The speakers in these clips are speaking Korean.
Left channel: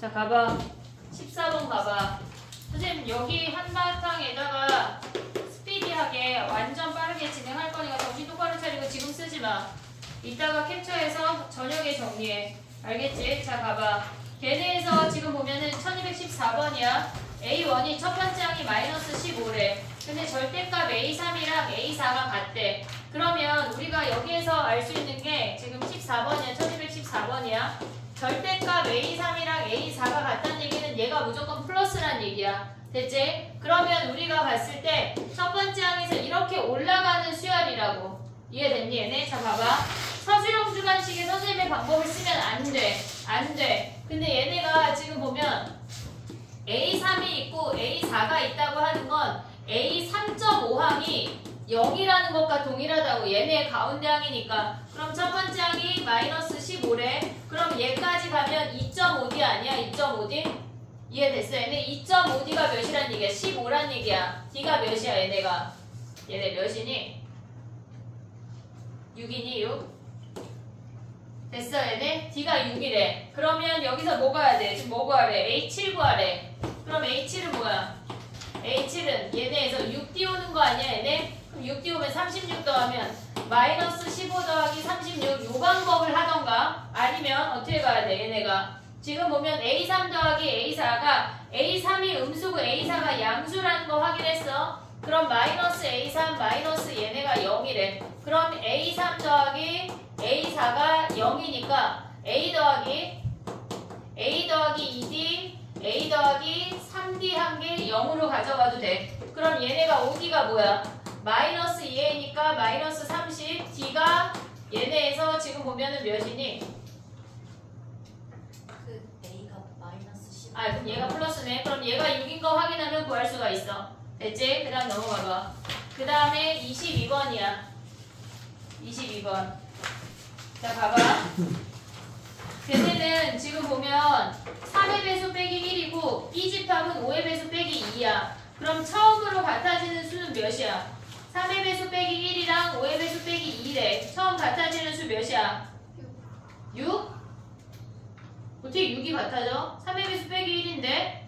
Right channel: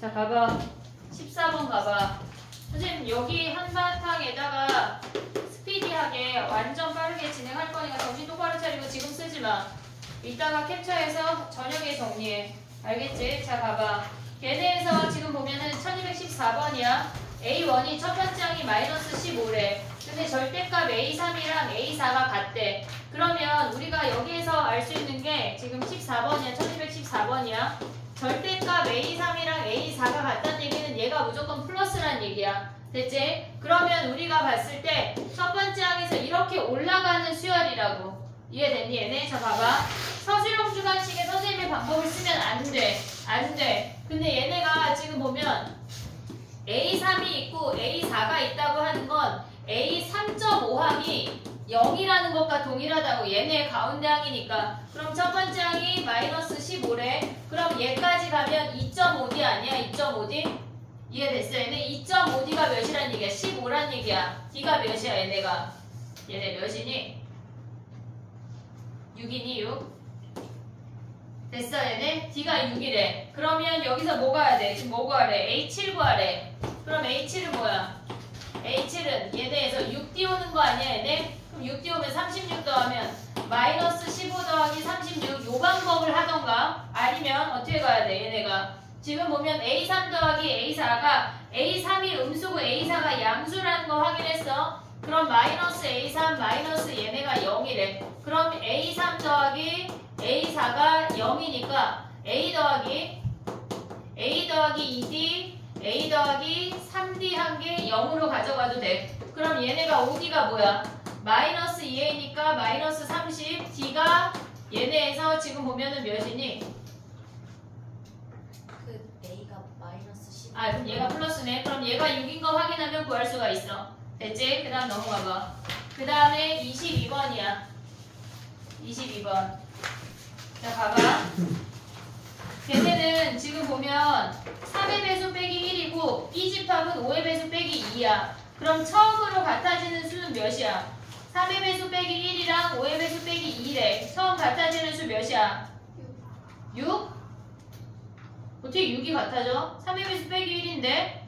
자, 가봐. 14번 가봐. 선생님, 여기 한바탕에다가 스피디하게 완전 빠르게 진행할 거니까 정신 똑바로 차리고 지금 쓰지 마. 이따가 캡처해서 저녁에 정리해. 알겠지? 자, 가봐. 걔네에서 지금 보면은 1214번이야. A1이 첫 번째 항이 마이너스 15래. 근데 절대값 A3이랑 A4가 같대. 그러면 우리가 여기에서 알 수 있는 게 지금 14번이야. 1214번이야. 절대값 A3이랑 A4가 같다는 얘기는 얘가 무조건 플러스란 얘기야. 됐지? 그러면 우리가 봤을 때 첫 번째 항에서 이렇게 올라가는 수열이라고. 이해됐니 얘네? 자, 봐봐. 서술형 주관식에 선생님의 방법을 쓰면 안 돼. 안 돼. 근데 얘네가 지금 보면 A3이 있고 A4가 있다고 하는 건 A3.5항이 0이라는 것과 동일하다고. 얘네 가운데 항이니까. 그럼 첫 번째 항이 마이너스 15래. 그럼 얘까지 가면 2.5D 아니야? 2.5D? 이해됐어? 얘네 2.5D가 몇이란 얘기야? 15란 얘기야. D가 몇이야 얘네가? 얘네 몇이니? 6이니 6? 됐어 얘네? D가 6이래. 그러면 여기서 뭐 가야 돼? 지금 뭐 구하래? A7 구하래. 그럼 A7은 뭐야? A7은 얘네에서 6D 오는 거 아니야 얘네? 그럼 6D 오면 36 더하면 마이너스 15 더하기 36 요 방법을 하던가 아니면 어떻게 가야 돼 얘네가? 지금 보면 A3 더하기 A4가 A3이 음수고 A4가 양수라는 거 확인했어. 그럼 마이너스 A3 마이너스 얘네가 0이래. 그럼 A3 더하기 A4가 0이니까 A 더하기 2D A 더하기 3D 한 개 0으로 가져가도 돼. 그럼 얘네가 OD가 뭐야? 마이너스 2A니까 마이너스 30 D가 얘네에서 지금 보면은 몇이니? 그 A가 마이너스 10. 아, 그럼 얘가 플러스네. 그럼 얘가 6인 거 확인하면 구할 수가 있어. 됐지? 그 다음 넘어가봐. 그 다음에 22번이야. 22번. 자, 봐봐. 걔네는 지금 보면 3의 배수 빼기 1이고 이 집합은 5의 배수 빼기 2야. 그럼 처음으로 같아지는 수는 몇이야? 3의 배수 빼기 1이랑 5의 배수 빼기 2래. 처음 같아지는 수 몇이야? 6? 어떻게 6이 같아져? 3의 배수 빼기 1인데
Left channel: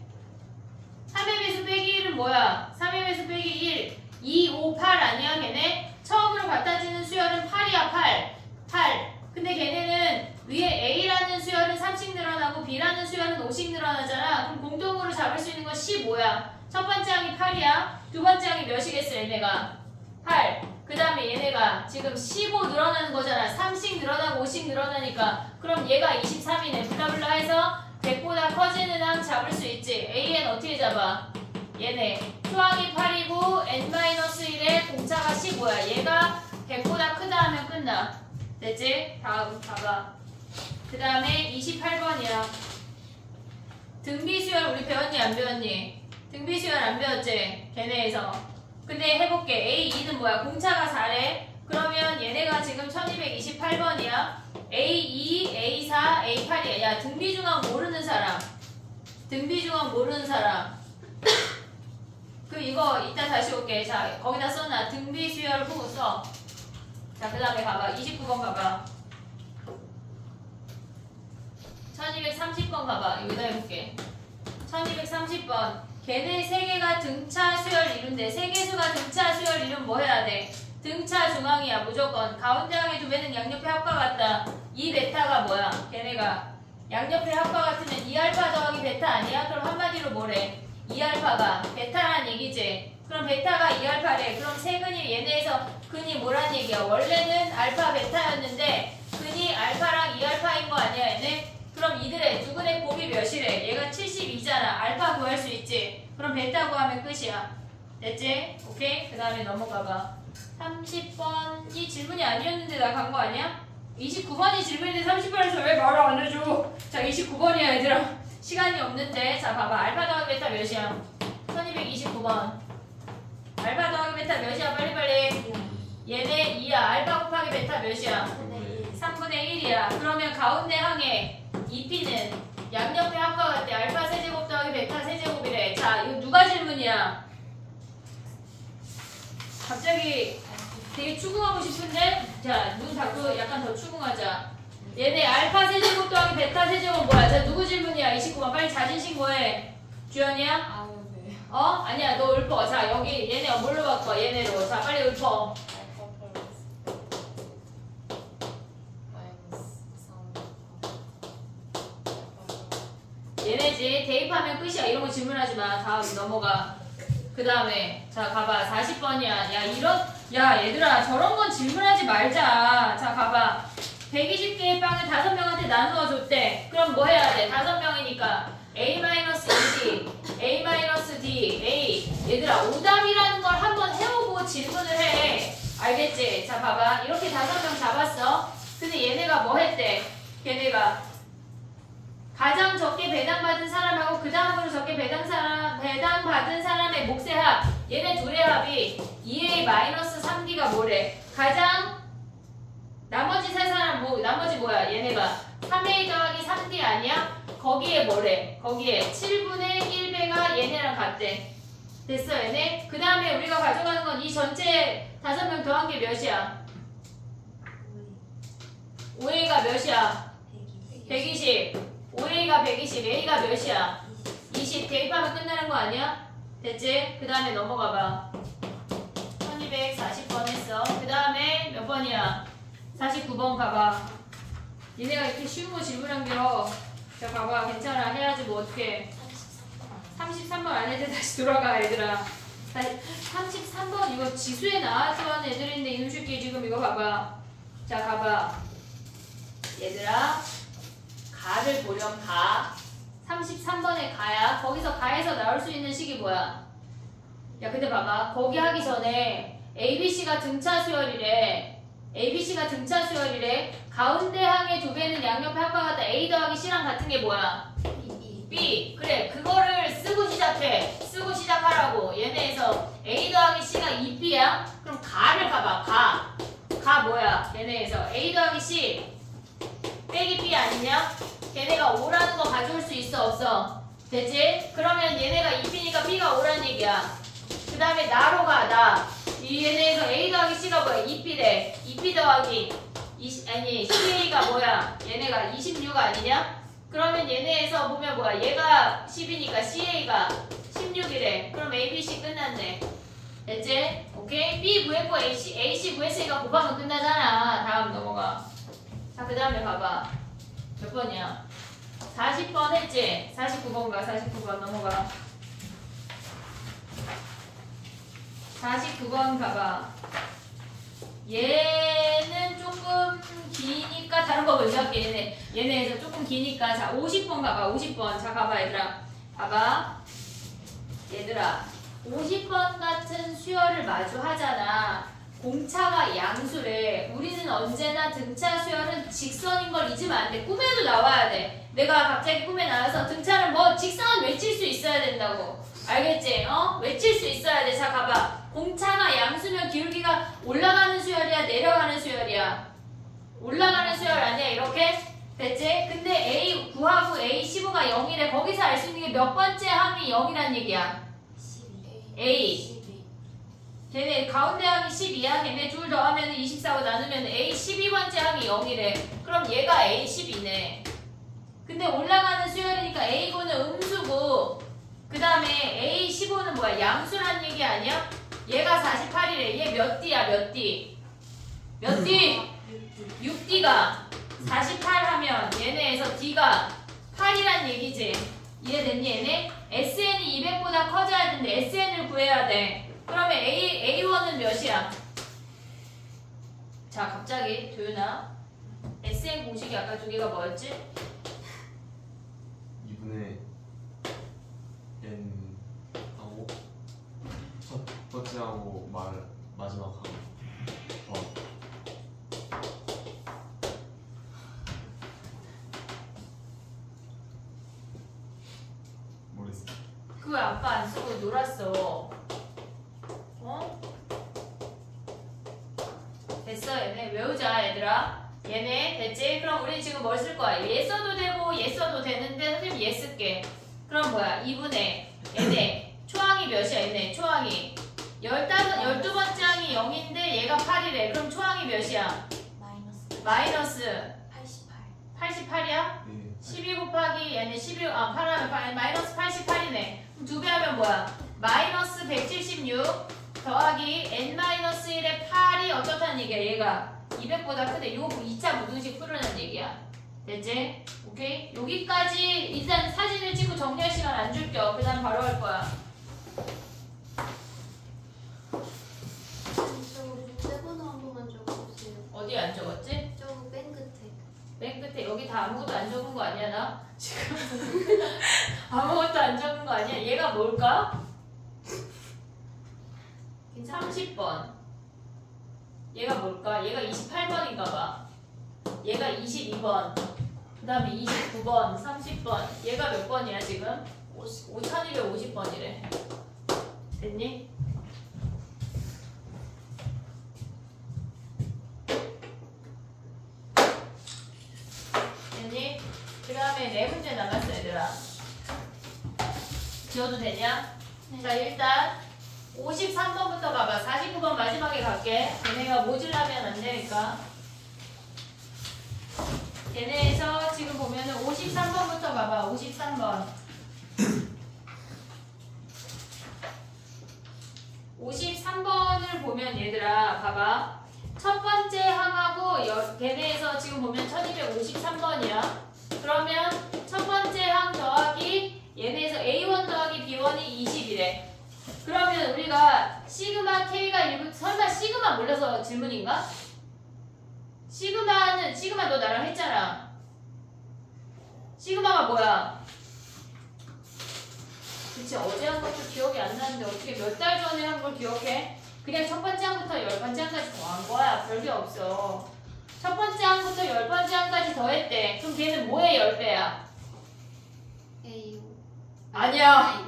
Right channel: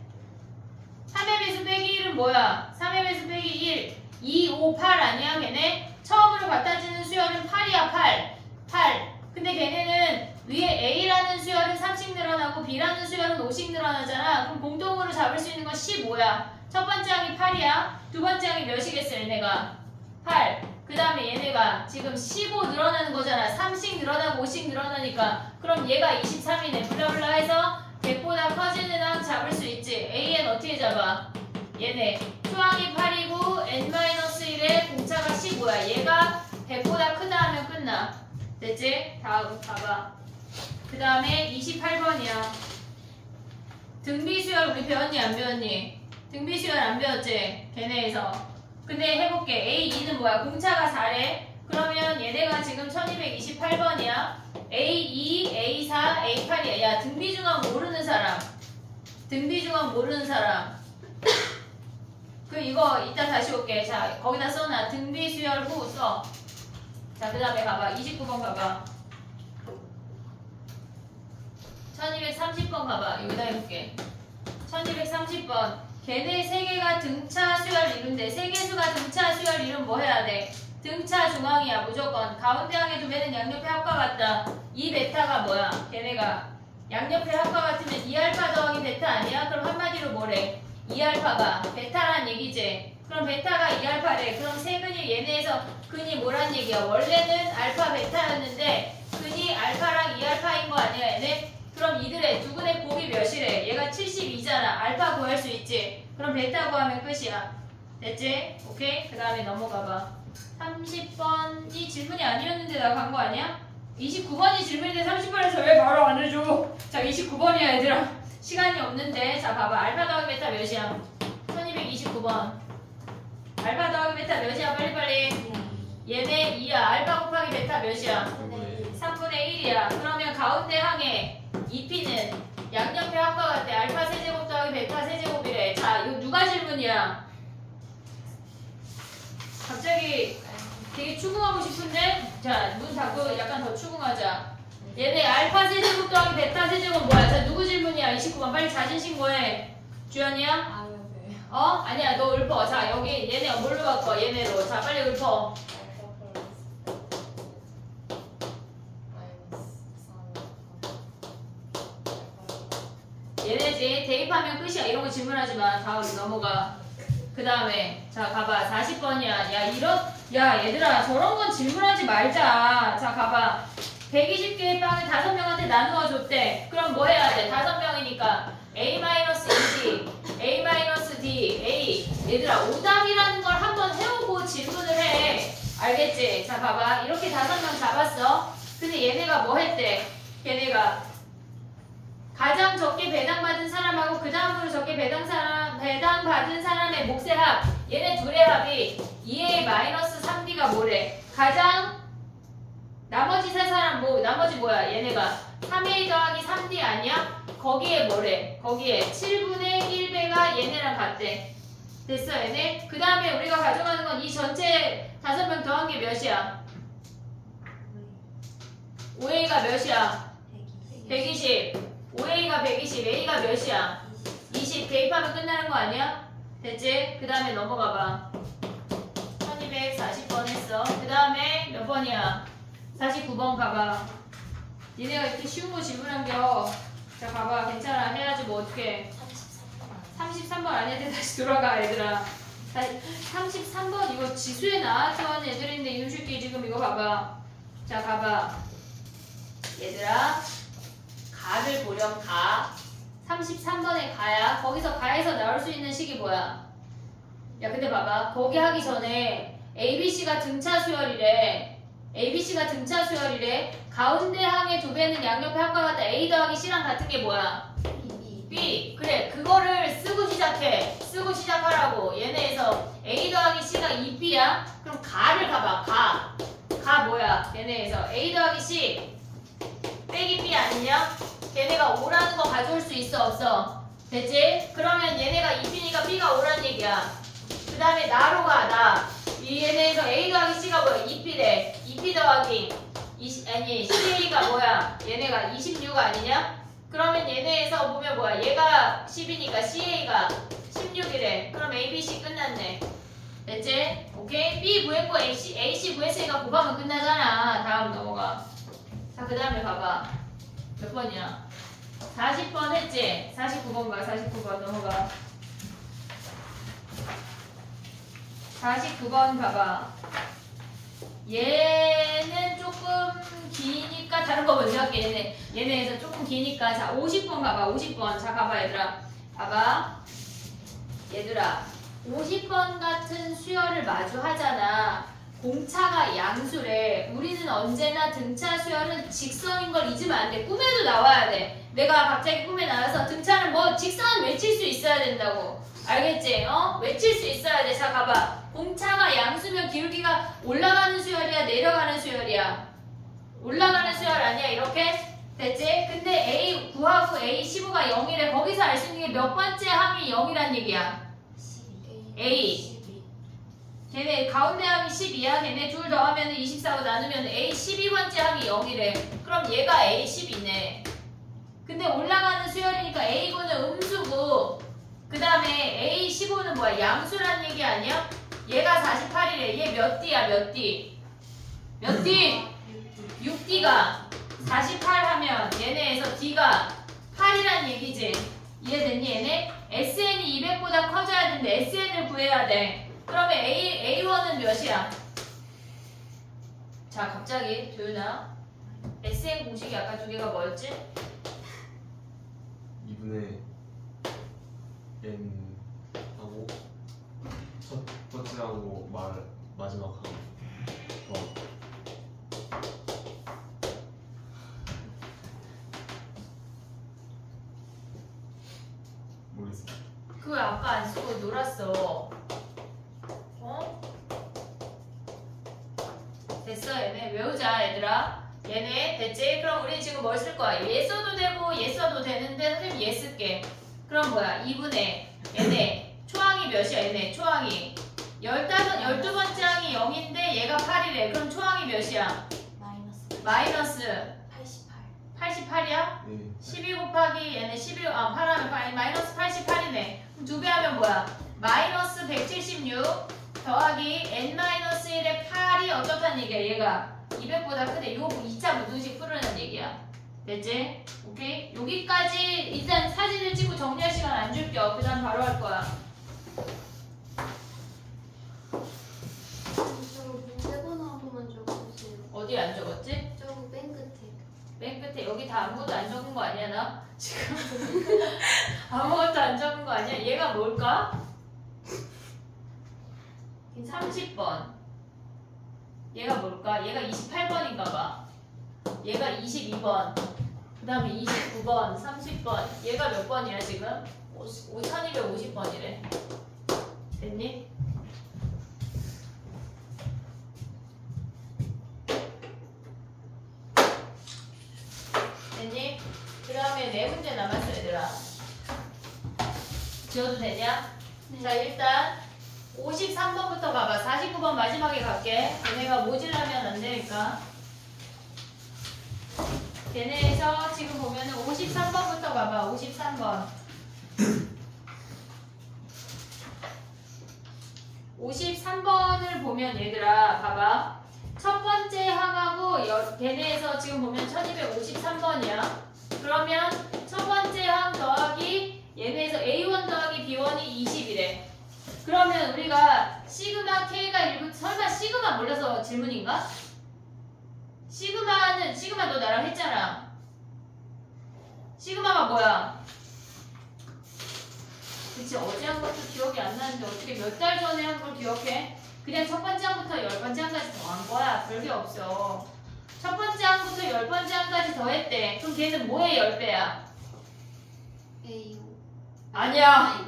3의 배수 빼기 1은 뭐야? 3의 배수 빼기 1 2, 5, 8 아니야 걔네? 처음으로 같아지는 수열은 8이야 8 근데 걔네는 위에 A라는 수열은 3씩 늘어나고 B라는 수열은 5씩 늘어나잖아. 그럼 공통으로 잡을 수 있는 건 15야. 첫 번째 항이 8이야. 두 번째 항이 몇이겠어 얘네가? 8. 그 다음에 얘네가 지금 15 늘어나는 거잖아. 3씩 늘어나고 5씩 늘어나니까. 그럼 얘가 23이네. 블라블라 해서 100보다 커지는 항 잡을 수 있지. AN 어떻게 잡아? 얘네 수항이 8이고 N-1에 공차가 15야. 얘가 100보다 크다 하면 끝나. 됐지? 다음 봐봐. 그 다음에 28번이야. 등비수열 우리 배웠니 안 배웠니? 등비수열 안 배웠지? 걔네에서. 근데 해볼게. A2는 뭐야? 공차가 4래. 그러면 얘네가 지금 1228번이야. A2, A4, A8이야. 야, 등비중앙 모르는 사람. 등비중앙 모르는 사람. 그 이거 이따 다시 올게. 자, 거기다 써놔. 등비수열 후 써. 자, 그 다음에 가봐. 29번 가봐. 1230번 가봐. 여기다 해볼게. 1230번. 걔네 세 개가 등차 수열 이룬대. 세 개수가 등차 수열 이룬 뭐 해야 돼? 등차 중앙이야. 무조건. 가운데 항에 두면은 양옆에 합과 같다. 이 베타가 뭐야? 걔네가 양옆에 합과 같으면 2알파 더하기 베타 아니야? 그럼 한마디로 뭐래? 2알파가 베타란 얘기지. 그럼 베타가 2알파래. 그럼 세근이 얘네에서 근이 뭐란 얘기야? 원래는 알파 베타였는데 근이 알파랑 2알파인 거 아니야 얘네? 그럼 이들의 두근의 곱이 몇이래? 얘가 72잖아. 알파 구할 수 있지. 그럼 베타 구하면 끝이야. 됐지? 오케이? 그 다음에 넘어가봐. 30번이 질문이 아니었는데 나 간 거 아니야? 29번이 질문인데 30번에서 왜 말을 안 해줘? 자, 29번이야 얘들아. 시간이 없는데. 자, 봐봐. 알파 더하기 베타 몇이야? 1229번. 알파 더하기 베타 몇이야? 빨리빨리. 얘네 2야. 알파 곱하기 베타 몇이야? 3분의 1이야. 그러면 가운데 항에 2p는 양옆의 합과 같아. 알파 세제곱 더하기 베타 세제곱이래. 자, 이거 누가 질문이야? 갑자기 되게 추궁하고 싶은데? 자, 눈 닫고 약간 더 추궁하자. 얘네 알파 세제곱 더하기 베타 세제곱 뭐야? 자, 누구 질문이야? 19번 빨리 자진 신고해. 주연이야? 아, 네. 아니야 너 읊어. 자 여기 얘네 뭘로 바꿔 얘네로. 자 빨리 읊어. 얘네지 대입하면 끝이야. 이런 거 질문하지 마. 다음 넘어가. 그 다음에 자 가봐. 40번이야. 야 얘들아 저런 건 질문하지 말자. 자 가봐. 120개의 빵을 5명한테 나누어 줬대. 그럼 뭐 해야 돼? 5명이니까 A-2D, A-D, A. 얘들아 오답이라는 걸 한번 해오고 질문을 해. 알겠지? 자 봐봐. 이렇게 5명 잡았어. 근데 얘네가 뭐 했대? 얘네가 가장 적게 배당받은 사람하고 그 다음으로 적게 배당받은 사람의 몫의 합. 얘네 둘의 합이 2A-3D가 뭐래? 가장 나머지 세 사람 나머지 뭐야? 얘네가 3A 더하기 3D 아니야? 거기에 뭐래? 거기에 7분의 1배가 얘네랑 같대. 됐어 얘네? 그 다음에 우리가 가져가는 건 이 전체 5명 더한 게 몇이야? 5A가 몇이야? 120. 5A가 120, A가 몇이야? 20. 대입하면 끝나는 거 아니야? 됐지? 그 다음에 넘어가봐. 1240번 했어. 그 다음에 몇 번이야? 49번 가봐. 니네가 이렇게 쉬운 거 질문한겨. 자 가봐. 괜찮아. 해야지 뭐 어떡해. 33번 안 해도 다시 돌아가 얘들아. 33번 이거 지수에 나왔던 애들인데 이놈 새끼 지금 이거 봐봐. 자 가봐. 얘들아 가를 보렴. 가 33번에 가야. 거기서 가에서 나올 수 있는 식이 뭐야? 야 근데 봐봐. 거기 하기 전에 ABC가 등차 수열이래. ABC가 등차 수열이래. 가운데 항의 두 배는 양옆에 합과 같다. A 더하기 C랑 같은 게 뭐야? B. 그래 그거를 쓰고 시작해. 쓰고 시작하라고. 얘네에서 A 더하기 C가 2B야. 그럼 가를 가봐. 가 뭐야? 얘네에서 A 더하기 C 빼기 B 아니냐? 걔네가 5라는 거 가져올 수 있어 없어? 됐지? 그러면 얘네가 2B니까 B가 5란 얘기야. 그 다음에 나로 가. 나. 이 얘네에서 A 더하기 C가 뭐야? 2B래. 2B 더하기 12A가 뭐야? 얘네가 26 아니냐? 그러면 얘네에서 보면 뭐야? 얘가 10이니까 CA가 16이래. 그럼 ABC 끝났네. 됐지? 오케이? B 구했고 AC 구했으니까 곱하면 끝나잖아. 다음 넘어가. 자, 그 다음에 봐봐. 몇 번이야? 40번 했지? 49번 가. 49번 넘어가. 49번 가봐. 얘는 조금 기니까 다른 거 먼저 할게. 얘네에서 조금 기니까. 자 50번 가봐. 50번. 자 가봐 얘들아. 봐봐. 얘들아 50번 같은 수열을 마주 하잖아. 공차가 양수래. 우리는 언제나 등차 수열은 직선인 걸 잊으면 안 돼. 꿈에도 나와야 돼. 내가 갑자기 꿈에 나와서 등차는 뭐 직선 외칠 수 있어야 된다고. 알겠지? 외칠 수 있어야 돼. 자 가봐. 공차가 양수면 기울기가 올라가는 수열이야 내려가는 수열이야? 올라가는 수열 아니야 이렇게? 됐지? 근데 A 9하고 A 15가 0이래. 거기서 알 수 있는 게 몇 번째 항이 0이란 얘기야? 12. A. 걔네 가운데 항이 12야. 걔네 둘 더하면 24고 나누면 A 12번째 항이 0이래. 그럼 얘가 A 12네. 근데 올라가는 수열이니까 A고는 음수고 그 다음에 A 15는 뭐야? 양수란 얘기 아니야? 얘가 48이래. 얘 몇 D야? 몇 D? 몇 D? 6D가 48 하면 얘네에서 D가 8이란 얘기지. 이해됐니 얘네? SN이 200보다 커져야 되는데 SN을 구해야 돼. 그러면 A1은 몇이야? 자 갑자기 도윤아 SN 공식이 아까 두 개가 뭐였지? 2분의 n 하고 첫 번째하고 마지막하고 모르겠어. 그거 아빠 안 쓰고 놀았어. 됐어 얘네 외우자 얘들아. 얘네 됐지? 그럼 우리 지금 뭘 쓸 거야? 얘 써도 되고 얘 써도 되는데 선생님 얘 쓸게. 그럼 뭐야? 2분의 얘네 초항이 몇이야? 얘네 초항이 12번째 항이 0인데 얘가 8이래. 그럼 초항이 몇이야? 마이너스 마이너스 88. 88이야? 네. 12 곱하기 얘네 11, 8 2배 하면 뭐야? 마이너스 176 더하기 n-1의 8이 어떻다는 얘기야? 얘가 200보다 크대. 이거 2차 무등식 풀으라는 얘기야. 됐지? 오케이? 여기까지 일단 사진을 찍고 정리할 시간 안 줄게요. 그 다음 바로 할 거야. 저거 문제 번호 한 번만 적어보세요. 어디 안 적었지? 저거 맨 끝에. 맨 끝에 여기 다 아무것도 안 적은 거 아니야 나? 지금 아무것도 안 적은 거 아니야? 얘가 뭘까? 30번. 얘가 뭘까? 얘가 28번인가 봐. 얘가 22번. 그 다음에 29번, 30번. 얘가 몇 번이야 지금? 1250번이래. 됐니? 됐니? 그 다음에 네 문제 남았어 얘들아. 지워도 되냐? 자 일단 53번부터 가봐. 49번 마지막에 갈게. 걔네가 모질라면 안 되니까. 걔네에서 지금 보면은 53번부터 가봐. 53번. 53번을 보면 얘들아 봐봐. 첫 번째 항하고 걔네에서 지금 보면 1253번이야. 그러면 첫 번째 항 더하기 얘네에서 A1 더하기 B1이 20이래. 그러면 우리가 시그마 K가 1부 설마 시그마 몰라서 질문인가? 시그마 너 나랑 했잖아. 시그마가 뭐야? 그치 어제 한 것도 기억이 안 나는데 어떻게 몇 달 전에 한 걸 기억해? 그냥 첫 번째 항부터 10번째 항까지 더한 거야. 별게 없어. 첫 번째 항부터 10번째 항까지 더했대. 그럼 걔는 뭐의 10배야? A요. 아니야.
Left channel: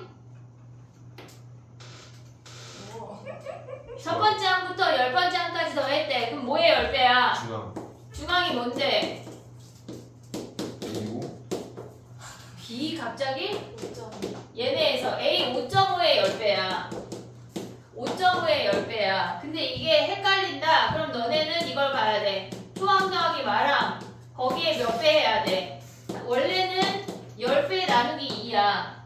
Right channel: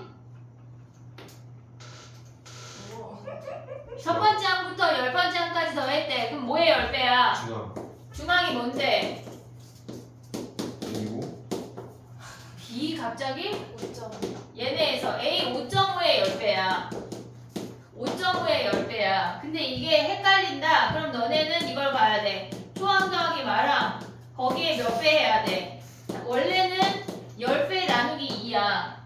첫 번째 항부터 10번째 항까지 더했대. 그럼 뭐의 10배야? 중앙. 중앙이 뭔데? 그리고 B 갑자기? 5점. 얘네에서 A 5.5의 10배야. 5.5의 10배야. 근데 이게 헷갈린다. 그럼 너네는 이걸 봐야 돼. 초항 더하기 마랑 거기에 몇 배 해야 돼? 원래는 10배 나누기 2야.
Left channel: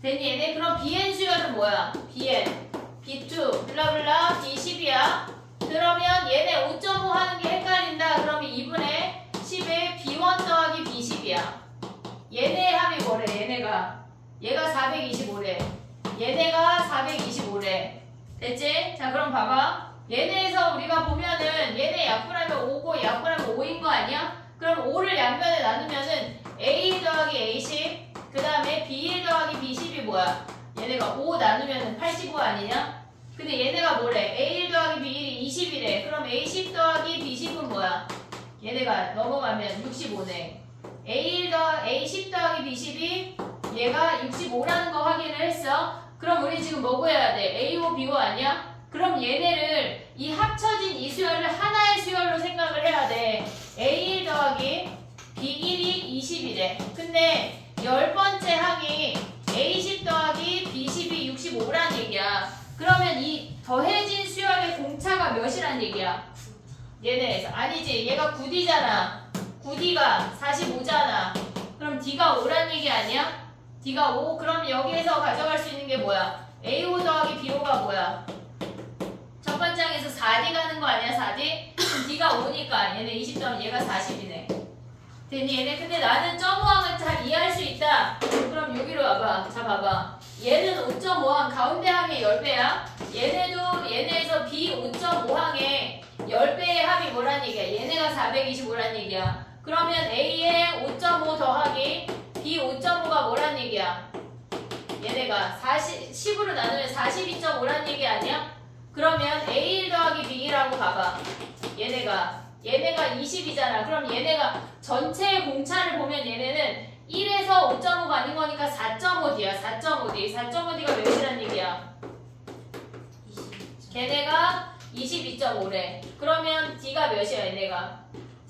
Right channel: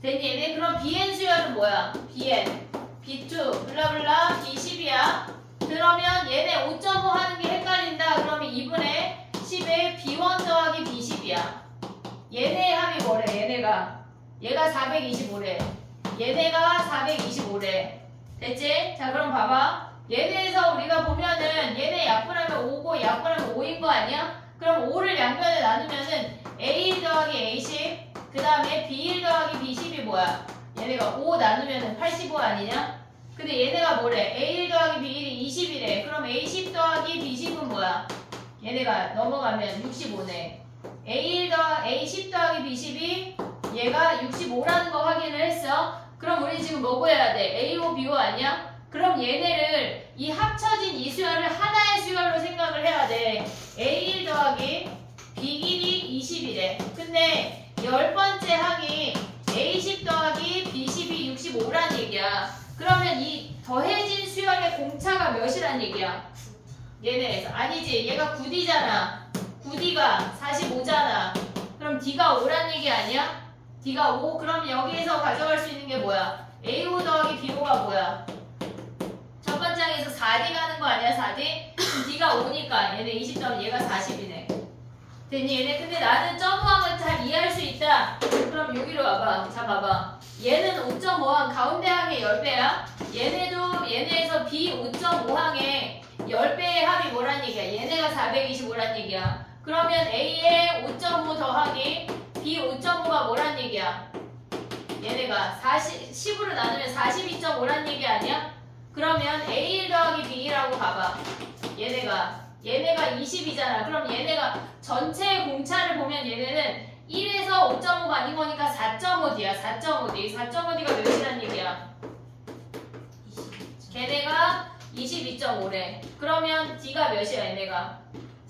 됐니 얘네? 그럼 BN 수열은 뭐야? BN, B2, 블라블라 B10이야. 그러면 얘네 5.5 하는 게 헷갈린다. 그러면 2분의 10에 B1 더하기 B10이야. 얘네 합이 뭐래? 얘가 425래. 얘네가 425래. 됐지? 자 그럼 봐봐. 얘네에서 우리가 보면은 얘네 약분하면 5고 약분하면 5인 거 아니야? 그럼 5를 양면에 나누면은 A1 더하기 A10 그 다음에 B1 더하기 B10이 뭐야? 얘네가 5 나누면은 85 아니냐? 근데 얘네가 뭐래? A1 더하기 B1이 20이래. 그럼 A10 더하기 B10은 뭐야? 얘네가 넘어가면 65네. A10 더하기 B10이 얘가 65라는 거 확인을 했어. 그럼 우리 지금 뭐 구해야 돼? A5, B5 아니야? 그럼 얘네를 이 합쳐진 이 수열을 하나의 수열로 생각을 해야 돼. A1 더하기 B1이 20이래. 근데 10번째 항이 A10 더하기 B10이 65란 얘기야. 그러면 이 더해진 수열의 공차가 몇이란 얘기야? 얘네에서 아니지. 얘가 9D잖아. 9D가 45잖아. 그럼 D가 5란 얘기 아니야? D가 5? 그럼 여기에서 가져갈 수 있는 게 뭐야? A5 더하기 B5가 뭐야? 첫 번째 항에서 4D 가는 거 아니야? 4D? 그럼 D가 5니까 얘네 20점 얘가 40이네. 됐니? 얘네 근데 나는 점호항을 잘 이해할 수 있다. 그럼 여기로 와봐. 자 봐봐. 얘는 5.5항 가운데 항의 10배야. 얘네도 얘네에서 B 5.5항의 10배의 합이 뭐란 얘기야? 얘네가 425란 얘기야. 그러면 A의 5.5 더하기 B 5.5가 뭐란 얘기야? 얘네가 10으로 나누면 42.5란 얘기 아니야? 그러면 A1 더하기 B1하고 봐봐. 얘네가 20이잖아. 그럼 얘네가 전체의 공차를 보면 얘네는 1에서 5.5가 아닌 거니까 4.5D야. 4.5D. 4.5D가 몇이란 얘기야? 걔네가 22.5래. 그러면 D가 몇이야 얘네가?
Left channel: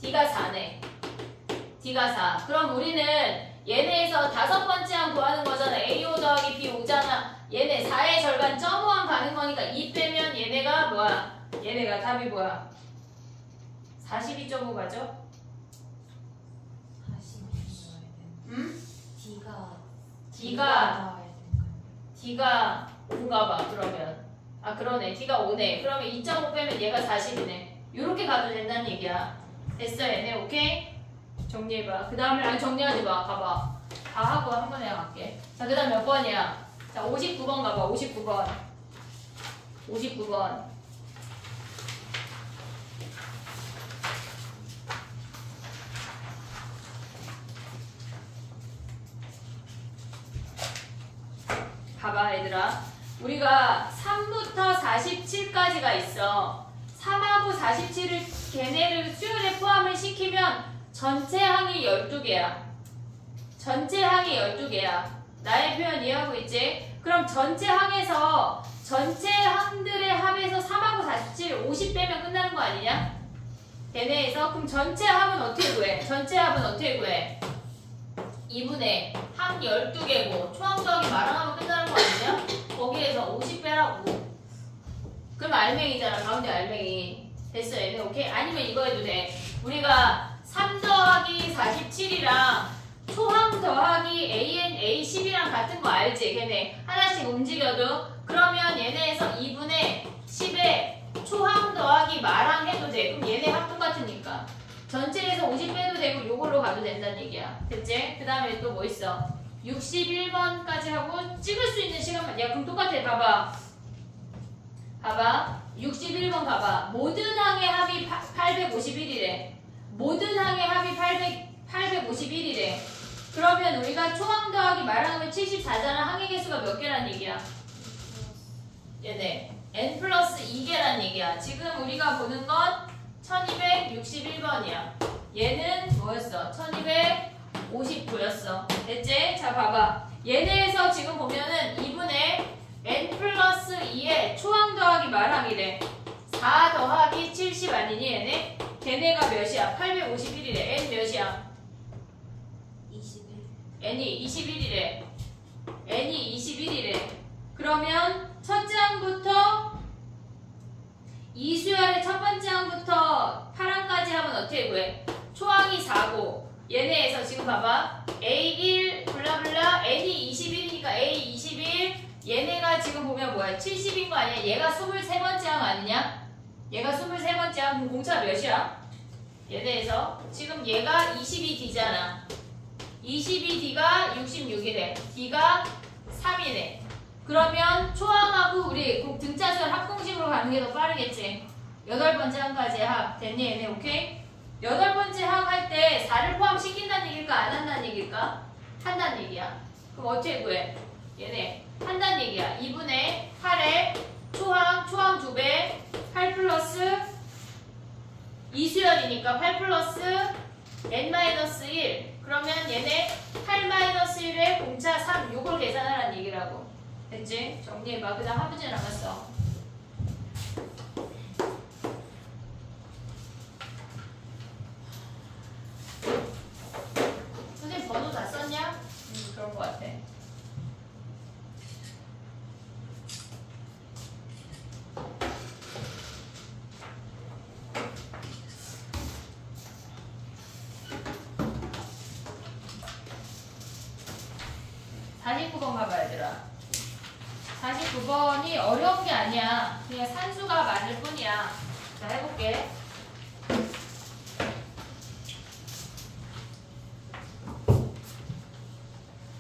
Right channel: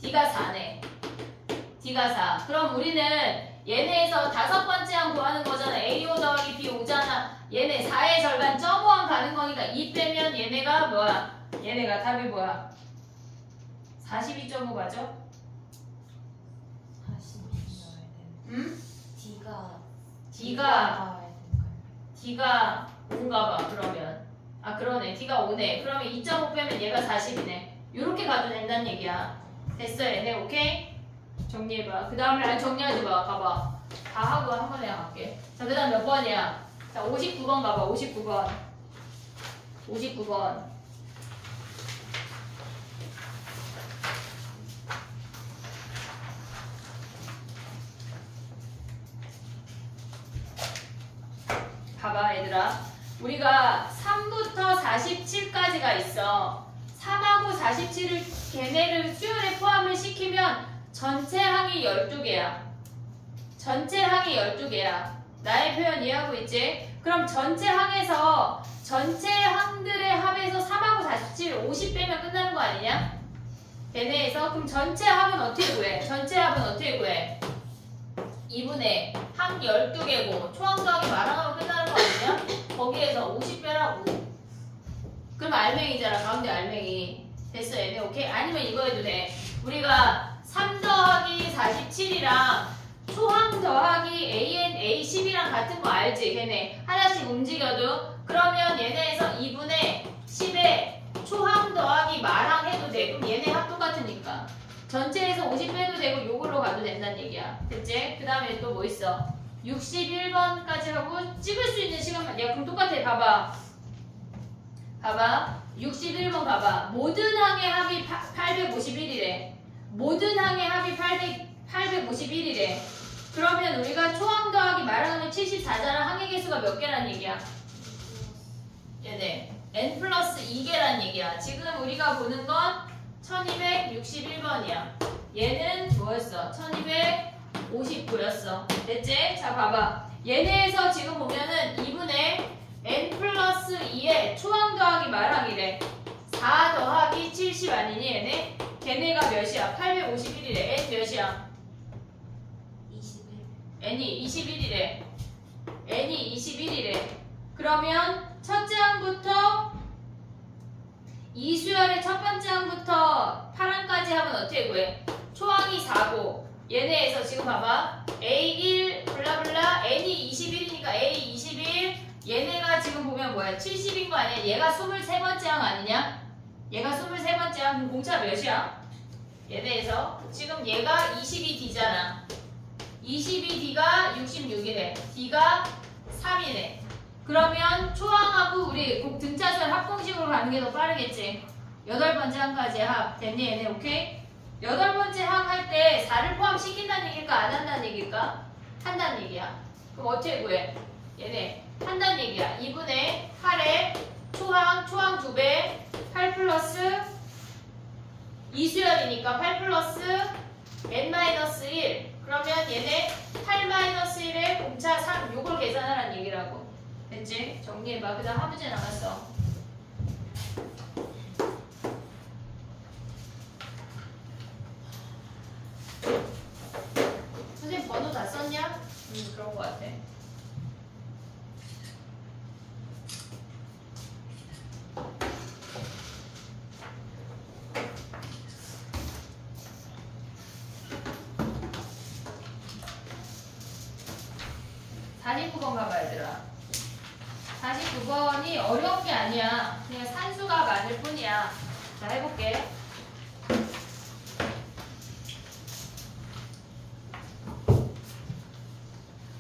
D가 4네. D가 4. 그럼 우리는 얘네에서 5번째 항 구하는 거잖아. A5 더하기 B5잖아. 얘네 4의 절반 0.5항 가는 거니까 2 빼면 얘네가 뭐야? 얘네가 답이 뭐야? 42.5 가죠? 40. 응? D가 D가 D가 5인가 봐. 그러면 아 그러네. D가 5네. 그러면 2.5 빼면 얘가 40이네. 요렇게 가도 된다는 얘기야. 됐어 얘네. 오케이? 정리해봐. 그 다음에 정리하지 마. 봐봐. 다 하고 한 번에 갈게. 자, 그 다음 몇 번이야? 자, 59번 가봐. 59번. 59번. 봐봐, 얘들아. 우리가 3부터 47까지가 있어. 3하고 47을 걔네를 수열에 포함을 시키면 전체 항이 12개야. 전체 항이 12개야. 나의 표현 이해하고 있지? 그럼 전체 항에서 전체 항들의 합에서 3하고 47, 50 빼면 끝나는 거 아니냐? 걔네에서 그럼 전체 합은 어떻게 구해? 전체 합은 어떻게 구해? 2분의 항 12개고 초항 더하기 마랑하면 끝나는 거 아니냐? 거기에서 50 빼라고. 그럼 알맹이잖아. 가운데 알맹이. 됐어 얘네. 오케이? 아니면 이거 해도 돼. 우리가 3 더하기 47이랑 초항 더하기 AN, A10이랑 같은 거 알지? 걔네 하나씩 움직여도 그러면 얘네에서 2분의 10에 초항 더하기 마랑 해도 돼. 그럼 얘네 합 똑같으니까 전체에서 50 빼도 되고 요걸로 가도 된다는 얘기야. 됐지? 그 다음에 또 뭐 있어? 61번까지 하고 찍을 수 있는 시간만. 야 그럼 똑같아. 봐봐. 봐봐. 61번 봐봐. 모든 항의 합이 851이래. 모든 항의 합이 851이래. 그러면 우리가 초항 더하기 말하면 74잖아. 항의 개수가 몇 개란 얘기야? 얘네 n 플러스 2개란 얘기야. 지금 우리가 보는 건 1261번이야. 얘는 뭐였어? 1259였어. 됐지? 자 봐봐. 얘네에서 지금 보면은 2분의 n 플러스 2에 초항 더하기 말항이래. 4 더하기 70 아니니 얘네? 걔네가 몇이야? 851이래. n 몇이야? 21. n이 21이래. n이 21이래. 그러면 첫째 항부터 이수열의 첫 번째 항부터 8항까지 하면 어떻게 구해? 초항이 4고 얘네에서 지금 봐봐. A1 블라블라 n이 21이니까 A21 얘네가 지금 보면 뭐야? 70인 거 아니야? 얘가 23번째 항 아니냐? 얘가 23번째 항. 그럼 공차 몇이야? 얘네에서 지금 얘가 22D잖아. 22D가 66이래. D가 3이래. 그러면 초항하고 우리 등차수열 합공식으로 가는 게 더 빠르겠지. 8번째 항까지 합. 됐니 얘네? 오케이? 8번째 항 할 때 4를 포함시킨다는 얘기일까? 안 한다는 얘기일까? 한다는 얘기야. 그럼 어떻게 구해? 얘네 한다는 얘기야. 2분의 8에 초항 2배 8 플러스 이수열이니까 8 플러스 n-1 그러면 얘네 8-1에 공차 3 요걸 계산하라는 얘기라고. 됐지? 정리해봐. 그 다음 한 문제 남았어. 선생님 번호 다 썼냐? 그런 거 같아. (49번) 가봐 얘들아. 49번이 어려운 게 아니야. 그냥 산수가 많을 뿐이야. 자 해볼게.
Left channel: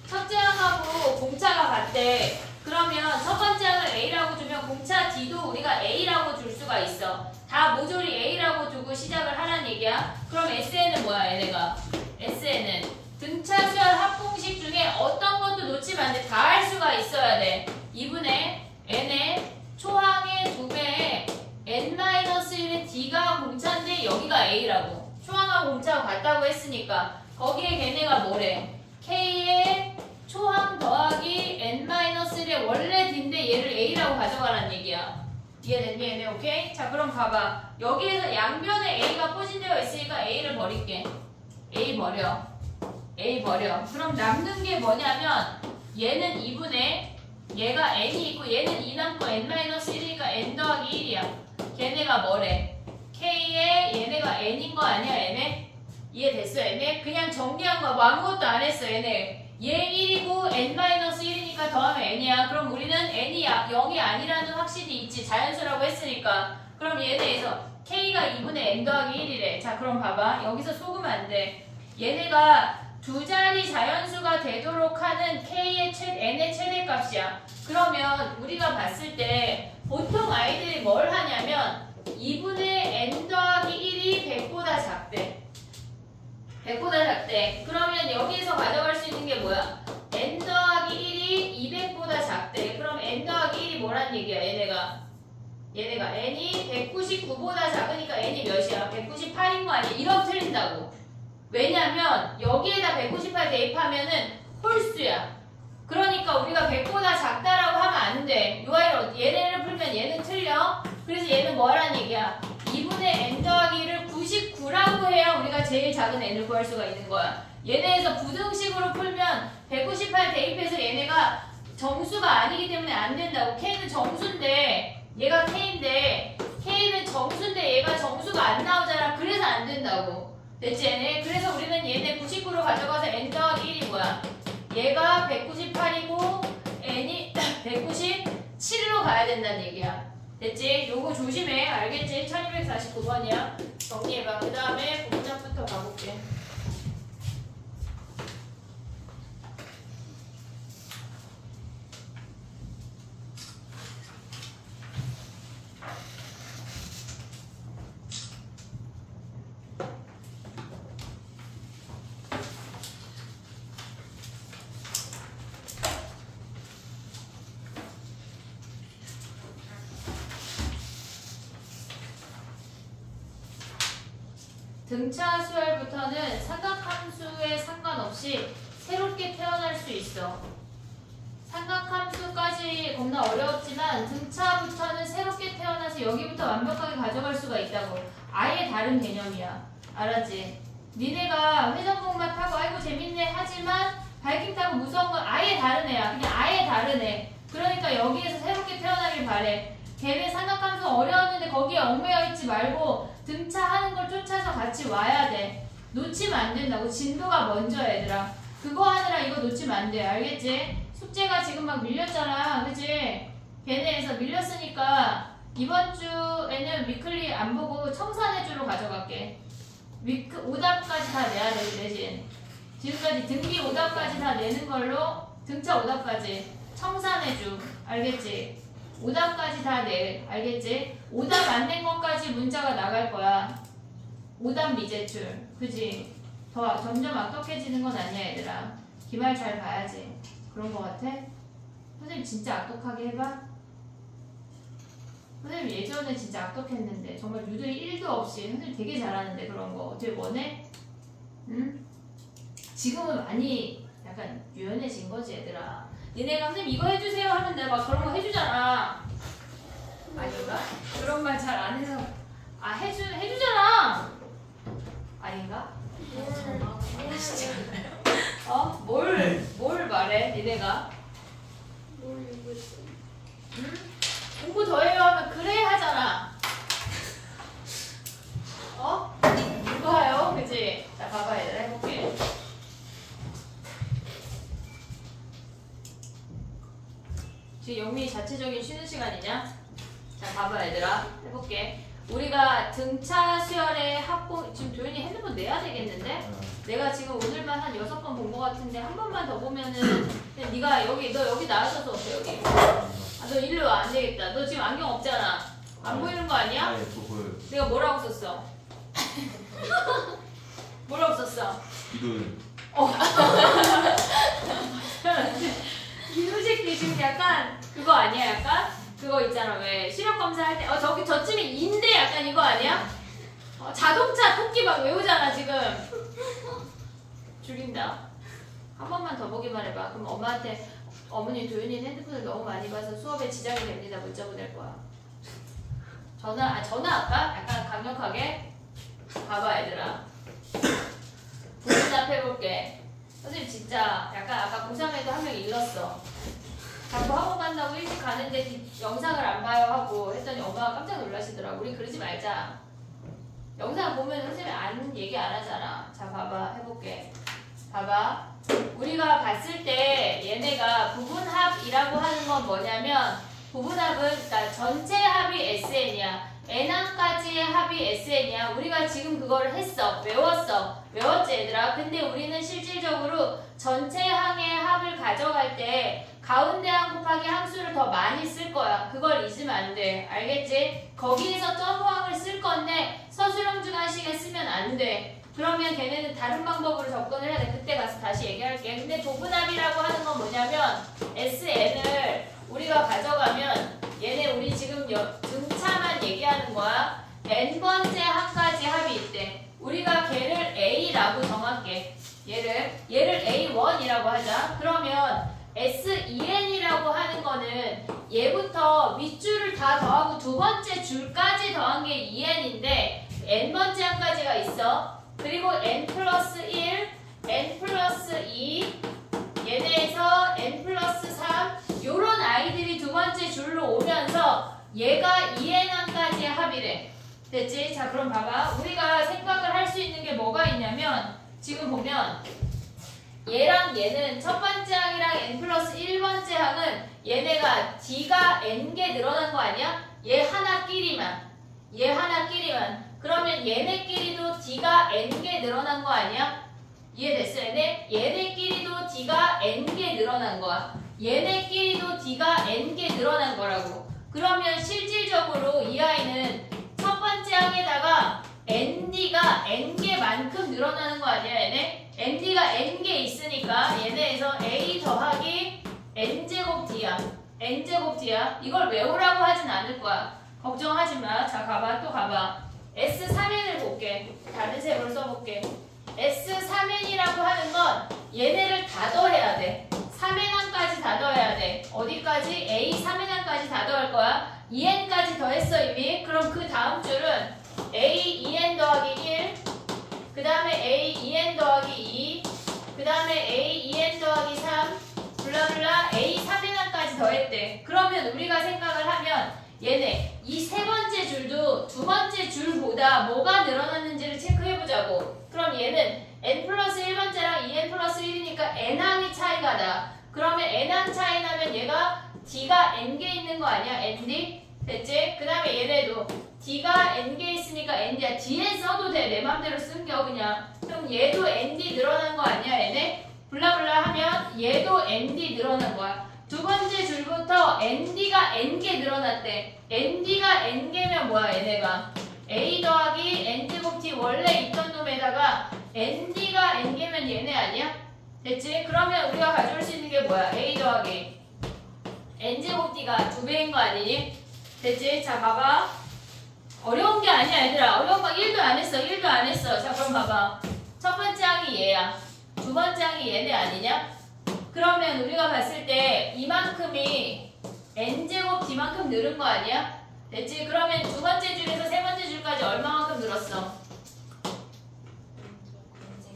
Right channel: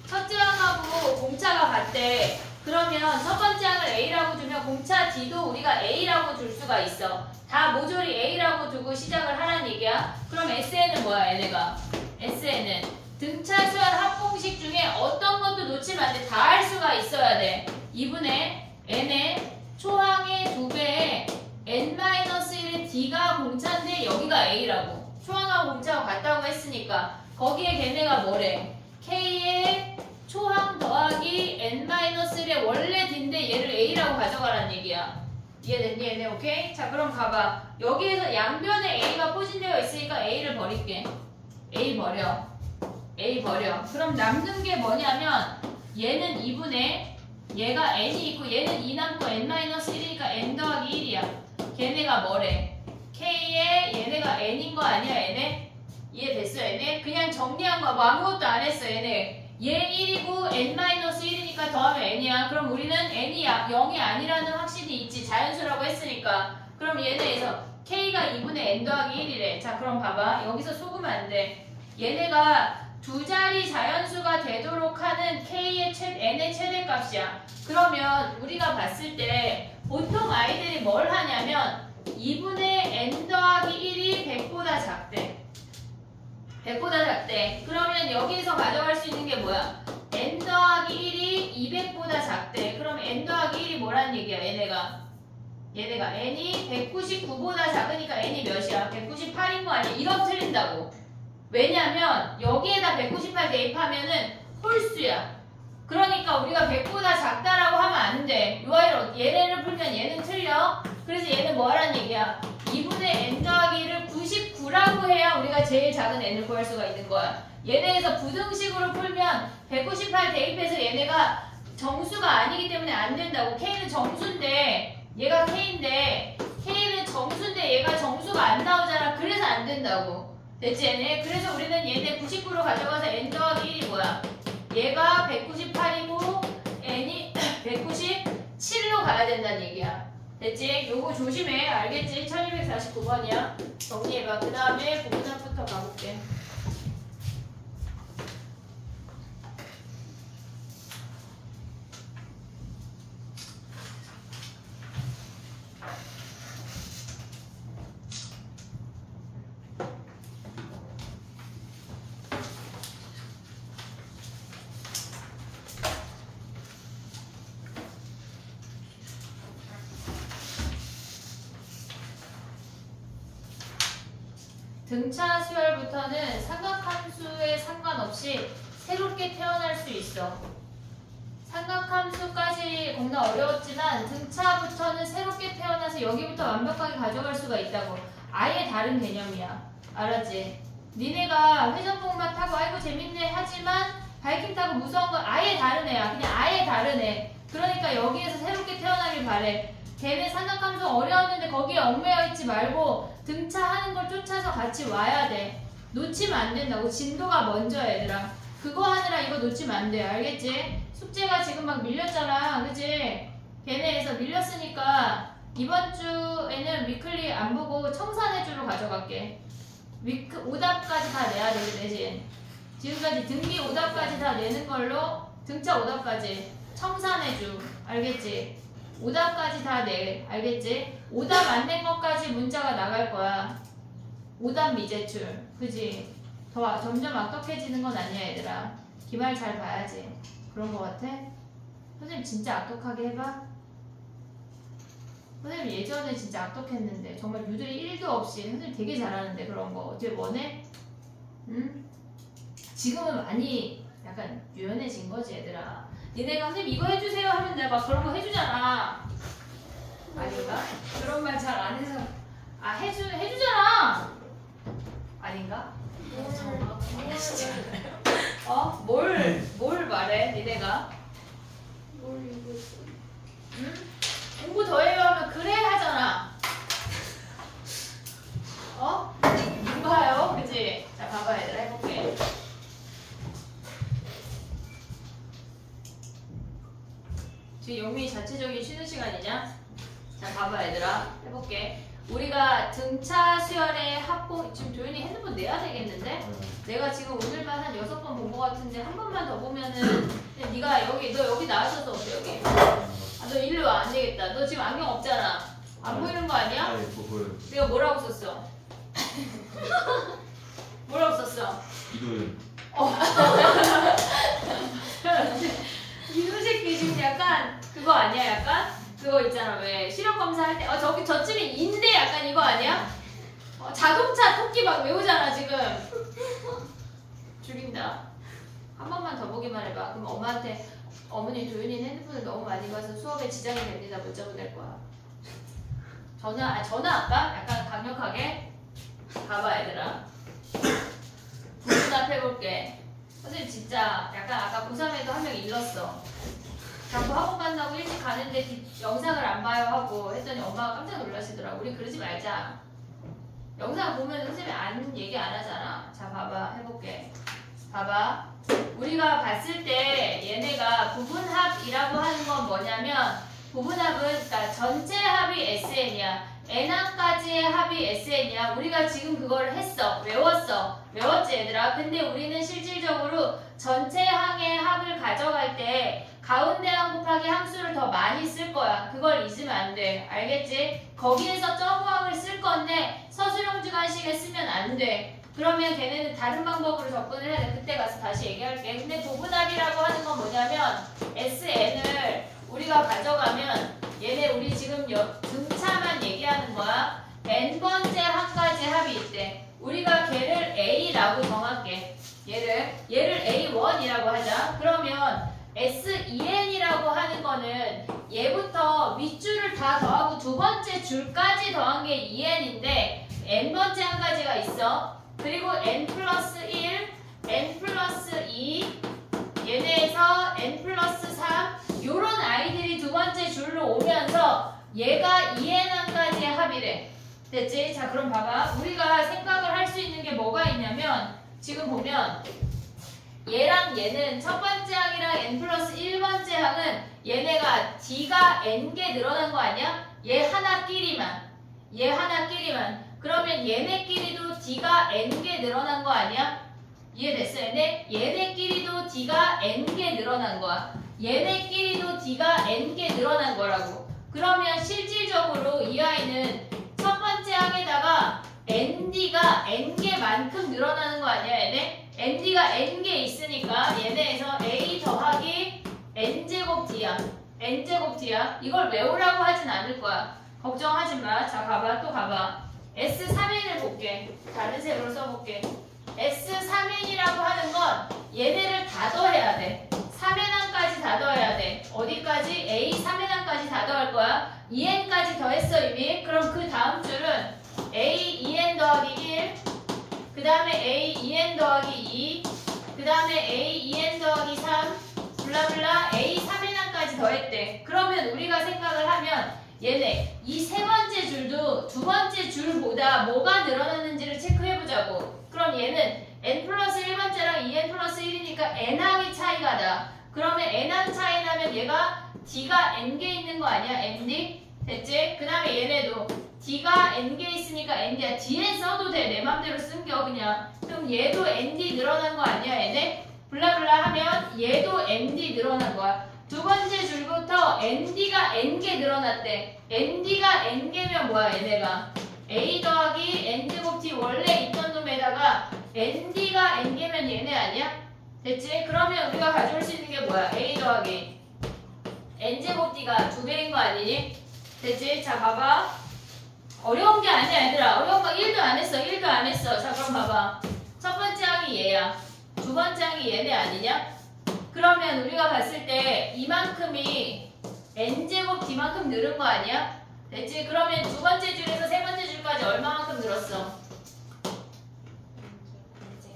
첫째 항하고 공차가 같대. 그러면 첫 번째 항을 A라고 주면 공차 D도 우리가 A라고 줄 수가 있어. 다 모조리 A라고 두고 시작을 하라는 얘기야. 그럼 SN은 뭐야 얘네가? SN은 등차 수열 합공식 중에 어떤 것도 놓치면 안 돼. 다 할 수가 있어야 돼. 2분의 n의 초항의 2배에 n-1의 d가 공차인데 여기가 a라고. 초항하고 공차가 같다고 했으니까 거기에 걔네가 뭐래? k의 초항 더하기 n-1의 원래 d인데 얘를 a라고 가져가라는 얘기야. 이해됐니 얘네? 오케이? 자 그럼 봐봐. 여기에서 양변에 a가 포진되어 있으니까 a를 버릴게. a 버려. A 버려. 그럼 남는 게 뭐냐면 얘는 2분의 얘가 n이 있고 얘는 2 남고 n-1이니까 n 더하기 1이야. 걔네가 뭐래? K에 얘네가 n인 거 아니야 얘네? 이해됐어 얘네? 그냥 정리한 거 뭐 아무것도 안 했어 얘네. 얘 1이고 n-1이니까 n에다가 더하면 n이야. 그럼 우리는 n이 0이 아니라는 확신이 있지. 자연수라고 했으니까. 그럼 얘네에서 k가 2분의 n 더하기 1이래. 자, 그럼 봐봐. 여기서 속으면 안 돼. 얘네가 두 자리 자연수가 되도록 하는 k의 n의 최대값이야. 그러면 우리가 봤을 때 보통 아이들이 뭘 하냐면 2분의 n 더하기 1이 100보다 작대. 100보다 작대. 그러면 여기에서 가져갈 수 있는 게 뭐야? n 더하기 1이 200보다 작대. 그럼 n 더하기 1이 뭐란 얘기야? 얘네가 n이 199보다 작으니까 n이 몇이야? 198인 거 아니야? 이러면 틀린다고. 왜냐면 여기에다 198 대입하면은 홀수야. 그러니까 우리가 100보다 작다라고 하면 안 돼. 요 아이를 얘네를 풀면 얘는 틀려. 그래서 얘는 뭐라는 얘기야? 2분의 n 더하기 1을 99라고 해야 우리가 제일 작은 n을 구할 수가 있는 거야. 얘네에서 부등식으로 풀면 198 대입해서 얘네가 정수가 아니기 때문에 안 된다고. k는 정수인데 얘가 k인데 k는 정수인데 얘가 정수가 안 나오잖아. 그래서 안 된다고. 됐지 얘네? 그래서 우리는 얘네 99로 가져가서 n 더하기 1이 뭐야? 얘가 198이고 n이 197로 가야 된다는 얘기야. 됐지? 요거 조심해. 알겠지? 1249번이야. 정리해봐. 그 다음에 공작부터 가볼게. 등차 수열부터는 삼각함수에 상관없이 새롭게 태어날 수 있어. 삼각함수까지 겁나 어려웠지만 등차부터는 새롭게 태어나서 여기부터 완벽하게 가져갈 수가 있다고. 아예 다른 개념이야. 알았지? 니네가 회전목마 타고 아이고 재밌네 하지만 바이킹 타고 무서운 건 아예 다른 애야. 그냥 아예 다른 애. 그러니까 여기에서 새롭게 태어나길 바래. 걔네 삼각함수 어려웠는데 거기에 얽매여 있지 말고 등차하는 걸 쫓아서 같이 와야 돼. 놓치면 안 된다고. 진도가 먼저야 얘들아. 그거 하느라 이거 놓치면 안 돼. 알겠지? 숙제가 지금 막 밀렸잖아. 그치? 걔네에서 밀렸으니까 이번 주에는 위클리 안 보고 청산의 주로 가져갈게. 오답까지 다 내야 되지. 지금까지 등비 오답까지 다 내는 걸로 등차 오답까지 청산의 주. 알겠지? 오답까지 다 내. 알겠지? 오답 안 낸 것까지 문자가 나갈 거야. 오답 미제출. 그지? 더 점점 악독해지는 건 아니야 얘들아. 기말 잘 봐야지. 그런 거 같아? 선생님 진짜 악독하게 해봐. 선생님 예전에 진짜 악독했는데 정말 유들이 1도 없이 선생님 되게 잘하는데 그런 거 어떻게 원해? 응? 지금은 많이 약간 유연해진 거지 얘들아. 니네가 선생님 이거 해주세요 하면 내가 막 그런 거 해주잖아. 아닌가? 그런 말 잘 안 해서 해주잖아. 아닌가? 뭘 말해 니네가? 응? 공부 더 해요 하면 그래 하잖아. 이거요? 그치? 자 봐봐 얘들아 해볼게. 지금 영민이 자체적인 쉬는 시간이냐? 자 봐봐 얘들아 해볼게. 우리가 등차 수열의 합공 지금 도윤이 핸드폰 내야 되겠는데? 내가 지금 오늘만 한 6번 본 것 같은데 한 번만 더 보면은 네가 너 여기 나와서도 없어 여기. 너 일로 와. 안 되겠다. 너 지금 안경 없잖아. 안 보이는 거 아니야? 아니 또 보여요. 내가 뭐라고 썼어? 뭐라고 썼어? 이도윤. 이노식 지금 약간 그거 아니야? 약간 그거 있잖아. 왜 시력 검사할 때 저쯤에 인데 약간 이거 아니야? 자동차 토끼 막 외우잖아 지금. 죽인다. 한 번만 더 보기만 해봐. 그럼 엄마한테 어머니 도윤이는 핸드폰을 너무 많이 봐서 수업에 지장이 됩니다. 문자 보낼 거야. 전화 할까? 약간 강력하게. 봐봐 얘들아. 부분답 해볼게. 선생님 진짜 약간 아까 고3에도 한 명 일렀어. 자꾸 학원 간다고 일찍 가는데 영상을 안 봐요 하고 했더니 엄마가 깜짝 놀라시더라고. 우리 그러지 말자. 영상 보면 선생님이 얘기 안 하잖아. 자 봐봐 해볼게. 봐봐. 우리가 봤을 때 얘네가 봐봐. 부분합이라고 하는 건 뭐냐면 부분합은 그러니까 전체 합이 SN이야. n항까지의 합이 SN이야. 우리가 지금 그걸 했어. 외웠지 얘들아. 근데 우리는 실질적으로 전체 항의 합을 가져갈 때 가운데 항 곱하기 항수를 더 많이 쓸 거야. 그걸 잊으면 안 돼. 알겠지? 거기에서 점호항을 쓸 건데 서술형 주관식에 쓰면 안 돼. 그러면 걔네는 다른 방법으로 접근을 해야 돼. 그때 가서 다시 얘기할게. 근데 부분합이라고 하는 건 뭐냐면 SN을 우리가 가져가면 얘네 우리 지금 등차만 얘기하는 거야. n번째 항까지 합이 있대. 우리가 걔를 A라고 정할게. 얘를 A1이라고 하자. 그러면 SEN이라고 하는 거는 얘부터 윗줄을 다 더하고 두 번째 줄까지 더한 게 EN인데 n번째 항까지가 있어. 그리고 n 플러스 1, n 플러스 2 얘네에서 n 플러스 3 요런 아이들이 두 번째 줄로 오면서 얘가 EN항까지의 합이래. 됐지? 자 그럼 봐봐. 우리가 생각을 할 수 있는 게 뭐가 있냐면 지금 보면 얘랑 얘는 첫 번째 항이랑 n 플러스 1번째 항은 얘네가 d가 n개 늘어난 거 아니야? 얘 하나끼리만. 그러면 얘네끼리도 d가 n개 늘어난 거 아니야? 이해됐어? 얘네끼리도 d가 n개 늘어난 거야. 얘네끼리도 d가 n개 늘어난 거라고. 그러면 실질적으로 이 아이는 첫 번째 항에다가 nd가 n개만큼 늘어나는 거 아니야 얘네? nd가 n개 있으니까 얘네에서 a 더하기 n제곱 d야. 이걸 외우라고 하진 않을 거야. 걱정하지 마. 자 가봐. 또 가봐. S3n을 볼게. 다른 색으로 써볼게. S3n이라고 하는 건 얘네를 다 더해야 돼. 3n항까지 다 더해야 돼. 어디까지? A 3n항까지 다 더할 거야. 2n까지 더했어 이미. 그럼 그 다음 줄은 A 2n 더하기 1, 그 다음에 A 2n 더하기 2, 그 다음에 A 2n 더하기 3, 블라블라 A 3n항까지 더했대. 그러면 우리가 생각을 하면 얘네 이 세 번째 줄도 두 번째 줄보다 뭐가 늘어났는지를 체크해보자고. 그럼 얘는 n 플러스 1번째랑 2n 플러스 1이니까 n항이 차이가 나. 그러면 n항 차이 나면 얘가 d가 n개 있는 거 아니야? nd? 됐지? 그 다음에 얘네도 d가 n개 있으니까 nd야. 뒤에 써도 돼. 내 맘대로 쓴겨 그냥. 그럼 얘도 nd 늘어난 거 아니야 얘네? 블라블라 하면 얘도 nd 늘어난 거야. 두 번째 줄부터 nd가 n개 늘어났대. nd가 n개면 뭐야 얘네가? a 더하기 n제곱 t 원래 있던 놈에다가 nd가 n개면 얘네 아니야? 됐지? 그러면 우리가 가져올 수 있는 게 뭐야? a 더하기 n제곱 t가 2배인 거 아니니? 됐지? 자 봐봐. 어려운 게 아니야 얘들아. 어려운 거 1도 안 했어. 자 그럼 봐봐. 첫 번째 항이 얘야. 두 번째 항이 얘네 아니냐? 그러면 우리가 봤을 때 이만큼이 n제곱 d만큼 늘은 거 아니야? 됐지? 그러면 두 번째 줄에서 세 번째 줄까지 얼마만큼 늘었어?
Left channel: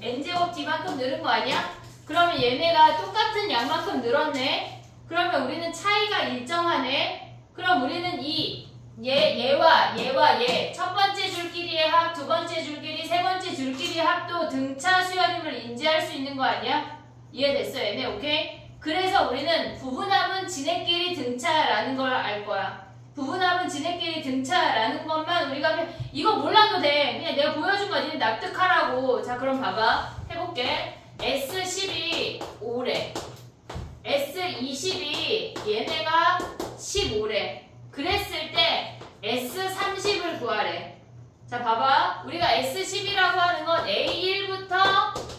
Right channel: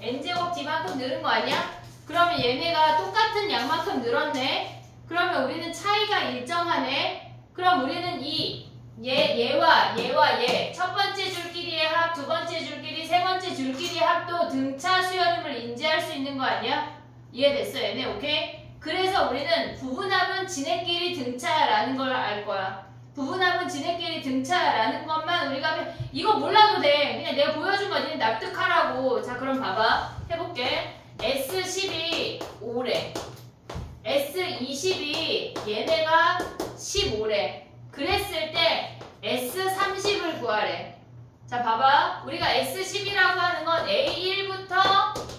n제곱 d만큼 늘은 거 아니야? 그러면 얘네가 똑같은 양만큼 늘었네? 그러면 우리는 차이가 일정하네? 그럼 우리는 얘와 얘 첫 번째 줄끼리의 합, 두 번째 줄끼리, 세 번째 줄끼리의 합도 등차 수열임을 인지할 수 있는 거 아니야? 이해됐어 얘네? 오케이? 그래서 우리는 부분합은 지네끼리 등차라는 걸 알 거야. 부분합은 지네끼리 등차라는 것만 우리가 이거 몰라도 돼. 그냥 내가 보여준 거 니네 납득하라고. 자 그럼 봐봐. 해볼게. S10이 5래. S20이 얘네가 15래. 그랬을 때 S30을 구하래. 자 봐봐. 우리가 S10이라고 하는 건 A1부터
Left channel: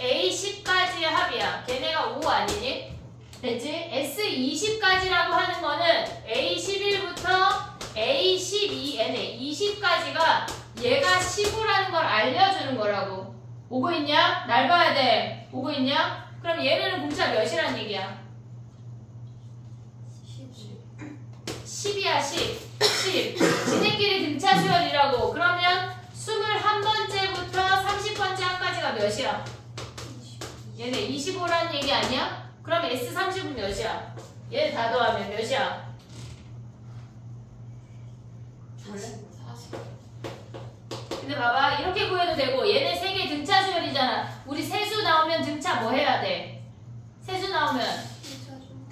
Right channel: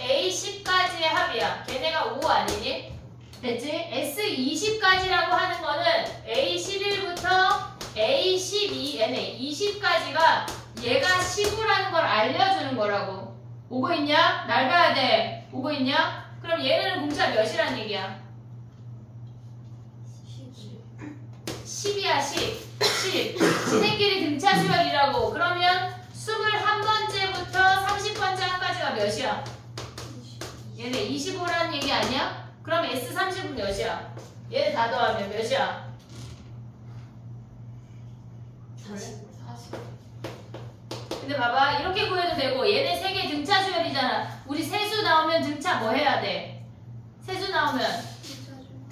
A10까지의 합이야. 걔네가 5 아니니? 됐지? S20까지라고 하는 거는 A11부터 A12, 얘네 20까지가 얘가 15라는 걸 알려주는 거라고. 오고 있냐? 날 봐야 돼. 오고 있냐? 그럼 얘네는 공차 몇이란 얘기야? 10이야 10. 지네끼리 등차 수열이라고. 그러면 21번째부터 30번째 항까지가 몇이야? 얘네 25라는 얘기 아니야? 그럼 S30은 몇이야? 얘네 다 더하면 몇이야? 40. 근데 봐봐. 이렇게 구해도 되고 얘네 3개 등차 수열이잖아. 우리 세수 나오면 등차 뭐 해야 돼? 세수 나오면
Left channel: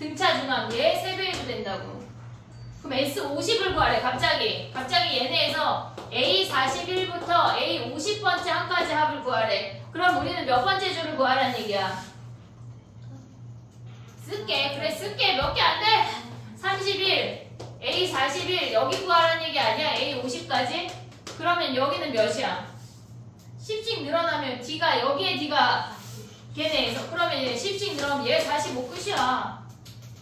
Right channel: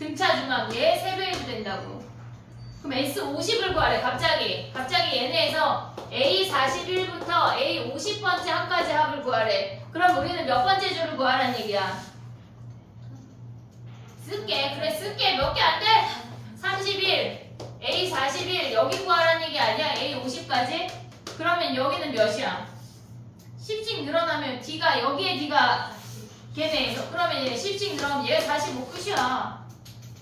등차 중앙 얘 3배 해도 된다고. 그럼 S50을 구하래. 갑자기 얘네에서 A41부터 A50번째 한까지 합을 구하래. 그럼 우리는 몇 번째 줄을 구하라는 얘기야? 쓸게. 그래 쓸게. 몇 개 안 돼? 31 A41 여기 구하라는 얘기 아니야? A50까지? 그러면 여기는 몇이야? 10씩 늘어나면 D가 여기에 D가 걔네에서 그러면 얘 10씩 늘어나면 얘 45 끝이야.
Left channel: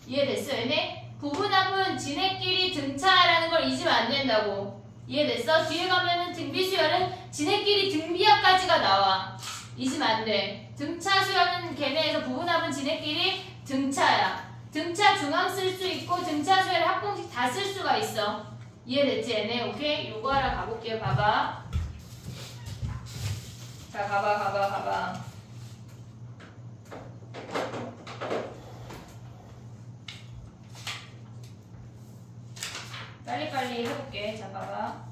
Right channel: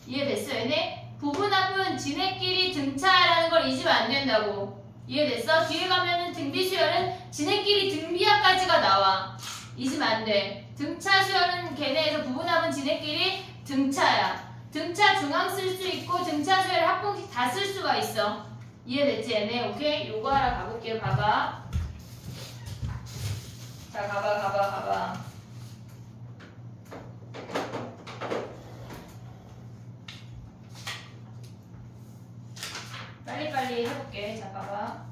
이해됐어? 얘네? 부분합은 지네끼리 등차라는 걸 잊으면 안 된다고. 이해됐어? 뒤에 가면은 등비수열은 지네끼리 등비합까지가 나와. 잊으면 안 돼. 등차 수열은 걔네에서 부분합은 지네끼리 등차야. 등차 중앙 쓸 수 있고 등차 수열 합공식 다 쓸 수가 있어. 이해됐지 얘네? 오케이? 요거 하나 가볼게요. 봐봐. 자 가봐. 빨리빨리 해볼게. 자 봐봐.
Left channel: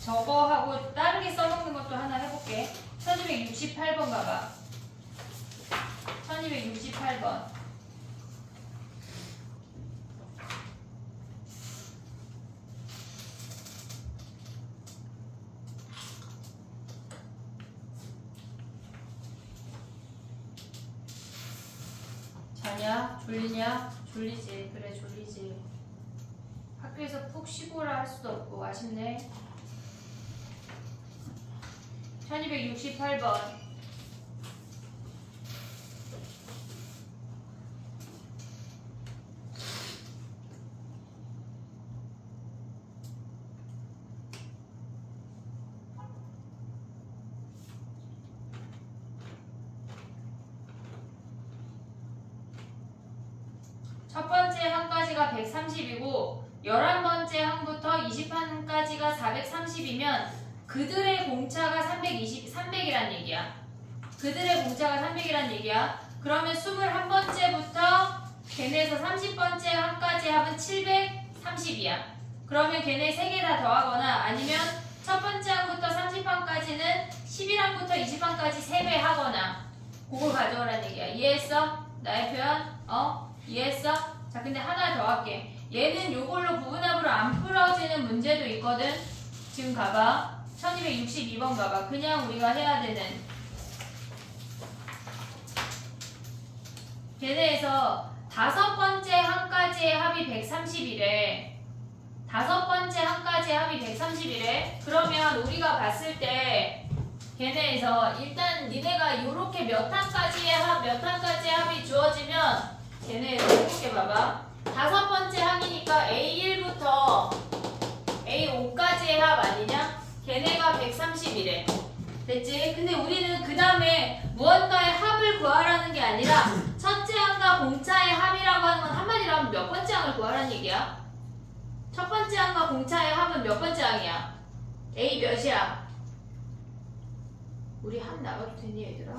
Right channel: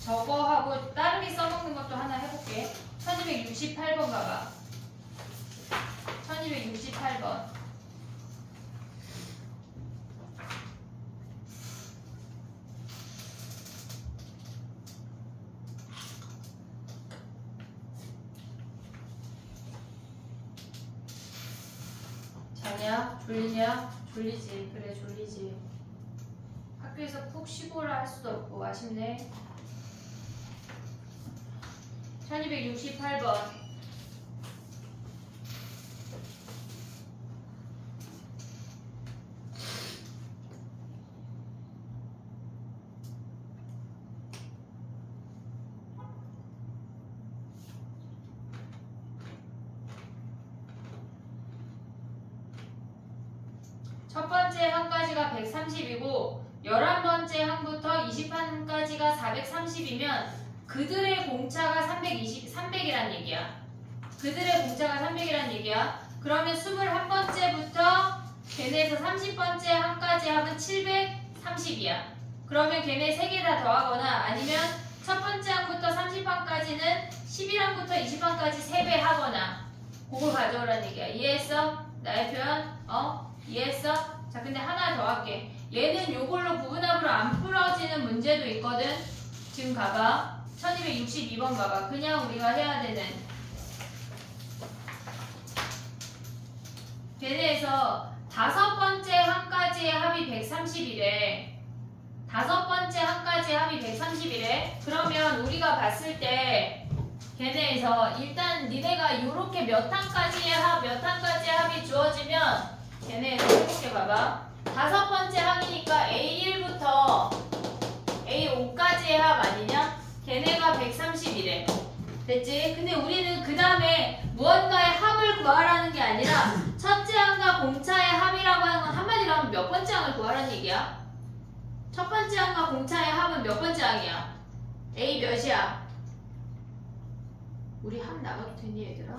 저거하고 다르게 써먹는 것도 하나 해볼게. 1268번 가봐. 1268번. 자냐? 졸리냐? 졸리지. 그래 졸리지. 학교에서 푹 쉬고라 할 수도 없고 아쉽네. 1268번. 첫 번째 항까지가 130이고 11번째 항부터 20항까지가 430이면 그들의 공차가 300이란 얘기야. 그들의 공차가 300이란 얘기야. 그러면 21번째부터 걔네에서 30번째 항까지 합은 730이야. 그러면 걔네 3개 다 더하거나 아니면 첫 번째 항부터 30항까지는 11항부터 20항까지 3배 하거나 그걸 가져오라는 얘기야. 이해했어? 나의 표현? 이해했어? 자 근데 하나 더 할게. 얘는 요걸로 부분합으로 안 풀어지는 문제도 있거든. 지금 가봐. 1262번 가봐. 그냥 우리가 해야 되는 걔네에서 5번째 항까지의 합이 130이래. 5번째 항까지의 합이 130이래. 그러면 우리가 봤을 때 걔네에서 일단 니네가 요렇게 몇 항까지의 합이 주어지면 걔네에서 이렇게 봐봐. 5번째 항이니까 A1부터 A5까지의 합 아니냐? 걔네가 130이래. 됐지? 근데 우리는 그 다음에 무언가의 합을 구하라는 게 아니라 첫째 항과 공차의 합이라고 하는 건 한마디로 하면 몇 번째 항을 구하라는 얘기야? 첫 번째 항과 공차의 합은 몇 번째 항이야? A 몇이야? 우리 합 나가도 되니 얘들아?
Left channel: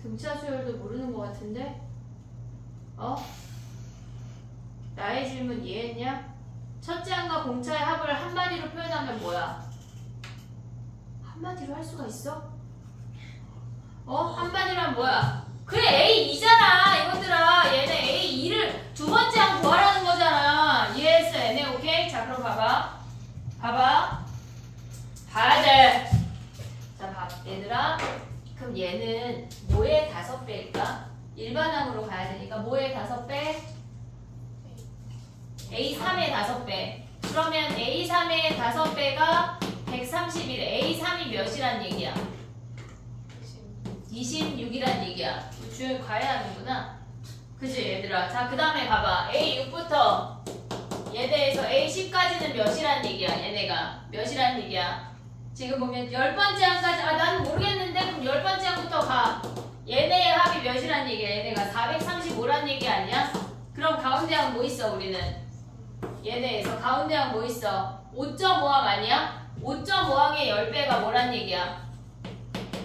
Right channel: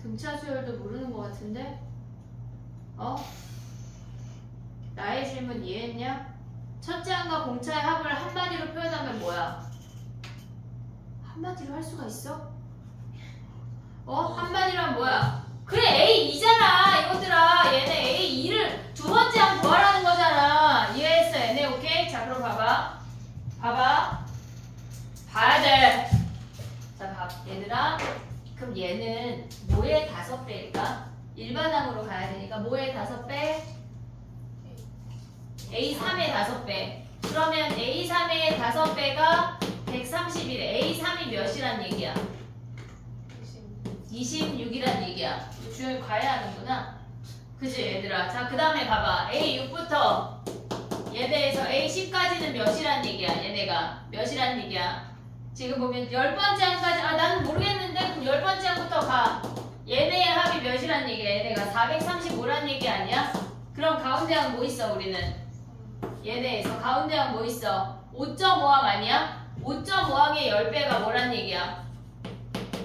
등차 수열도 모르는 것 같은데? 나의 질문 이해했냐? 첫째 항과 공차의 합을 한마디로 표현하면 뭐야? 한마디로 할 수가 있어? 한마디로 하면 뭐야? 그래 A2잖아 이것들아. 얘네 A2를 두 번째 항 구하라는 거잖아. 이해했어 얘네? 오케이? 자 그럼 봐봐. 봐야 돼. 자 얘들아. 그럼 얘는 뭐의 5배일까? 일반항으로 가야 되니까 뭐의 5배? A3의 5배. 그러면 A3의 5배가 130이래. A3이 몇이란 얘기야? 26이란 얘기야. 주요 과외하는구나. 그치 얘들아. 자 그 다음에 봐봐. A6부터 얘네에서 A10까지는 몇이란 얘기야? 얘네가 몇이란 얘기야? 지금 보면 10번째 항까지 나는 모르겠는데 그럼 10번째 항부터 가. 얘네의 합이 몇이란 얘기야? 얘네가 435란 얘기 아니야? 그럼 가운데 항 뭐 있어 우리는? 얘네에서 가운데 항 뭐 있어? 5.5항 아니야? 5.5항의 10배가 뭐란 얘기야?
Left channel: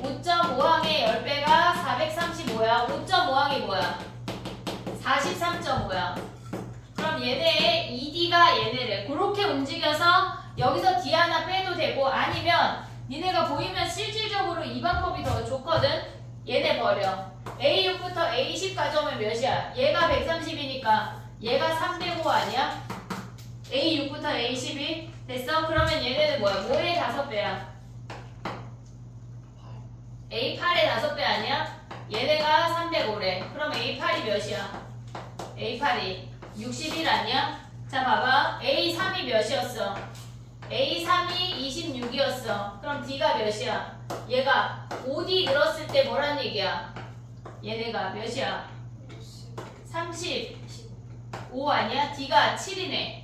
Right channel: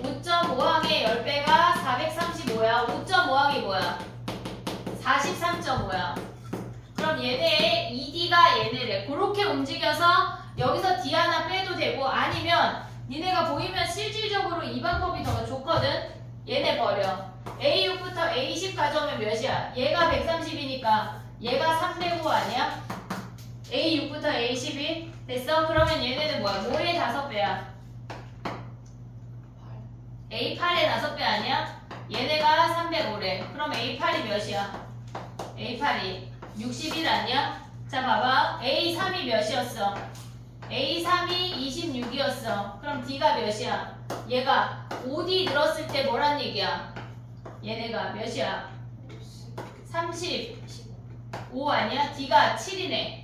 5.5항의 10배가 435야. 5.5항이 뭐야? 43.5야. 그럼 그럼 얘네 2D가 얘네를 그렇게 움직여서 여기서 D 하나 빼도 되고 아니면 니네가 보이면 실질적으로 이 방법이 더 좋거든. 얘네 버려. A6부터 A10 가져오면 몇이야? 얘가 130이니까 얘가 305 아니야? A6부터 A10이 됐어? 그러면 얘네는 뭐야? 뭐의 5배야? A8의 5배 아니야? 얘네가 305래. 그럼 A8이 몇이야? A8이 61 아니야? 자 봐봐. A3이 몇이었어? A3이 26이었어. 그럼 D가 몇이야? 얘가 5D 늘었을 때 뭐란 얘기야? 얘네가 몇이야? 35 아니야? D가 7이네.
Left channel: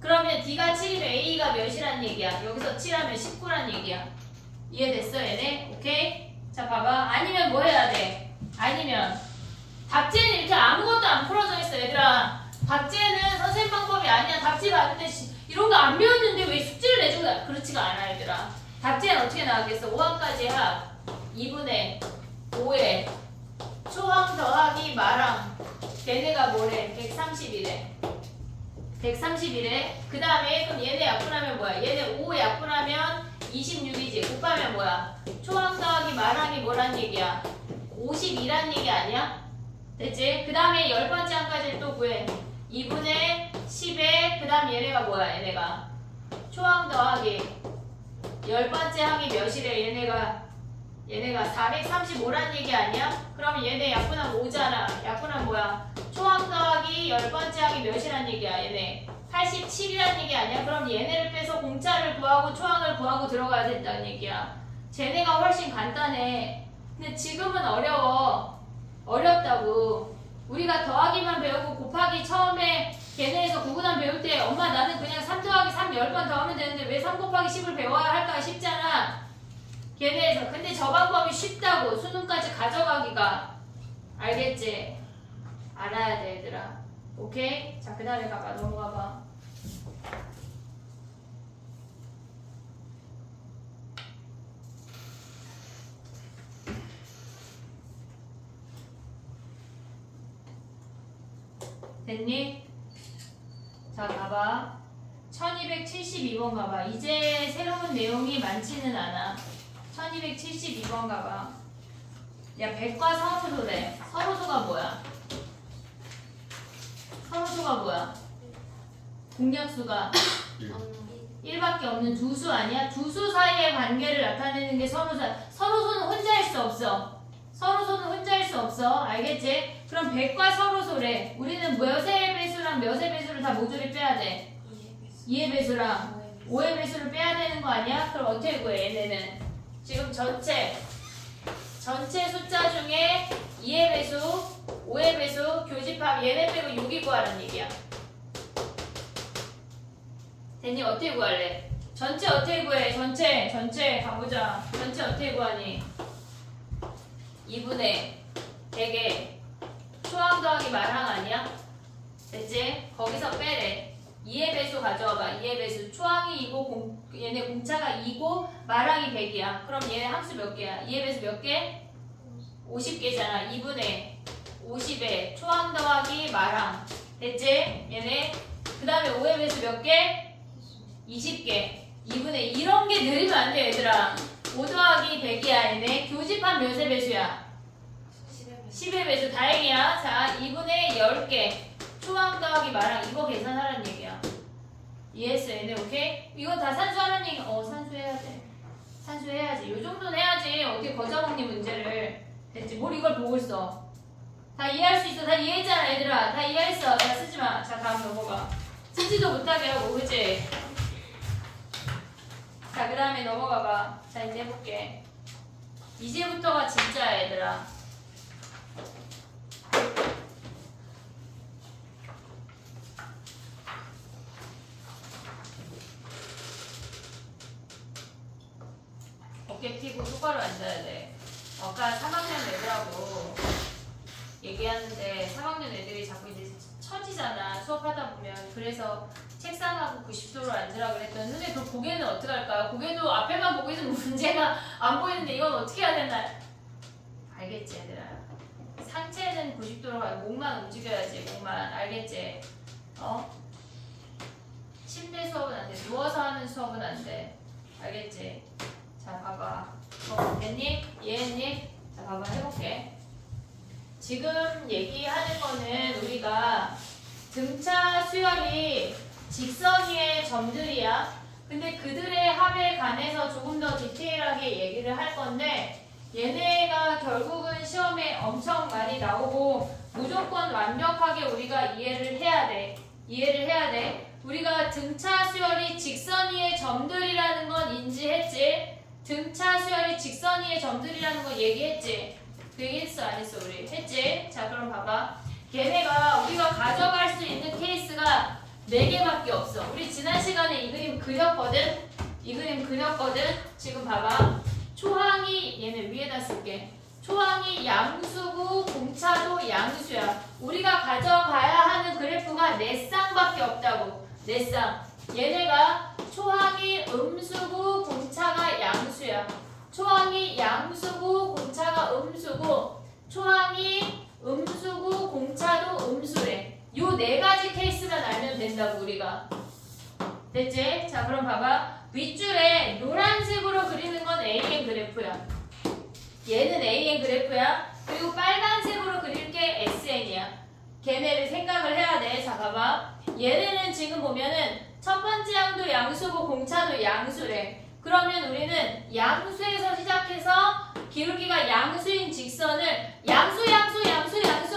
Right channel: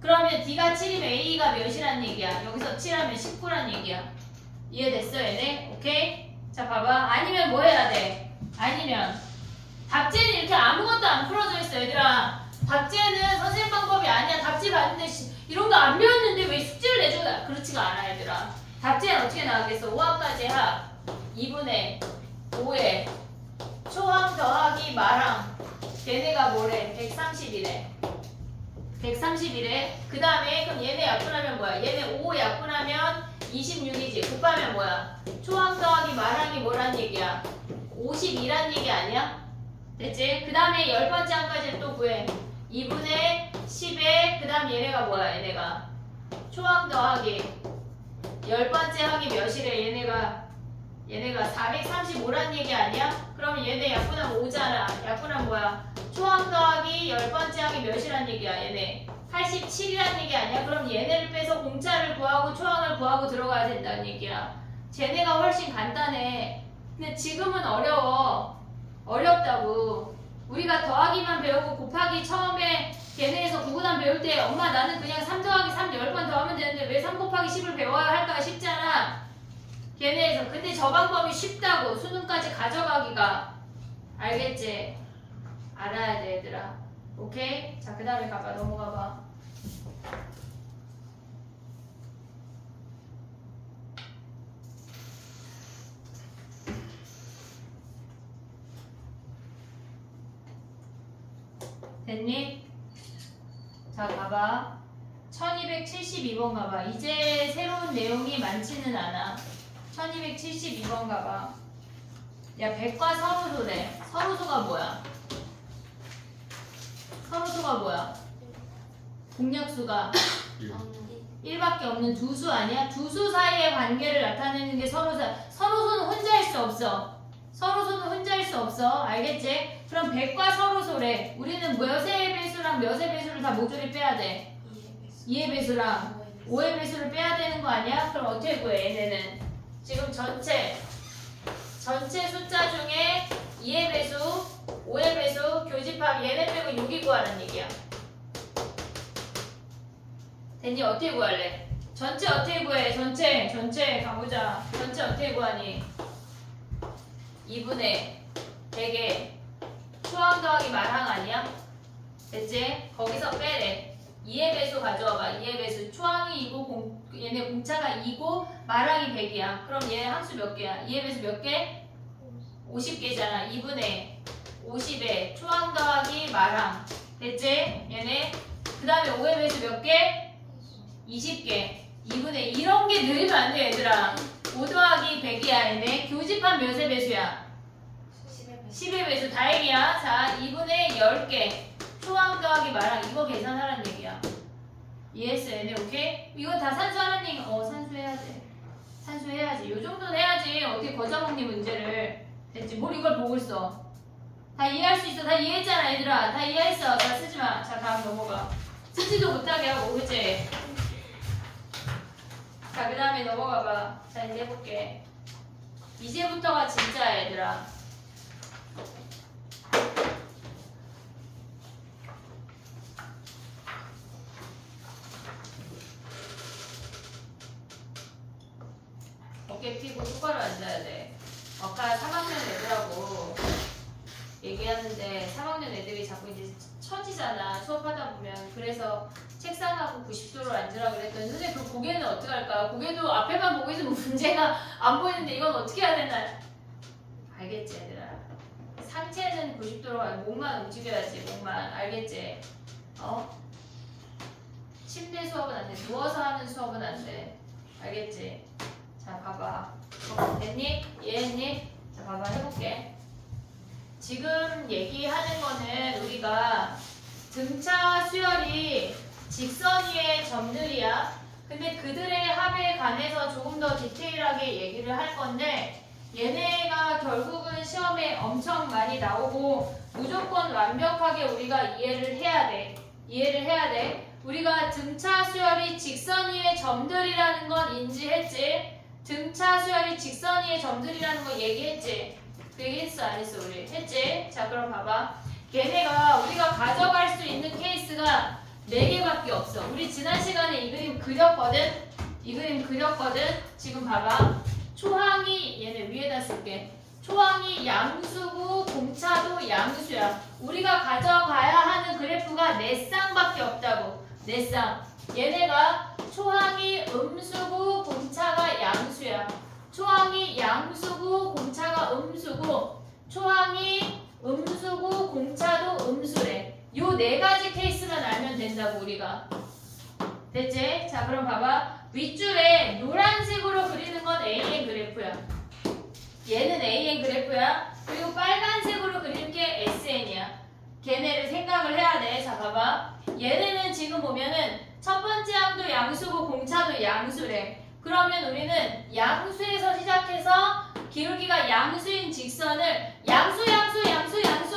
그러면 D가 7이면 A가 몇이란 얘기야? 여기서 7하면 19란 얘기야. 이해됐어 얘네? 오케이? 자 봐봐. 아니면 뭐 해야 돼? 아니면 답지는 이렇게 아무것도 안 풀어져 있어 얘들아. 답지는 선생님 방법이 아니야. 답지 봤는데 이런 거 안 배웠는데 왜 숙제를 내준다? 그렇지가 않아 얘들아. 답지는 어떻게 나오겠어? 5항까지 합 2분의 5에 초항 더하기 마항 얘네가 뭐래? 130이래. 131에 그 다음에 그럼 얘네 약분하면 뭐야? 얘네 5 약분하면 26이지. 곱하면 뭐야? 초항 더하기 마항이 뭐란 얘기야? 52란 얘기 아니야? 됐지? 그 다음에 10번째 항까지 또 구해. 2분의 10에 그 다음 얘네가 뭐야? 얘네가 초항 더하기 10번째 항이 몇이래? 얘네가 435란 얘기 아니야? 그러면 얘네 약분하면 5잖아. 약분하면 뭐야? 초항 더하기 10번째 항이 몇이란 얘기야? 얘네 87이란 얘기 아니야? 그럼 얘네를 빼서 공짜를 구하고 초항을 구하고 들어가야 된다는 얘기야. 쟤네가 훨씬 간단해. 근데 지금은 어렵다고. 우리가 더하기만 배우고 곱하기 처음에 걔네에서 구분함 배울 때 엄마 나는 그냥 3 더하기 3 10번 더하면 되는데 왜 3 곱하기 10을 배워야 할까 싶잖아. 걔네에서. 근데 저 방법이 쉽다고. 수능까지 가져가기가. 알겠지? 알아야 돼 얘들아. 오케이? 자 그 다음에 가봐. 넘어가봐. 됐니? 자 가봐. 1272번 가봐. 이제 새로운 내용이 많지는 않아. 1272번 가봐. 야 백과 서로소래. 서로소가 뭐야? 서로소가 뭐야? 공약수가 1밖에 없는 두 수 아니야? 두 수 사이의 관계를 나타내는 게 서로소야. 서로소는 혼자일 수 없어. 서로소는 혼자일 수 없어. 알겠지? 그럼 백과 서로소래. 우리는 몇의 배수랑 몇의 배수를 다 모조리 빼야 돼. 2의 배수랑 5의 배수를 빼야 되는 거 아니야? 그럼 어떻게 구해 얘네는? 지금 전체 숫자 중에 2의 배수, 5의 배수, 교집합 얘네 빼고 6이 구하는 얘기야. 됐니? 어떻게 구할래? 전체 어떻게 구해? 전체 가보자. 전체 어떻게 구하니? 2분의 100에 초항 더하기 말항 아니야? 됐지? 거기서 빼래. 2의 배수 가져와봐. 2의 배수. 초항이 2고 얘네 공차가 2고 말항이 100이야. 그럼 얘네 함수 몇 개야? 2의 배수 몇 개? 50개잖아. 2분의 50에 초항 더하기 말항. 됐지? 얘네 그 다음에 5의 배수 몇 개? 20개. 2분의 이런 게 늘리면 안 돼 얘들아. 5 더하기 100이야 얘네. 교집합 몇의 배수야? 10의 배수. 다행이야. 자 2분의 10개. 초항 더하기 말항. 이거 계산하라는 얘기야. 이해했어 얘네? 오케이? 이거 다 산수하는 얘기. 산수해야 돼. 산수해야지. 요 정도는 해야지. 어떻게 거저먹니 문제를. 됐지? 뭘 이걸 보고 있어. 다 이해할 수 있어. 다 이해했잖아 얘들아. 다 이해했어. 다 쓰지마. 자 다음 넘어가. 쓰지도 못하게 하고 그치? 자 그 다음에 넘어가봐. 자 이제 해볼게. 이제부터가 진짜야 얘들아. 어깨 피고 똑바로 앉아야 돼. 아까 3학년 애들하고 얘기하는데 3학년 애들이 자꾸 이제 처지잖아. 수업하다 보면. 그래서 책상하고 90도로 앉으라고 그랬더니 선생님 그 고개는 어떡할까요? 고개도 앞에만 보고 있으면 문제가 안 보이는데 이건 어떻게 해야 되나? 알겠지 얘들아. 상체는 90도로 가고 목만 움직여야지. 목만. 알겠지? 침대 수업은 안 돼. 누워서 하는 수업은 안 돼. 알겠지? 자, 봐봐. 됐니? 이해했니? 자, 봐봐. 해볼게. 지금 얘기하는 거는 우리가 등차 수열이 직선 위의 점들이야. 근데 그들의 합에 관해서 조금 더 디테일하게 얘기를 할 건데 얘네가 결국은 시험에 엄청 많이 나오고 무조건 완벽하게 우리가 이해를 해야 돼. 이해를 해야 돼. 우리가 등차 수열이 직선 위의 점들이라는 건 인지했지? 등차 수열이 직선 위의 점들이라는 거 얘기했지? 그 얘기했어 안 했어 우리? 했지? 자 그럼 봐봐. 얘네가 우리가 가져갈 수 있는 케이스가 4개밖에 없어. 우리 지난 시간에 이 그림 그렸거든? 이 그림 그렸거든? 지금 봐봐. 초항이 얘네 위에다 쓸게. 초항이 양수고 공차도 양수야. 우리가 가져가야 하는 그래프가 4쌍밖에 없다고. 4쌍. 얘네가 초항이 음수고 공차가 양수야. 초항이 양수고 공차가 음수고 초항이 음수고 공차도 음수래. 요 4가지 케이스만 알면 된다고 우리가. 됐지? 자 그럼 봐봐. 윗줄에 노란색으로 그리는 건 AN 그래프야. 얘는 AN 그래프야. 그리고 빨간색으로 그릴 게 SN이야. 걔네를 생각을 해야 돼. 자 봐봐. 얘네는 지금 보면은 첫 번째 항도 양수고 공차도 양수래. 그러면 우리는 양수에서 시작해서 기울기가 양수인 직선을 양수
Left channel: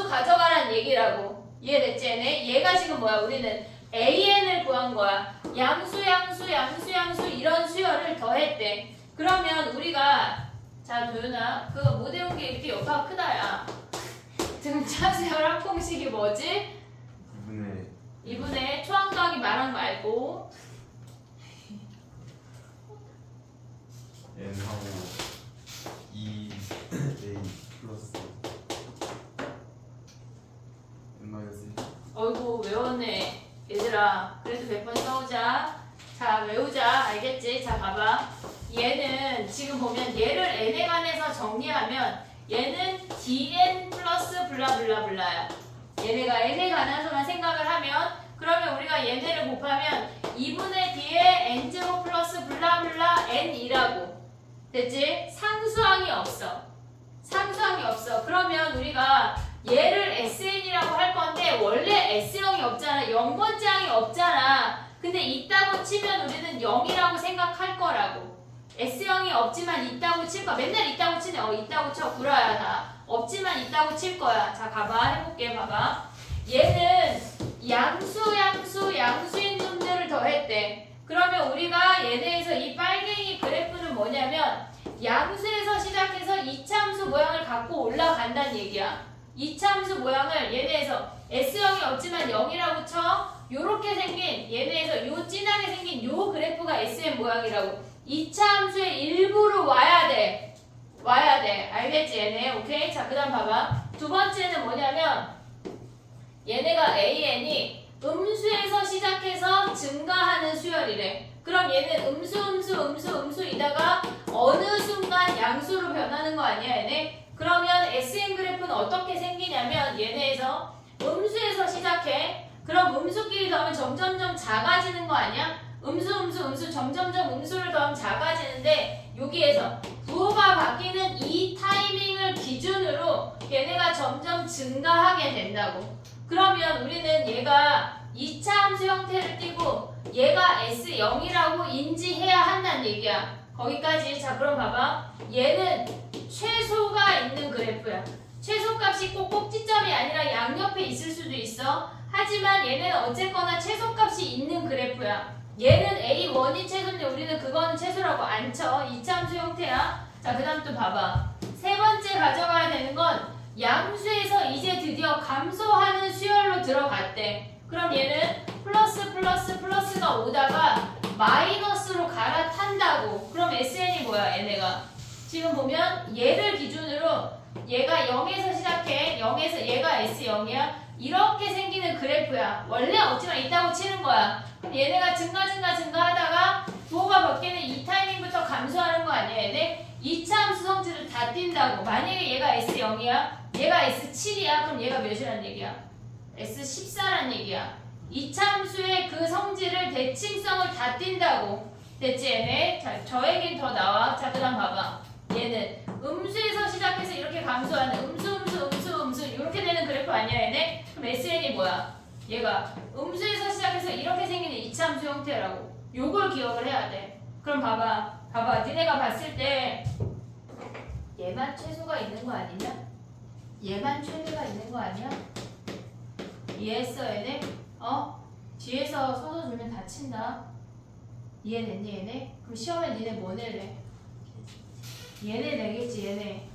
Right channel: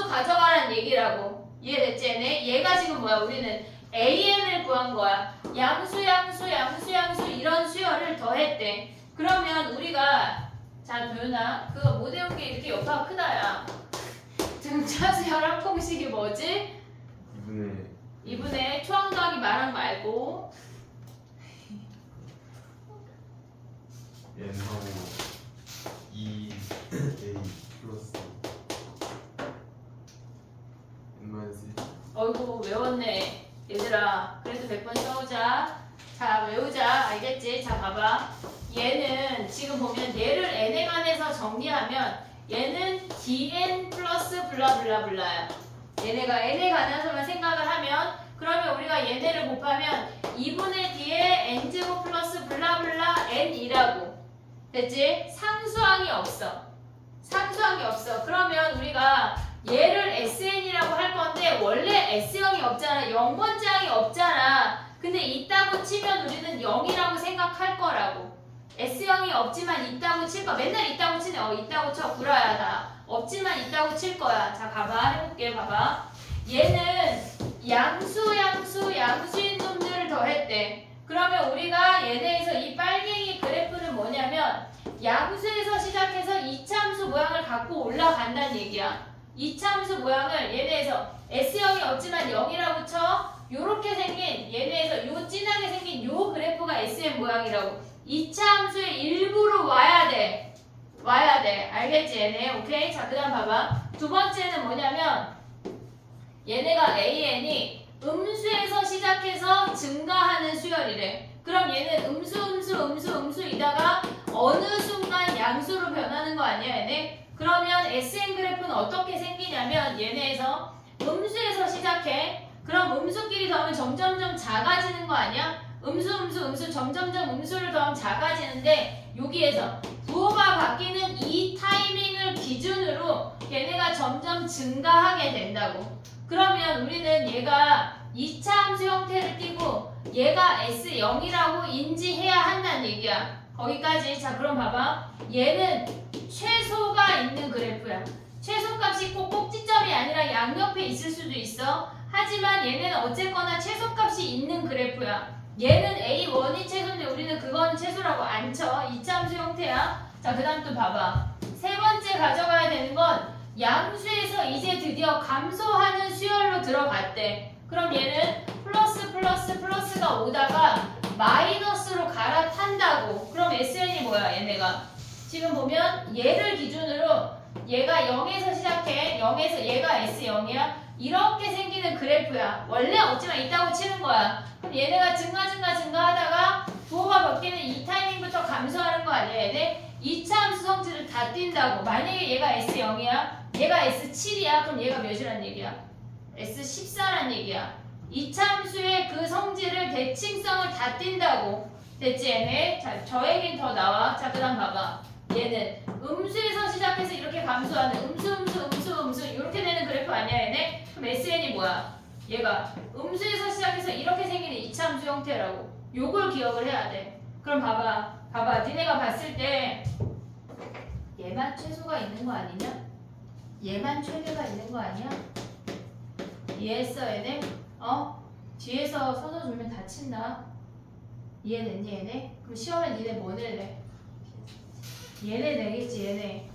가져가라는 얘기라고. 이해됐지 얘네? 얘가 지금 뭐야? 우리는 AN을 구한 거야. 양수 이런 수열을 더했대. 그러면 우리가 자 도윤아 그거 못 외운 게 이렇게 여파가 크다야. 등차 수열 합공식이 뭐지? 2분의 초항 더하기 마랑 말고 n하고 2a 플러스 n-1. 어이구 외웠네 얘들아. 그래도 100번 써오자. 자 외우자. 알겠지? 자 봐봐. 얘는 지금 보면 얘를 n에 관해서 정리하면 얘는 dn 플러스 블라블라블라야. 얘네가 n에 관해서만 생각을 하면 그러면 우리가 얘네를 곱하면 2분의 d에 n제곱 플러스 블라블라 n이라고. 됐지? 상수항이 없어. 상수항이 없어. 그러면 우리가 얘를 SN이라고 할 건데 원래 S형이 없잖아. 0번째 항이 없잖아. 근데 있다고 치면 우리는 0이라고 생각할 거라고. S형이 없지만 있다고 칠 거야. 맨날 있다고 치네. 있다고 쳐. 구라야 다. 없지만 있다고 칠 거야. 자 가봐. 해볼게. 봐봐. 얘는 양수인 놈들을 더했대. 그러면 우리가 얘네에서 이 빨갱이 그래프는 뭐냐면 양수에서 시작해서 이차함수 모양을 갖고 올라간다는 얘기야. 이차함수 모양을 얘네에서 S형이 없지만 0이라고 쳐. 요렇게 생긴 얘네에서 요 진하게 생긴 요 그래프가 SM 모양이라고. 이차함수의 일부로 와야 돼. 알겠지 얘네? 오케이? 자 그 다음 봐봐. 두 번째는 뭐냐면 얘네가 AN이 음수에서 시작해서 증가하는 수열이래. 그럼 얘는 음수이다가 어느 순간 양수로 변하는 거 아니야 얘네? 그러면 SN 그래프는 어떻게 생기냐면 얘네에서 음수에서 시작해. 그럼 음수끼리 더하면 점점점 작아지는 거 아니야? 음수 점점점 음수를 더하면 작아지는데 여기에서 부호가 바뀌는 이 타이밍을 기준으로 얘네가 점점 증가하게 된다고. 그러면 우리는 얘가 2차 함수 형태를 띠고 얘가 S0이라고 인지해야 한다는 얘기야. 거기까지. 자 그럼 봐봐. 얘는 최소가 있는 그래프야. 최소값이 꼭 꼭지점이 아니라 양옆에 있을 수도 있어. 하지만 얘는 어쨌거나 최소값이 있는 그래프야. 얘는 A1이 최소인데 우리는 그거는 최소라고 안 쳐. 2차 함수 형태야. 자 그 다음 또 봐봐. 세 번째 가져가야 되는 건 양수에서 이제 드디어 감소하는 수열로 들어갔대. 그럼 얘는 플러스가 오다가 마이너스로 갈아탄다고. 그럼 SN이 뭐야 얘네가? 지금 보면 얘를 기준으로 얘가 0에서 시작해. 0에서 얘가 S0이야. 이렇게 생기는 그래프야. 원래 없지만 있다고 치는 거야. 그럼 얘네가 증가하다가 부호가 바뀌는 이 타이밍부터 감소하는 거 아니야 얘네? 2차 함수 성질을 다 띈다고. 만약에 얘가 S0이야 얘가 S7이야 그럼 얘가 몇이란 얘기야? S14란 얘기야. 이참수의 그 성질을 대칭성을 다 띈다고. 됐지 얘네? 자, 저 얘기는 더 나와. 자, 그 다음 봐봐. 얘는 음수에서 시작해서 이렇게 감소하는 음수 이렇게 되는 그래프 아니야 얘네? 그럼 SN이 뭐야? 얘가 음수에서 시작해서 이렇게 생기는 이참수 형태라고. 요걸 기억을 해야 돼. 그럼 봐봐. 니네가 봤을 때 얘만 최소가 있는 거 아니냐? 얘만 최대가 있는 거 아니야? 이해했어 얘네? 뒤에서 서서 주면 다친다. 이해됐니 얘네? 그럼 시험에 니네 뭐 낼래? 얘네 내겠지 얘네.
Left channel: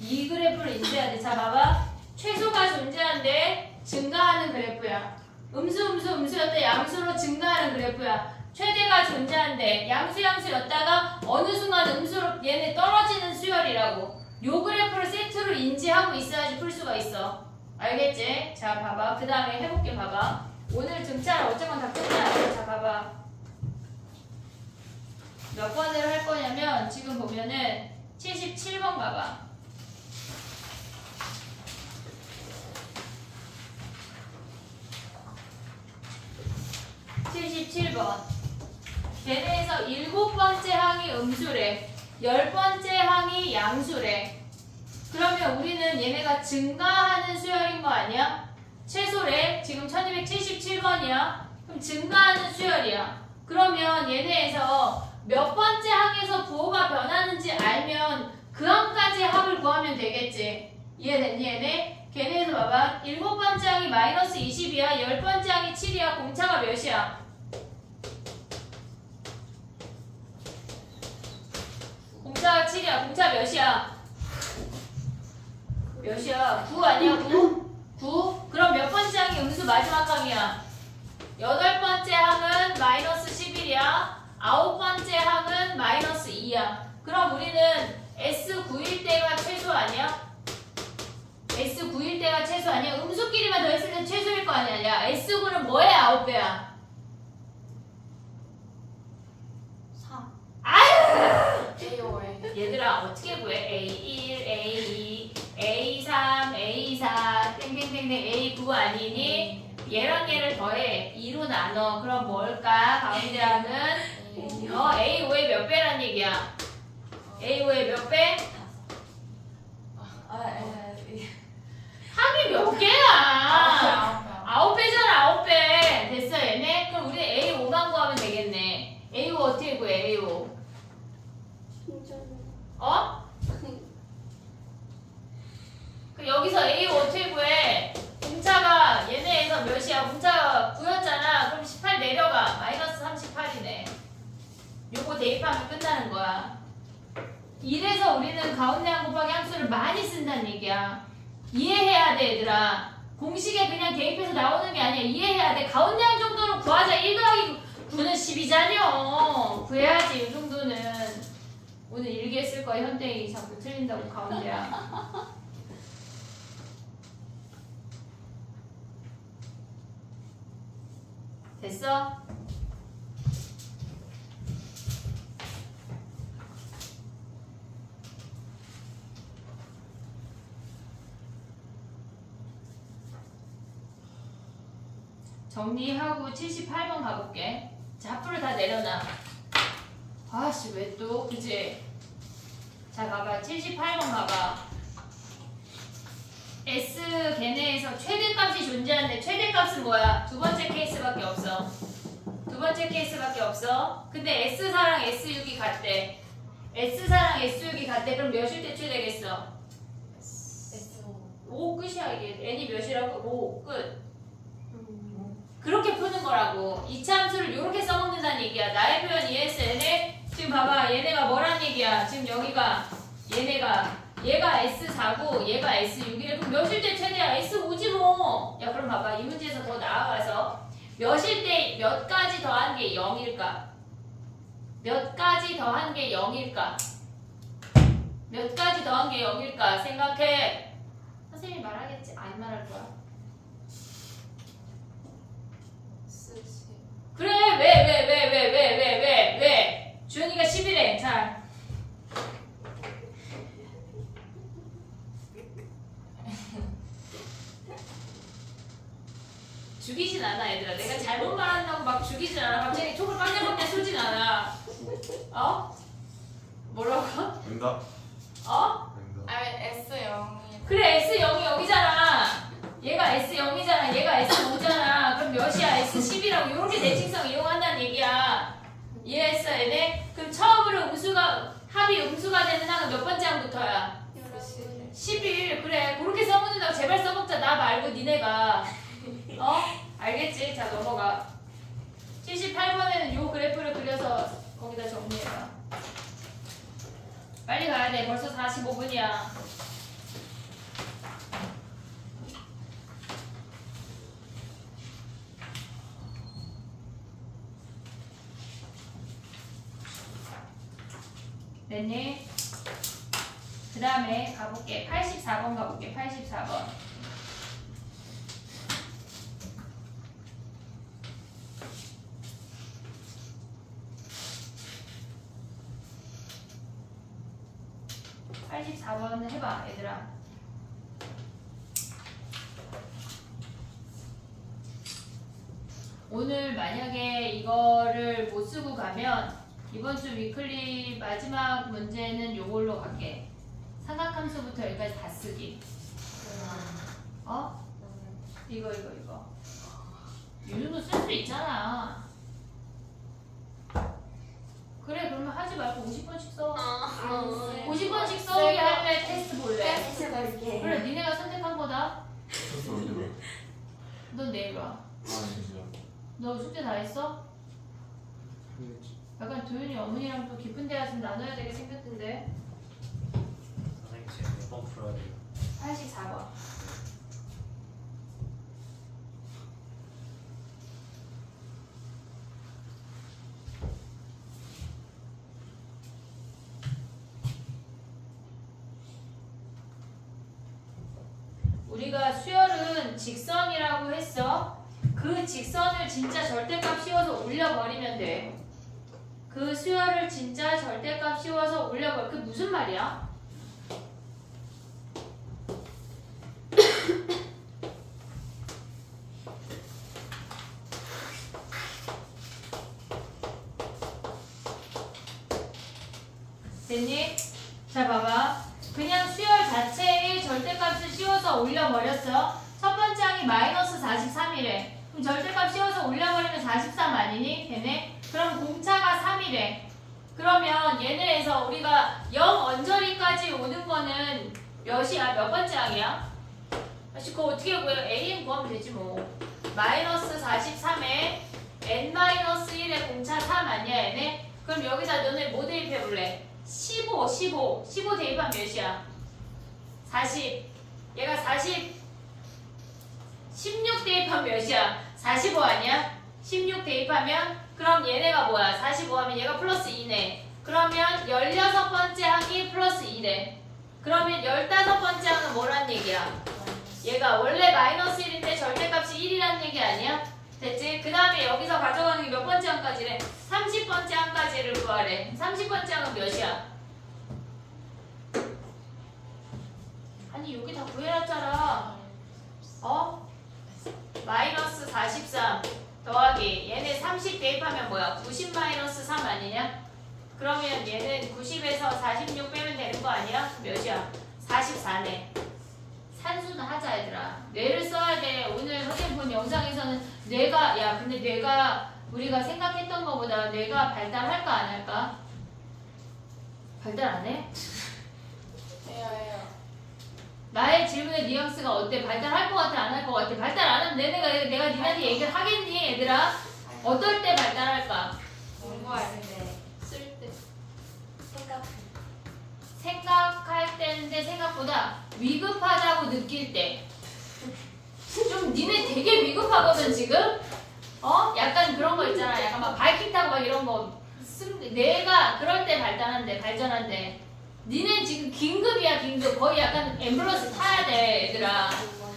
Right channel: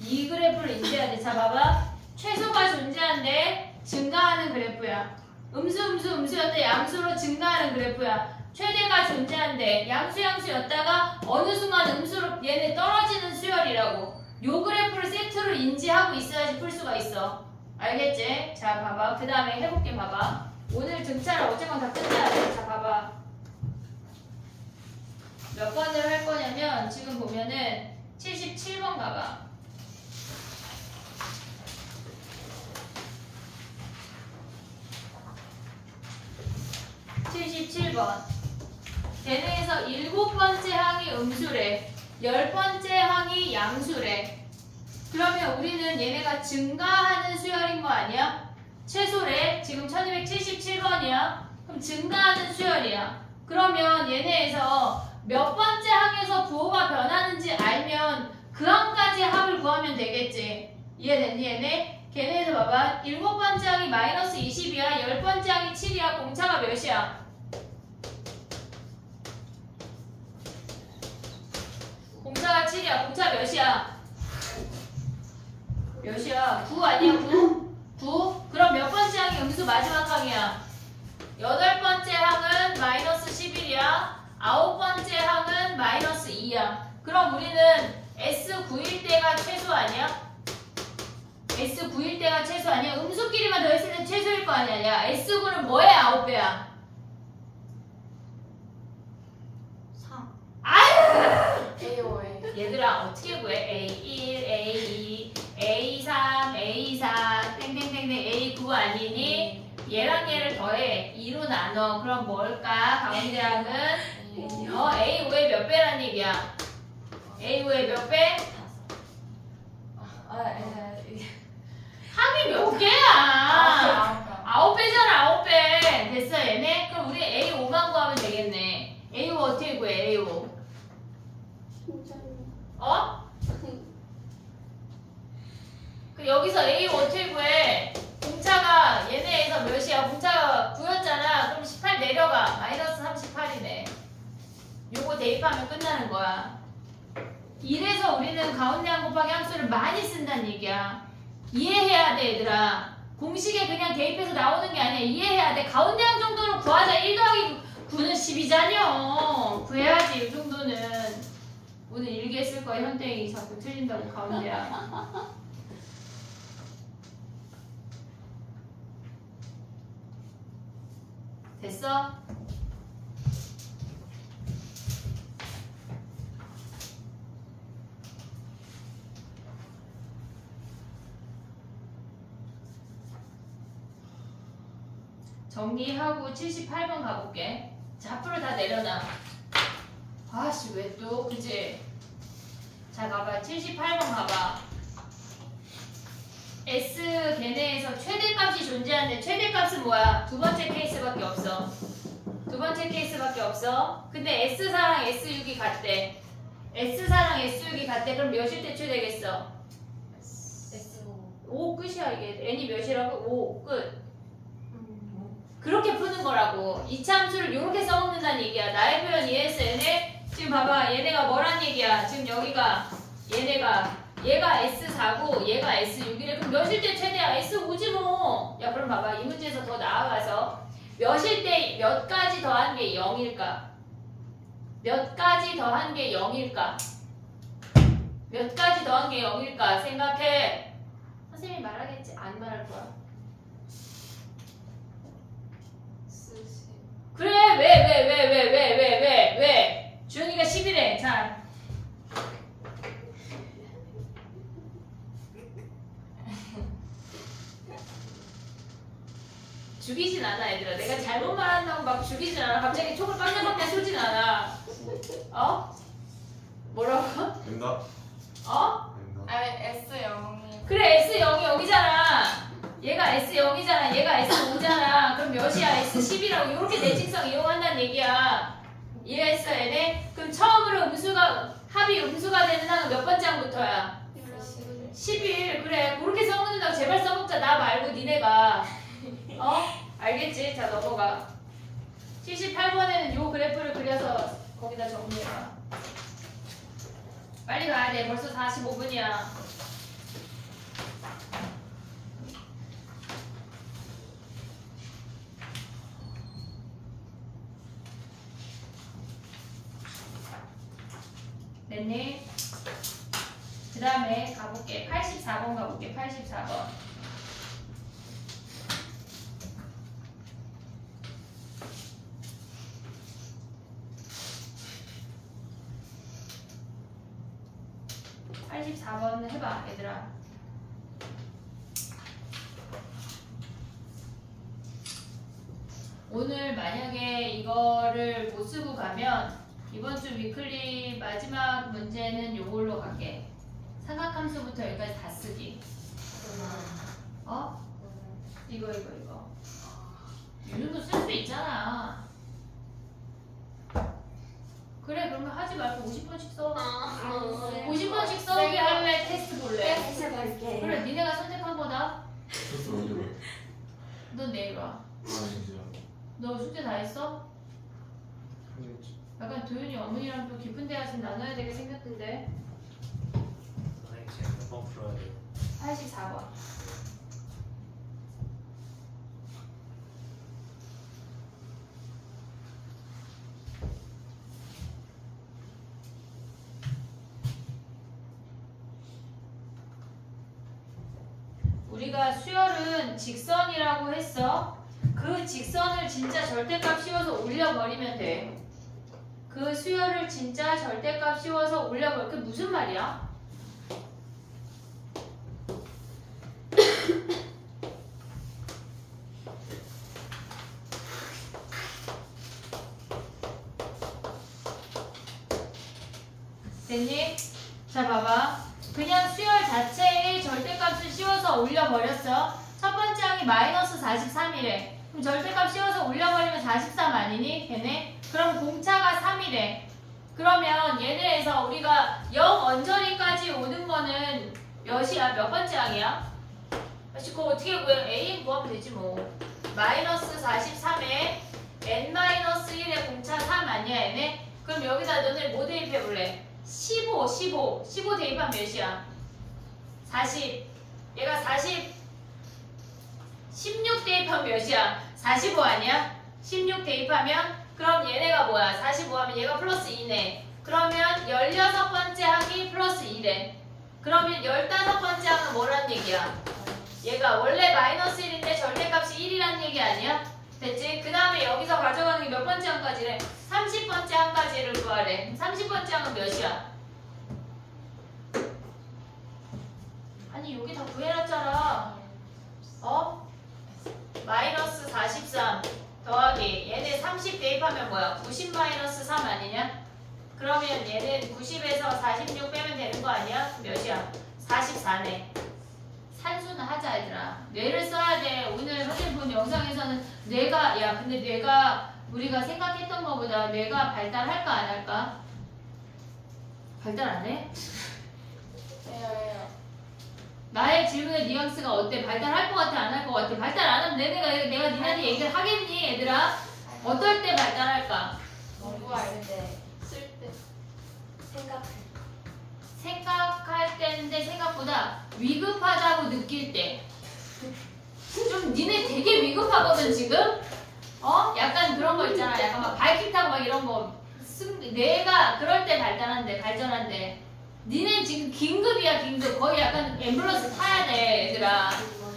이 그래프를 인지해야 돼. 자 봐봐. 최소가 존재한데 증가하는 그래프야. 음수였다 양수로 증가하는 그래프야. 최대가 존재한데 양수였다가 어느 순간 음수로 얘네 떨어지는 수열이라고. 요 그래프를 세트로 인지하고 있어야지 풀 수가 있어. 알겠지? 자 봐봐. 그 다음에 해볼게. 봐봐. 오늘 등차를 어쨌건 다 끝내야 돼. 자 봐봐. 몇 번을 할 거냐면 지금 보면은 77번 봐봐. 77번. 걔네에서 7번째 항이 음수래. 10번째 항이 양수래. 그러면 우리는 얘네가 증가하는 수열인 거 아니야? 최소래. 지금 1277번이야. 그럼 증가하는 수열이야. 그러면 얘네에서 몇 번째 항에서 부호가 변하는지 알면 그 항까지 합을 구하면 되겠지. 이해됐니 얘네? 걔네에서 봐봐. 7번째 항이 마이너스 20이야. 10번째 항이 7이야. 공차가 몇이야? 공차가 7이야. 공차 몇이야? 몇이야? 9 아니야? 9? 9? 그럼 몇 번째 항이 음수 마지막 항이야? 8번째 항은 마이너스 11이야. 9번째 항은 마이너스 2야. 그럼 우리는 S9일 때가 최소 아니야? S9일 때가 최소 아니야? 음수끼리만 더했을 때 최소일 거 아니야? S9는 뭐의 9배야? 3. 아유! A5에 얘들아 어떻게 구해? A1, A2, A3, A4, 땡땡땡땡 A9 아니니? 얘랑 얘를 더해 2로 나눠. 그럼 뭘까? 가운데 항은 A5의 몇 배란 얘기야? A5의 몇 배? 합이 몇 개야? 9배잖아 9배. 됐어 얘네? 그럼 우리 A5만 구하면 되겠네. A5 어떻게 구해? A5 그 여기서 A5 어떻게 구해? 공차가 얘네에서 몇이야? 공차가 9였잖아. 그럼 18 내려가. 마이너스 38이네. 요거 대입하면 끝나는 거야. 이래서 우리는 가운데 항 곱하기 함수를 많이 쓴다는 얘기야. 이해해야 돼 얘들아. 공식에 그냥 대입해서 나오는 게 아니야. 이해해야 돼. 가운데 항 정도는 구하자. 1 더하기 9는 10이잖여. 구해야지 이 정도는. 오늘 일기에 쓸 거야. 현대인이 자꾸 틀린다고 가운데 항. 됐어? 정리하고 78번 가볼게. 자, 앞으로 다 내려놔. 아씨, 왜 또, 그지? 자, 가봐. 78번 가봐. S 걔네에서 최대값이 존재하는데 최대값은 뭐야? 두 번째 케이스밖에 없어. 두 번째 케이스밖에 없어. 근데 S사랑 S6이 같대. S사랑 S6이 같대. 그럼 몇일 때 최대겠어? S5 5 끝이야 이게. N이 몇이라고? 5 끝. 그렇게 푸는 거라고. 이차 함수를 이렇게 써먹는다는 얘기야. 나의 표현 이해했어 얘네? 지금 봐봐. 얘네가 뭐란 얘기야? 지금 여기가 얘가 S4고 얘가 S6이래. 그럼 몇일 때 최대야? S5지 뭐. 야 그럼 봐봐. 이 문제에서 더 나아가서 몇일 때 몇 가지 더한 게 0일까? 몇 가지 더한 게 0일까? 몇 가지 더한 게 0일까? 생각해. 선생님이 말하겠지? 안 말할 거야. 그래 왜 주연이가 10이래. 자 죽이진 않아 선생님한테 쏘진 않아. 어? 뭐라고? 응답. 어? 응답. 아 S0이. 그래 S0이 여기잖아. 얘가 S0이잖아. 얘가 S5잖아. 그럼 몇이야? S10이라고 이렇게 대칭성 이용한다는 얘기야. 이해했어 얘네? 그럼 처음으로 합이 음수가 되는 항은 몇 번째 항부터야? 11. 그래 그렇게 써먹는다고 제발 써먹자. 나 말고 니네가. 어? 알겠지? 자 넘어가. 78번에는 요 그래프를 그려서 거기다 정리해봐. 빨리 가야 돼. 벌써 45분이야. 됐니? 그 다음에 가볼게. 84번 가볼게. 84번. 해봐 얘들아. 오늘 만약에 이거를 못 쓰고 가면 이번 주 위클리 마지막 문제는 요걸로 갈게. 삼각함수부터 여기까지 다 쓰기. 어? 이거. 이 정도 쓸 수 있잖아. 그래 그러면 하지 말고 50번씩 써. 50번씩 써오게 할래? 테스트 볼래? 그래 니네가 선택한 거다. 테스트 언제 봐? 넌 내일 와. 아니죠. 너 숙제 다 했어? 약간 도윤이 어머니랑 또 깊은 대화 좀 나눠야 되게 생겼던데. 선생님 제가 몇번 풀어야 돼요? 84번. 우리가 수열은 직선이라고 했어. 그 직선을 진짜 절대값 씌워서 올려버리면 돼. 그 수열을 진짜 절대값 씌워서 올려버려. 그게 무슨 말이야? 됐니? 자 봐봐. 그냥 수열 자체의 절대값을 씌워서 올려버렸어. 첫 번째 항이 마이너스 43이래. 그럼 절대값 씌워서 올려버리면 43 아니니? 걔네? 그럼 공차가 3이래. 그러면 얘네에서 우리가 0 언저리까지 오는 거는 몇이야? 몇 번째 항이야? 그거 어떻게 구해? A 구하면 되지 뭐. 마이너스 43에 n-1의 공차 3 아니야 얘네? 그럼 여기다 너네 뭐 대입해볼래? 15 대입하면 몇이야? 40. 얘가 40 16 대입하면 몇이야? 45 아니야? 16 대입하면 그럼 얘네가 뭐야? 45 하면 얘가 플러스 2네. 그러면 16번째 항이 플러스 2래. 그러면 15번째 항은 뭐란 얘기야? 얘가 원래 마이너스 1인데 절대값이 1이란 얘기 아니야? 됐지? 그 다음에 여기서 가져가는 게 몇 번째 항까지래? 30번째 항까지를 구하래. 30번째 항은 몇이야? 아니 여기 다 구해놨잖아. 어? 마이너스 43 더하기 얘네 30 대입하면 뭐야? 90 마이너스 3 아니냐? 그러면 얘는 90에서 46 빼면 되는 거 아니야? 몇이야? 44네. 산수는 하자 얘들아. 뇌를 써야 돼. 오늘 선생님 본 영상에서는 뇌가 야 근데 뇌가 우리가 생각했던 것보다 뇌가 발달할까 안 할까? 발달 안 해? 해요. 나의 질문의 뉘앙스가 어때? 발달할 것 같아? 안 할 것 같아? 발달 안 하면 내가 니네한테 얘기를 하겠니 얘들아? 어떨 때 발달할까? 공부할 때, 쓸 때, 생각할 때인데 생각보다 위급하다고 느낄 때. 좀 니네 되게 위급하거든 지금? 어? 약간 그런 거 있잖아. 약간 막 바이킹 타고 막 이런 거. 내가 그럴 때 발전한대. 니네 지금 긴급이야 긴급. 거의 약간 앰뷸런스 타야 돼 얘들아.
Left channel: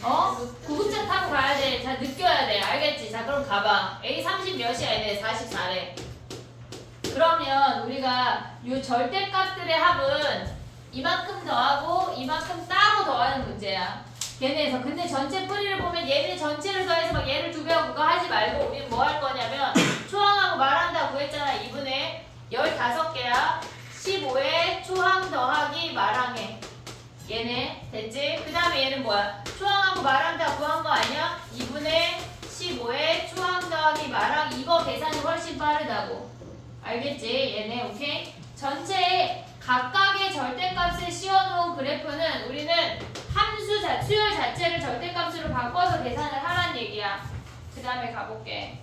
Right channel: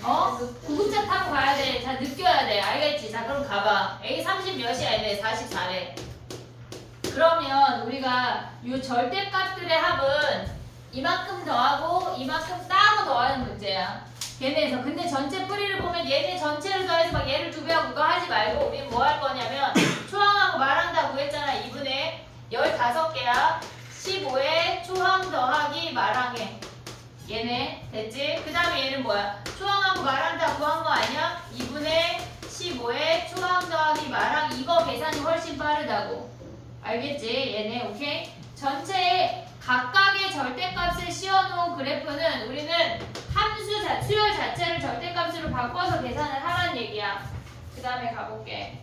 어? 구급차 타고 가야 돼. 자 느껴야 돼. 알겠지? 자 그럼 가봐. A 30 몇이야 얘네? 44래. 그러면 우리가 이 절대값들의 합은 이만큼 더하고 이만큼 따로 더하는 문제야. 얘네에서. 근데 전체 뿌리를 보면 얘네 전체를 더해서 막 얘를 2배하고 그거 하지 말고 우리는 뭐 할 거냐면 초항하고 말한다고 했지. 얘네 됐지? 그 다음에 얘는 뭐야? 초항하고 마랑 다 구한 거 아니야? 2분의 15에 초항 더하기 마랑 이거 계산이 훨씬 빠르다고. 알겠지? 얘네 오케이? 전체에 각각의 절대값을 씌워놓은 그래프는 우리는 수열 자체를 절대값으로 바꿔서 계산을 하란 얘기야. 그 다음에 가볼게.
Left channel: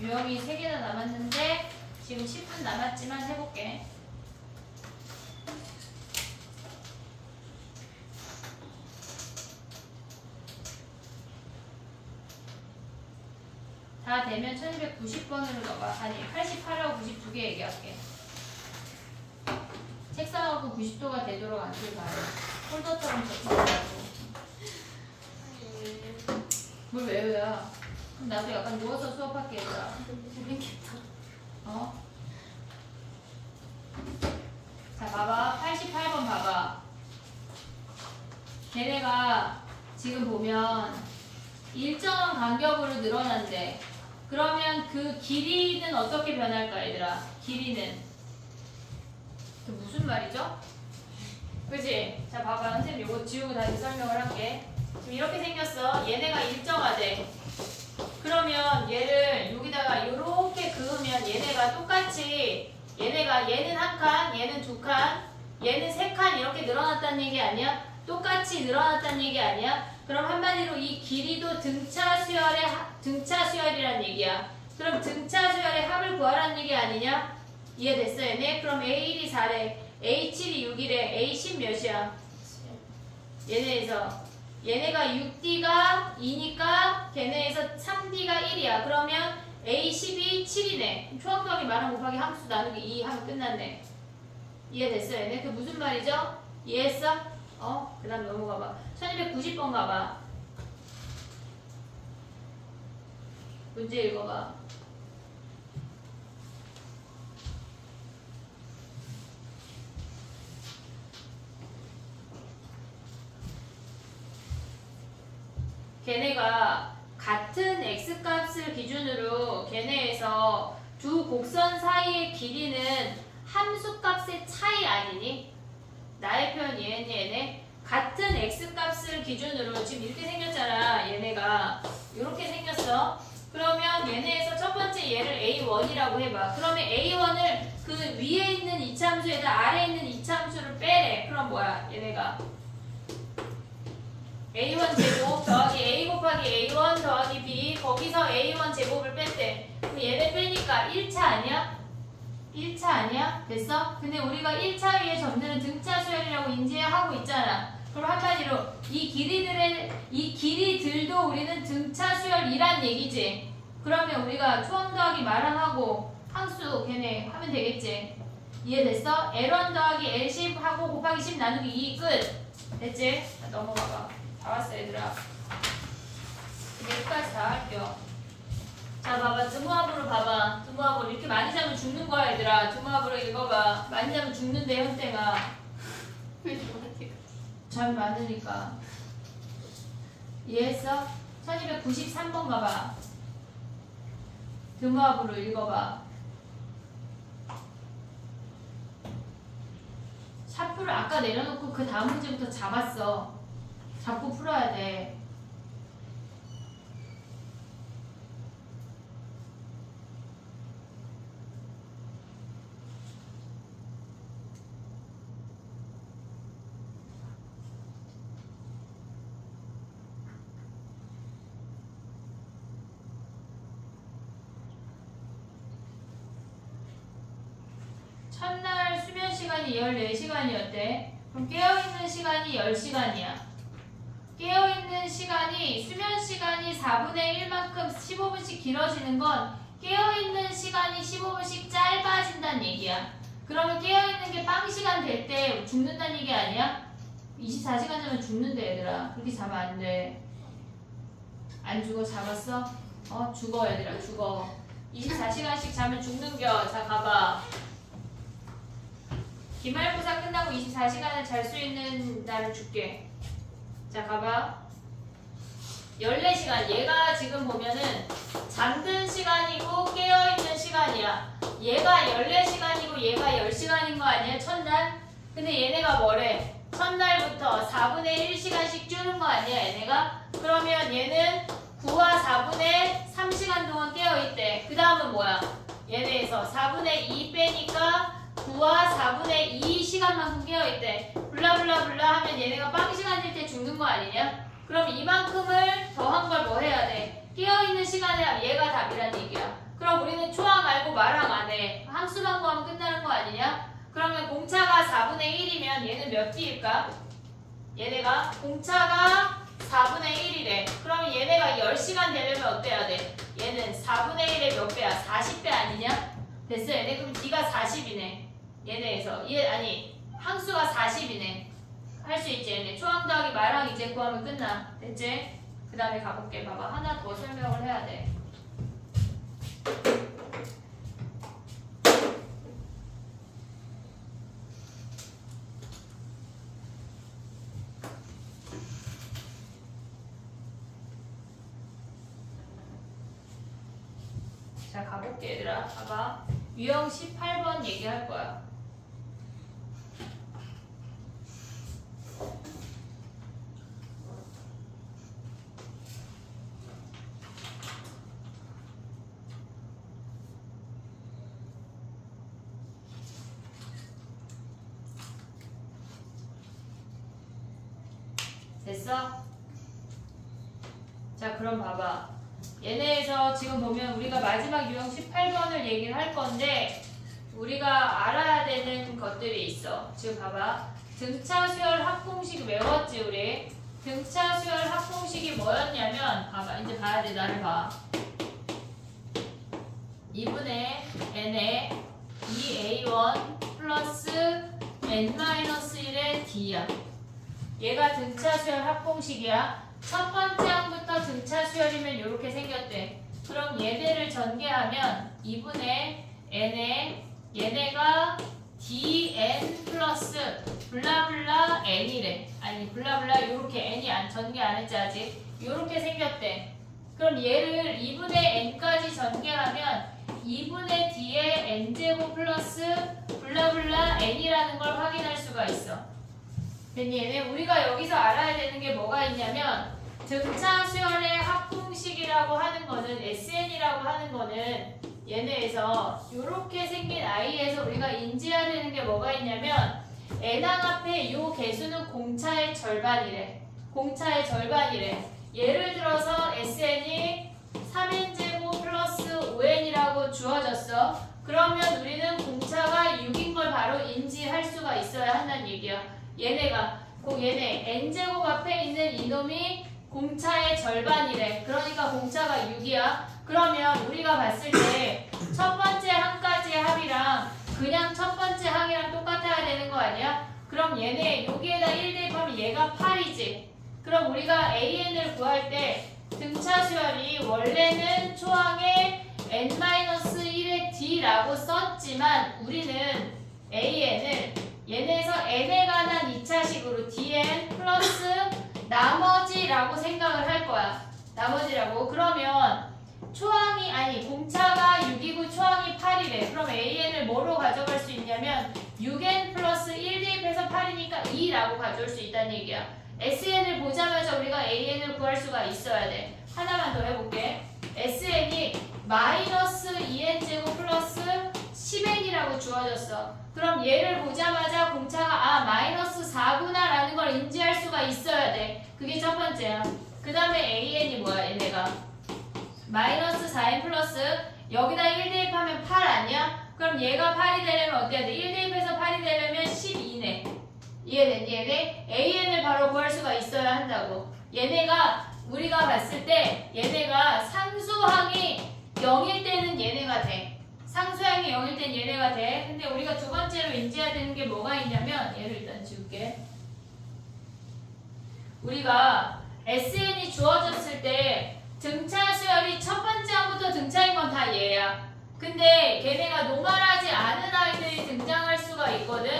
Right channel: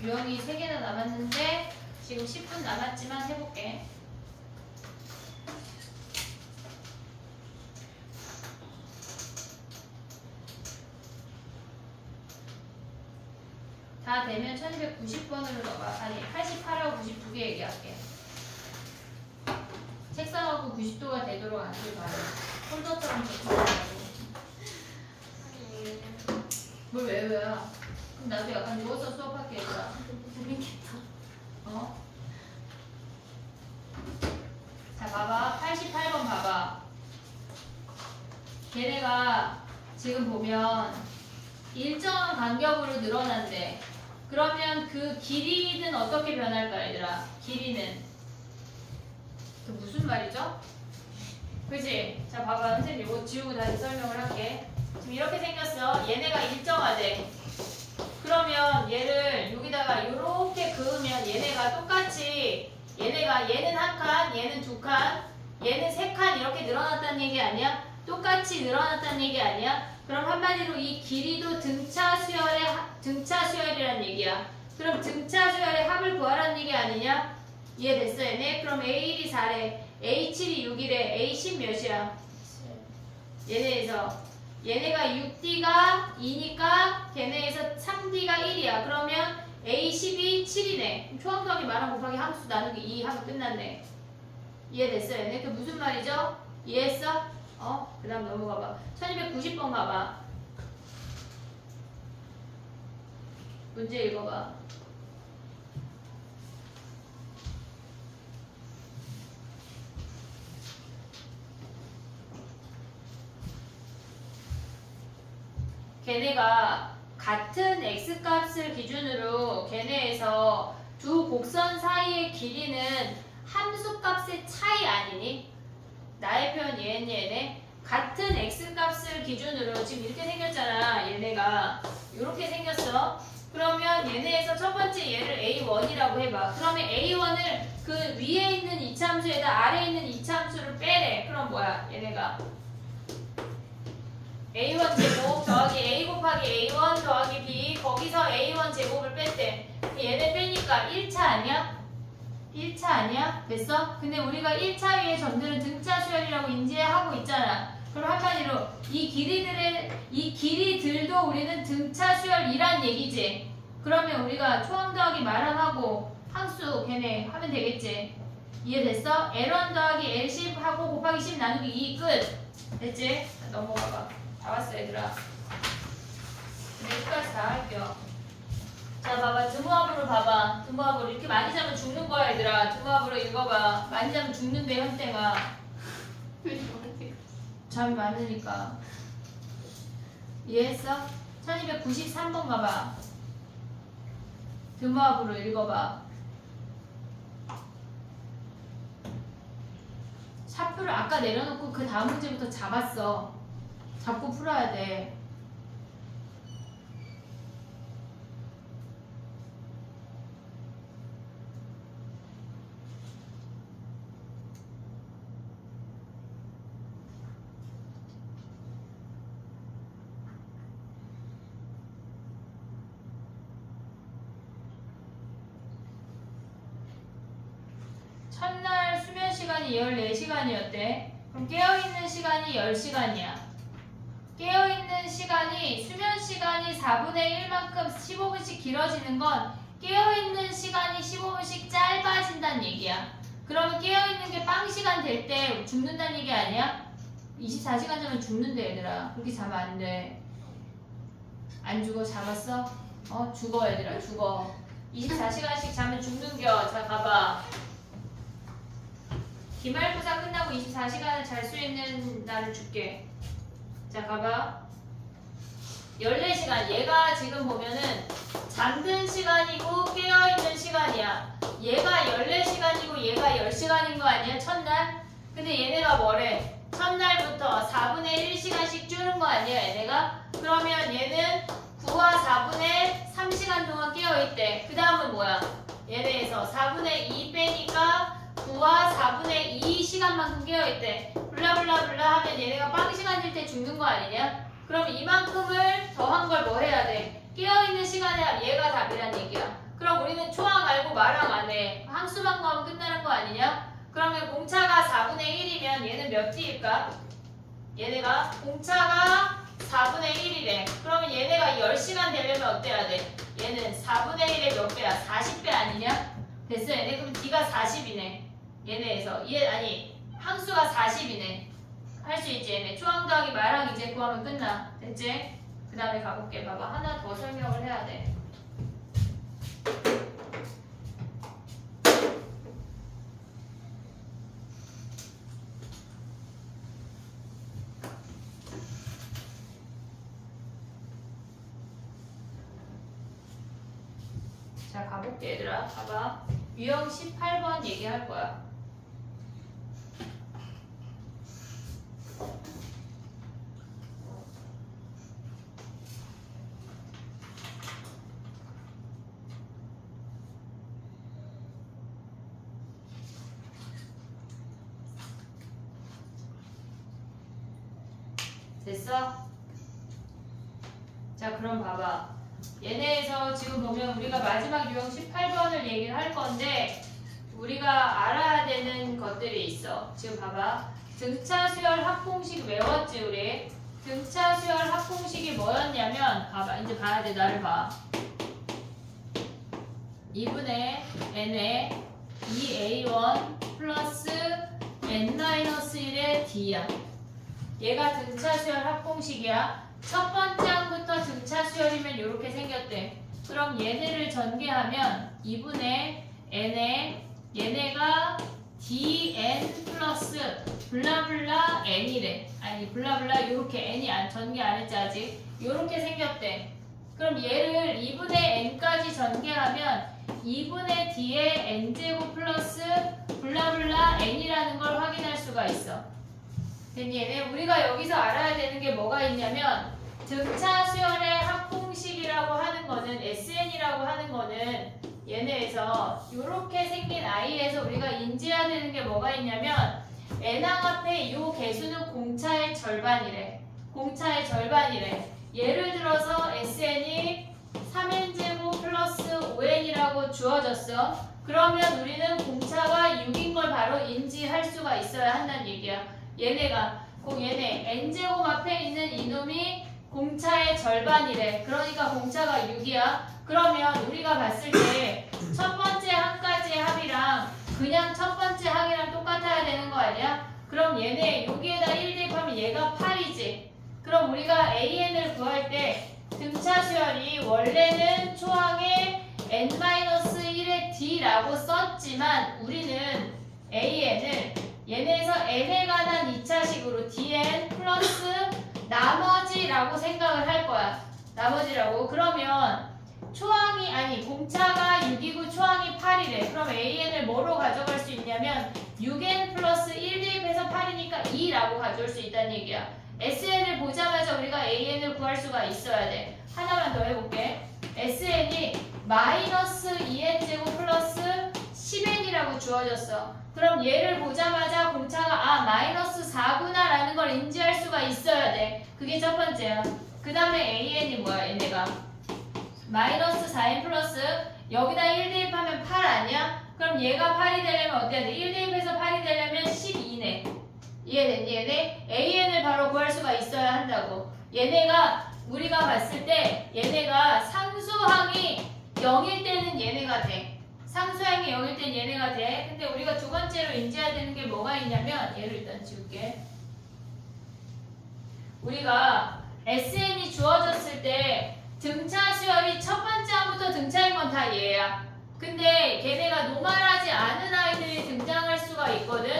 유형이 3개나 남았는데 지금 10분 남았지만 해볼게. 다 되면 1290번으로 넘어가. 아니 88하고 92개 얘기할게. 책상하고 90도가 되도록 앉을 바래. 폴더처럼 적혀달라고. 뭘 외우야? 그럼 나도 약간 누워서 수업할게 얘들아. 재밌겠다. 어? 자 봐봐. 88번 봐봐. 걔네가 지금 보면 일정한 간격으로 늘어난대. 그러면 그 길이는 어떻게 변할까 얘들아? 길이는 그 무슨 말이죠? 그치? 자 봐봐. 선생님 이거 지우고 다시 설명을 할게. 지금 이렇게 생겼어. 얘네가 일정하대. 그러면 얘를 여기다가 이렇게 그으면 얘네가 똑같이 얘는 한 칸, 얘는 두 칸, 얘는 세 칸 이렇게 늘어났다는 얘기 아니야? 똑같이 늘어났다는 얘기 아니야? 그럼 한마디로 이 길이도 등차 수열이란 얘기야. 그럼 등차 수열의 합을 구하라는 얘기 아니냐? 이해됐어 얘네? 그럼 A1이 4래, A7이 6이래, A10 몇이야? 얘네에서 얘네가 6D가 2니까 걔네에서 3D가 1이야. 그러면 A10이 7이네. 초항정이 말한 곱하기 함수 나누기 2 하면 끝났네. 이해됐어 얘네? 그 무슨 말이죠? 이해했어? 그 다음 넘어가봐. 1290번 가봐. 문제 읽어봐. 걔네가 같은 x값을 기준으로 걔네에서 두 곡선 사이의 길이는 함수값의 차이 아니니? 나의 표현 이해했니 얘네? 같은 x값을 기준으로 지금 이렇게 생겼잖아. 얘네가 이렇게 생겼어. 그러면 얘네에서 첫 번째 얘를 A1이라고 해봐. 그러면 A1을 그 위에 있는 이차함수에다 아래에 있는 이차함수를 빼래. 그럼 뭐야 얘네가 A1 제곱 더하기 A 곱하기 A1 더하기 B 거기서 A1 제곱을 뺐대. 얘네 빼니까 1차 아니야? 1차 아니야? 됐어? 근데 우리가 1차의 점들은 등차 수열이라고 인지하고 있잖아. 그럼 한마디로 이 길이들도 우리는 등차 수열이란 얘기지. 그러면 우리가 초항 더하기 마랑하고 항수 걔네 하면 되겠지. 이해됐어? L1 더하기 L10 하고 곱하기 10 나누기 2 끝. 됐지? 자, 넘어가봐. 다 왔어 얘들아. 여기까지 다 할게요. 자 봐봐. 등호합으로 봐봐. 등호합으로 이렇게 많이 자면 죽는 거야 얘들아. 등호합으로 읽어봐. 많이 자면 죽는데 현대가 잠이 많으니까. 이해했어? 1293번 가봐. 등호합으로 읽어봐. 샤프를 아까 내려놓고 그 다음 문제부터 잡았어. 잡고 풀어야 돼. 첫날 수면 시간이 14시간이었대. 그럼 깨어있는 시간이 10시간이야. 깨어있는 시간이 수면 시간이 4분의 1만큼 15분씩 길어지는 건 깨어있는 시간이 15분씩 짧아진다는 얘기야. 그러면 깨어있는 게 빵 시간 될 때 죽는다는 얘기 아니야? 24시간 자면 죽는데 얘들아. 그렇게 자면 안 돼. 안 죽어? 잡았어? 죽어 얘들아. 죽어. 24시간씩 자면 죽는겨. 자 가봐. 기말고사 끝나고 24시간을 잘 수 있는 날을 줄게. 자 가봐. 14시간. 얘가 지금 보면은 잠든 시간이고 깨어있는 시간이야. 얘가 14시간이고 얘가 10시간인 거 아니야? 첫날? 근데 얘네가 뭐래? 첫날부터 4분의 1시간씩 줄은 거 아니야? 얘네가? 그러면 얘는 9와 4분의 3시간 동안 깨어있대. 그 다음은 뭐야? 얘네에서 4분의 2 빼니까 9와 4분의 2시간만큼 깨어있대. 블라블라블라 하면 얘네가 빵 시간일 때 죽는 거 아니냐? 그럼 이만큼을 더한 걸 뭐 해야 돼? 깨어있는 시간에 얘가 답이란 얘기야. 그럼 우리는 초항 알고 말항 안 해. 함수만 구하면 끝나는 거 아니냐? 그러면 공차가 4분의 1이면 얘는 몇 T일까? 얘네가 공차가 4분의 1이래. 그러면 얘네가 10시간 되려면 어때야 돼? 얘는 4분의 1의 몇 배야? 40배 아니냐? 됐어. 얘네 그럼 D가 40이네. 얘네에서 아니 항수가 40이네. 할 수 있지. 얘네 초항 더하기 말항 이제 구하면 끝나. 됐지? 그 다음에 가볼게. 봐봐. 하나 더 설명을 해야 돼. 자, 가볼게 얘들아. 봐봐. 유형 18번 얘기할 거야. 됐어? 자, 그럼 봐봐. 얘네에서 지금 보면 우리가 마지막 유형 18번을 얘기를 할 건데 우리가 알아야 되는 것들이 있어. 지금 봐봐. 등차 수열 합공식 외웠지 우리? 등차 수열 합공식이 뭐였냐면 봐봐. 이제 봐야 돼. 나를 봐. 2분의 n에 2a1 플러스 n-1의 d야. 얘가 등차 수열 합공식이야. 첫 번째 항부터 등차 수열이면 이렇게 생겼대. 그럼 얘네를 전개하면 2분의 n에 얘네가 dn 플러스 블라블라 n이래. 아니 블라블라 이렇게 n이 전개 안 했지 아직. 이렇게 생겼대. 그럼 얘를 2분의 n까지 전개하면 2분의 d의 n제곱 플러스 블라블라 n이라는 걸 확인할 수가 있어. 됐니? 얘네 우리가 여기서 알아야 되는 게 뭐가 있냐면 등차 수열의 합공식이라고 하는 거는 SN이라고 하는 거는 얘네에서 이렇게 생긴 I에서 우리가 인지해야 되는 게 뭐가 있냐면 n항 앞에 이 개수는 공차의 절반이래. 공차의 절반이래. 예를 들어서 SN이 3n제곱 플러스 5n이라고 주어졌어. 그러면 우리는 공차가 6인 걸 바로 인지할 수가 있어야 한다는 얘기야. 얘네가 얘네 n제곱 앞에 있는 이놈이 공차의 절반이래. 그러니까 공차가 6이야. 그러면 우리가 봤을 때 첫 번째 항까지의 합이랑 그냥 첫 번째 항이랑 똑같아야 되는 거 아니야? 그럼 얘네 여기에다 1 대입하면 얘가 8이지. 그럼 우리가 AN을 구할 때 등차 수열이 원래는 초항에 n-1의 d라고 썼지만 우리는 AN을 얘네에서 n에 관한 2차식으로 dn 플러스 나머지라고 생각을 할 거야. 나머지라고. 그러면 초항이 아니 공차가 6이고 초항이 8이래. 그럼 AN을 뭐로 가져갈 수 있냐면 6n 플러스 1 대입해서 8이니까 2라고 가져올 수 있다는 얘기야. SN을 보자마자 우리가 AN을 구할 수가 있어야 돼. 하나만 더 해볼게. SN이 마이너스 2n제곱 플러스 10n이라고 주어졌어. 그럼 얘를 보자마자 공차가 마이너스 4구나 라는 걸 인지할 수가 있어야 돼. 그게 첫 번째야. 그 다음에 AN이 뭐야 얘네가 마이너스 4n 플러스 여기다 1 대입하면 8 아니야? 그럼 얘가 8이 되려면 어때야 돼? 1 대입해서 8이 되려면 12네. 이해됐니? 얘네 AN을 바로 구할 수가 있어야 한다고. 얘네가 우리가 봤을 때 얘네가 상수항이 0일 때는 얘네가 돼. 상수항이 0일 땐 얘네가 돼. 근데 우리가 두 번째로 인지해야 되는 게 뭐가 있냐면 얘를 일단 지울게. 우리가 SN이 주어졌을 때 등차 수열이 첫 번째 항부터 등차인 건 다 얘야. 근데 걔네가 노멀하지 않은 아이들이 등장할 수가 있거든.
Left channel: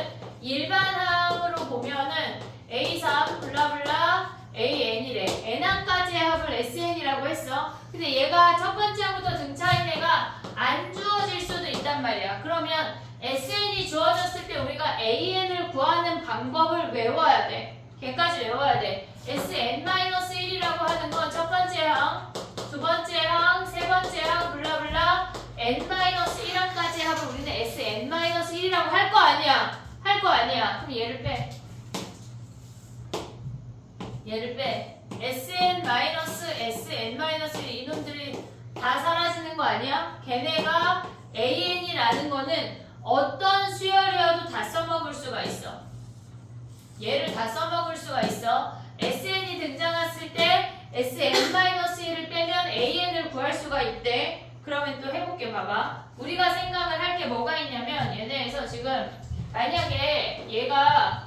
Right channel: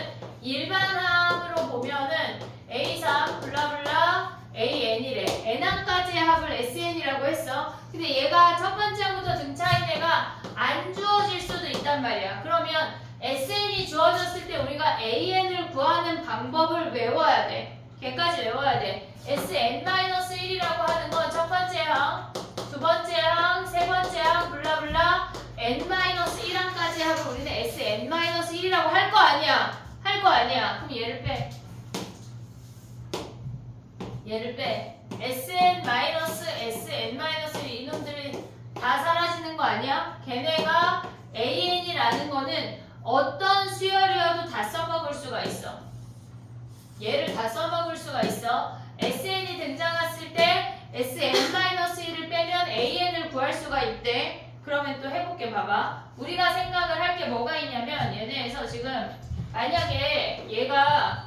일반항으로 보면은 A3 블라블라 AN이래. N항까지의 합을 SN이라고 했어. 근데 얘가 첫 번째 항부터 등차인 애가 안 주어질 수도 있단 말이야. 그러면 SN이 주어졌을 때 우리가 AN을 구하는 방법을 외워야 돼. 걔까지 외워야 돼. SN-1이라고 하는 건 첫 번째 항, 두 번째 항, 세 번째 항, 블라블라 N-1항까지 하고 우리는 SN-1이라고 할 거 아니야. 할 거 아니야. 그럼 얘를 빼. 얘를 빼. SN-SN-1 이놈들이 다 사라지는 거 아니야? 걔네가 AN이라는 거는 어떤 수열이어도 다 써먹을 수가 있어. 얘를 다 써먹을 수가 있어. SN이 등장했을 때 SN-1을 빼면 AN을 구할 수가 있대. 그러면 또 해볼게. 봐봐. 우리가 생각을 할 게 뭐가 있냐면 얘네에서 지금 만약에 얘가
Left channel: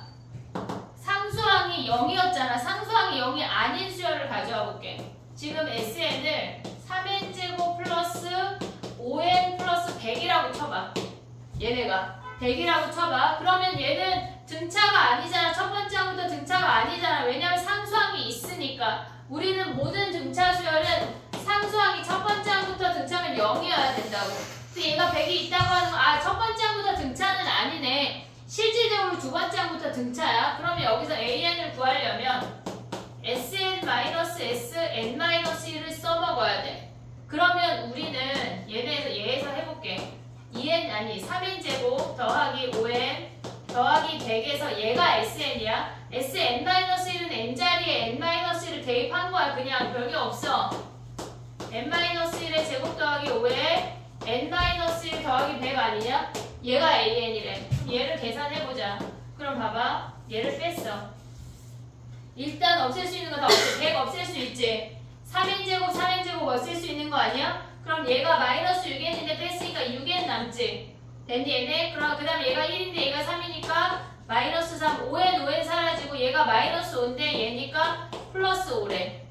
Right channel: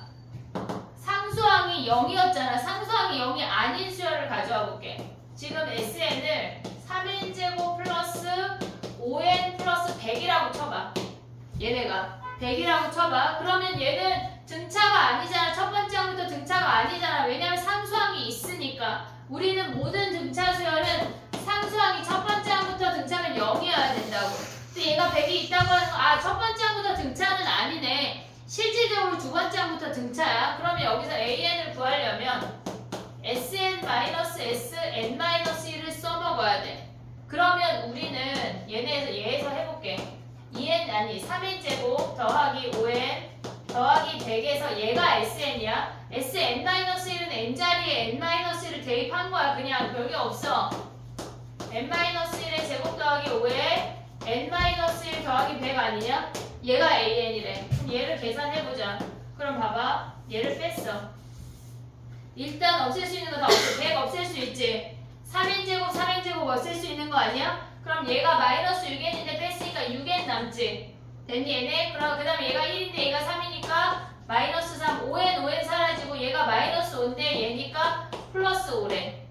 상수항이 0이었잖아. 상수항이 0이 아닌 수열을 가져와 볼게. 지금 SN을 3n제곱 플러스 5n 플러스 100이라고 쳐봐. 얘네가 100이라고 쳐봐. 그러면 얘는 등차가 아니잖아. 첫 번째 항부터 등차가 아니잖아. 왜냐면 상수항이 있으니까. 우리는 모든 등차 수열은 상수항이 첫 번째 항부터 등차면 0이어야 된다고. 근데 얘가 100이 있다고 하는 거, 아, 첫 번째 항부터 등차는 아니네. 실질적으로 두 번째 항부터 등차야. 그러면 여기서 AN을 구하려면 SN-SN-1을 써먹어야 돼. 그러면 우리는 얘에서 해볼게. 2n 아니 3n제곱 더하기 5n 더하기 100에서 얘가 SN이야. SN-1은 n자리에 n-1을 대입한 거야. 그냥 별게 없어. n-1의 제곱 더하기 5에 n-1 더하기 100 아니냐? 얘가 AN이래. 그럼 얘를 계산해보자. 그럼 봐봐. 얘를 뺐어. 일단 없앨 수 있는 거 다 없애. 100 없앨 수 있지. 3n제곱 없앨 수 있는 거 아니야? 그럼 얘가 마이너스 6n인데 뺐으니까 6n 남지. 됐니 얘네? 그럼 그 다음에 얘가 1인데 얘가 3이니까 마이너스 3, 5n 사라지고 얘가 마이너스 5인데 얘니까 플러스 5래.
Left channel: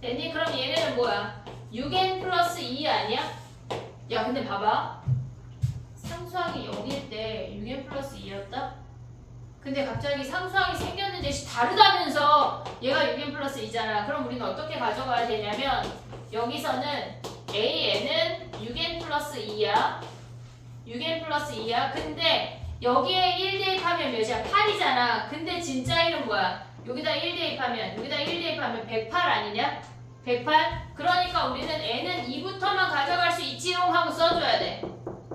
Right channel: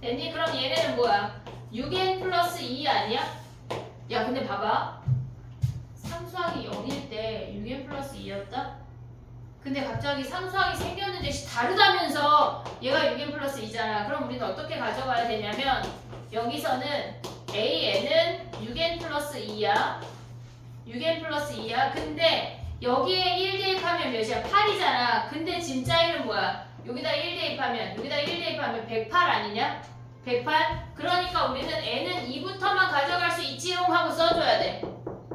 됐니? 그럼 얘네는 뭐야? 6n 플러스 2 아니야? 야 근데 봐봐. 상수항이 0일 때 6n 플러스 2였다? 근데 갑자기 상수항이 생겼는데 다르다면서 얘가 6n 플러스 2잖아. 그럼 우리는 어떻게 가져가야 되냐면 여기서는 AN은 6n 플러스 2야. 6n 플러스 2야. 근데 여기에 1 대입하면 몇이야? 8이잖아. 근데 진짜 1은 뭐야? 여기다 1 대입하면 108 아니냐? 108? 그러니까 우리는 n은 2부터만 가져갈 수 있지롱 하고 써줘야 돼.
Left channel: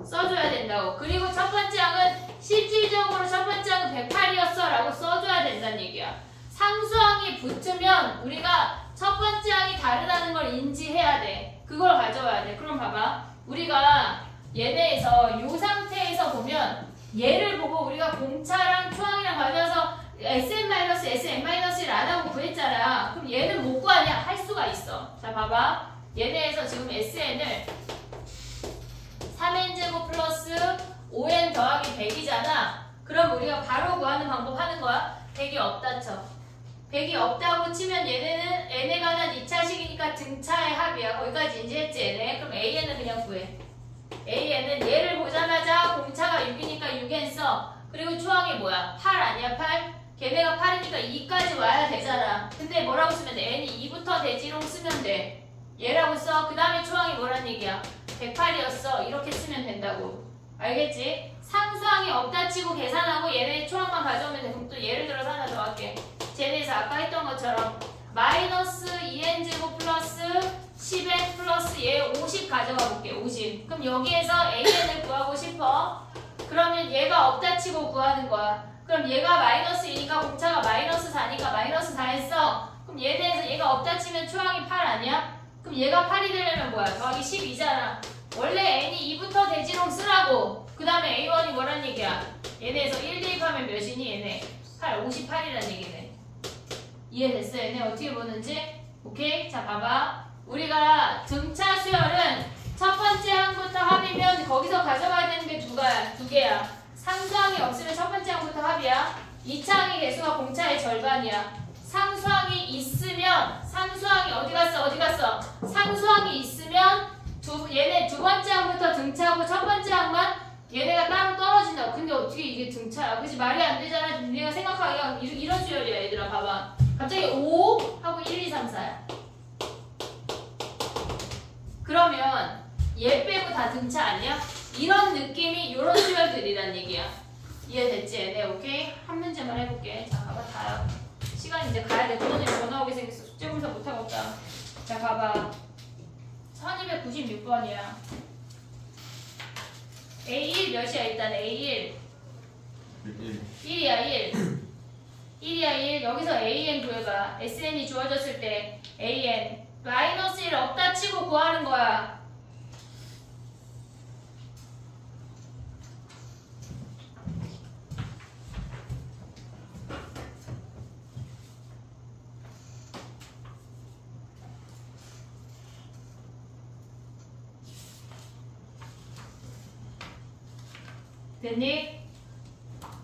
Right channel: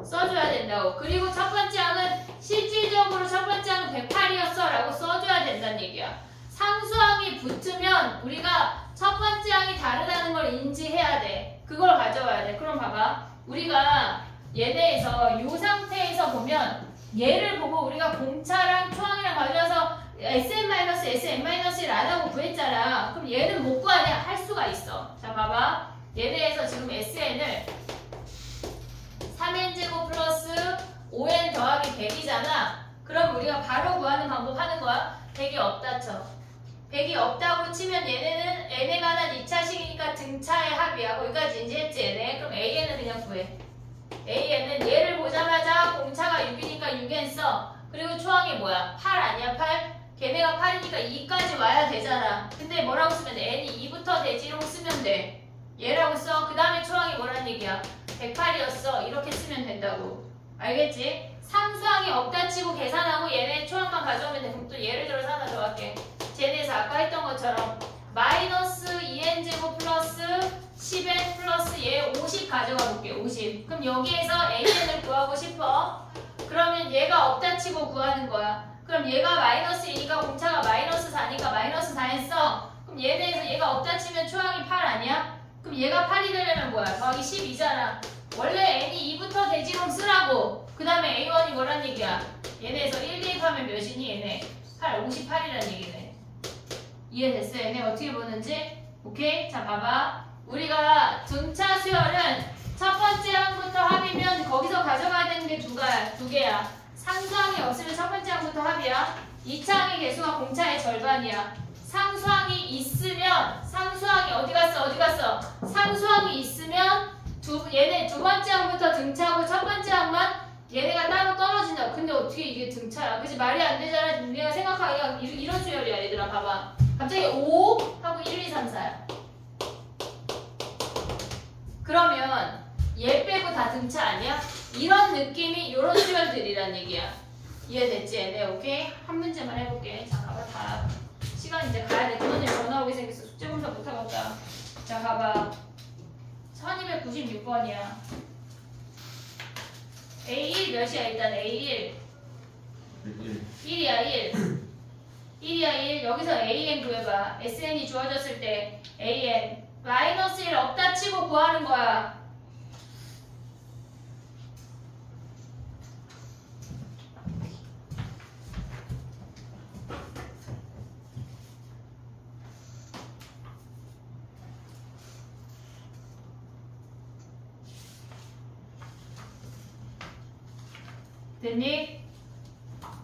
써줘야 된다고. 그리고 첫 번째 항은 실질적으로 첫 번째 항은 108이었어 라고 써줘야 된다는 얘기야. 상수항이 붙으면 우리가 첫 번째 항이 다르다는 걸 인지해야 돼. 그걸 가져와야 돼. 그럼 봐봐. 우리가 얘네에서 이 상태에서 보면 얘를 보고 우리가 공차랑 초항이랑 가져와서 SN-SN-1을 안 하고 구했잖아. 그럼 얘는 못 구하냐? 할 수가 있어. 자 봐봐. 얘네에서 지금 SN을 3n제곱 플러스 5n 더하기 100이잖아. 그럼 우리가 바로 구하는 방법 하는 거야. 100이 없다 쳐. 100이 없다고 치면 얘네는 n에 관한 2차식이니까 등차의 합이야. 거기까지 인지했지 얘네. 그럼 AN을 그냥 구해. AN은 얘를 보자마자 공차가 6이니까 6n 써. 그리고 초항이 뭐야? 8 아니야 8? 걔네가 8이니까 2까지 와야 되잖아. 근데 뭐라고 쓰면 돼? n이 2부터 대지로 쓰면 돼. 얘라고 써. 그 다음에 초항이 뭐란 얘기야? 108이었어. 이렇게 쓰면 된다고. 알겠지? 상수항이 없다 치고 계산하고 얘네 초항만 가져오면 돼. 그럼 또 예를 들어서 하나 더 할게. 쟤네에서 아까 했던 것처럼 마이너스 2n제곱 플러스 10n 플러스 얘 50 가져가 볼게. 50. 그럼 여기에서 AN을 구하고 싶어. 그러면 얘가 없다 치고 구하는 거야. 그럼 얘가 마이너스 2니까 공차가 마이너스 4니까 마이너스 4 했어. 그럼 얘네에서 얘가 없다 치면 초항이 8 아니야? 그럼 얘가 8이 되려면 뭐야? 더하기 12잖아. 원래 n이 2부터 대지롱 쓰라고. 그 다음에 a1이 뭐란 얘기야? 얘네에서 1 대입하면 몇이니? 얘네 8, 58이란 얘기네. 이해됐어? 얘네 어떻게 보는지? 오케이? 자 봐봐. 우리가 등차 수열은 첫 번째 항부터 합이면 거기서 가져가야 되는 게 두 개야. 상수항이 없으면 첫 번째 항부터 합이야. 2차 항의 개수가 공차의 절반이야. 상수항이 있으면 상수항이 어디 갔어? 상수항이 있으면 얘네 두 번째 항부터 등차하고 첫 번째 항만 얘네가 따로 떨어진다. 근데 어떻게 이게 등차야? 그치? 말이 안 되잖아. 우리가 생각하기가 이런 수열이야. 얘들아 봐봐. 갑자기 5 하고 1, 2, 3, 4야. 그러면 얘 빼고 다 등차 아니야? 이런 느낌이 이런 수열들이란 얘기야. 이해됐지? 네, 오케이? 한 문제만 해볼게. 자, 봐봐. 다 시간 이제 가야 돼. 부모님 전화 오게 생겼어. 숙제검사 못하겠다. 자, 봐봐. 1296번이야. A1 몇이야? 일단 A1 1. 1이야 1. 1이야 1. 여기서 AN 구해봐. SN이 주어졌을 때 AN 마이너스 1 없다 치고 구하는 거야. 됐니?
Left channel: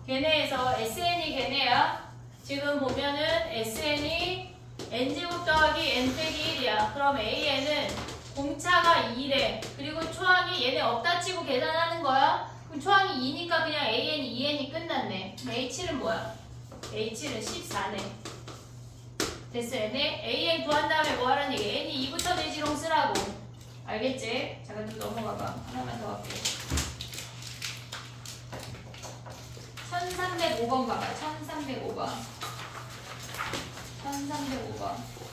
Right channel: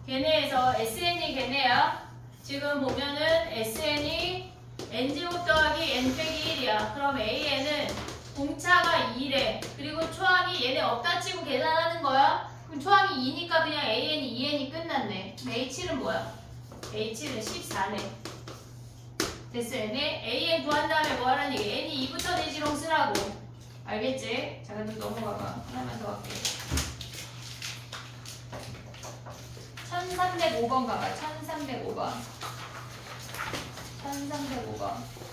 걔네에서 SN이 걔네야. 지금 보면은 SN이 N제곱 더하기 N 빼기 1이야. 그럼 AN은 공차가 2래. 그리고 초항이 얘네 없다 치고 계산하는 거야. 그럼 초항이 2니까 그냥 AN이 2N이 끝났네. A7은 뭐야? A7은 14네. 됐어, 얘네? AN 구한 다음에 뭐 하라는 얘기? N이 2부터 대지롱 쓰라고. 알겠지? 자, 그럼 넘어가봐. 하나만 더 할게. 1305번 가봐. 1305번. 1305번.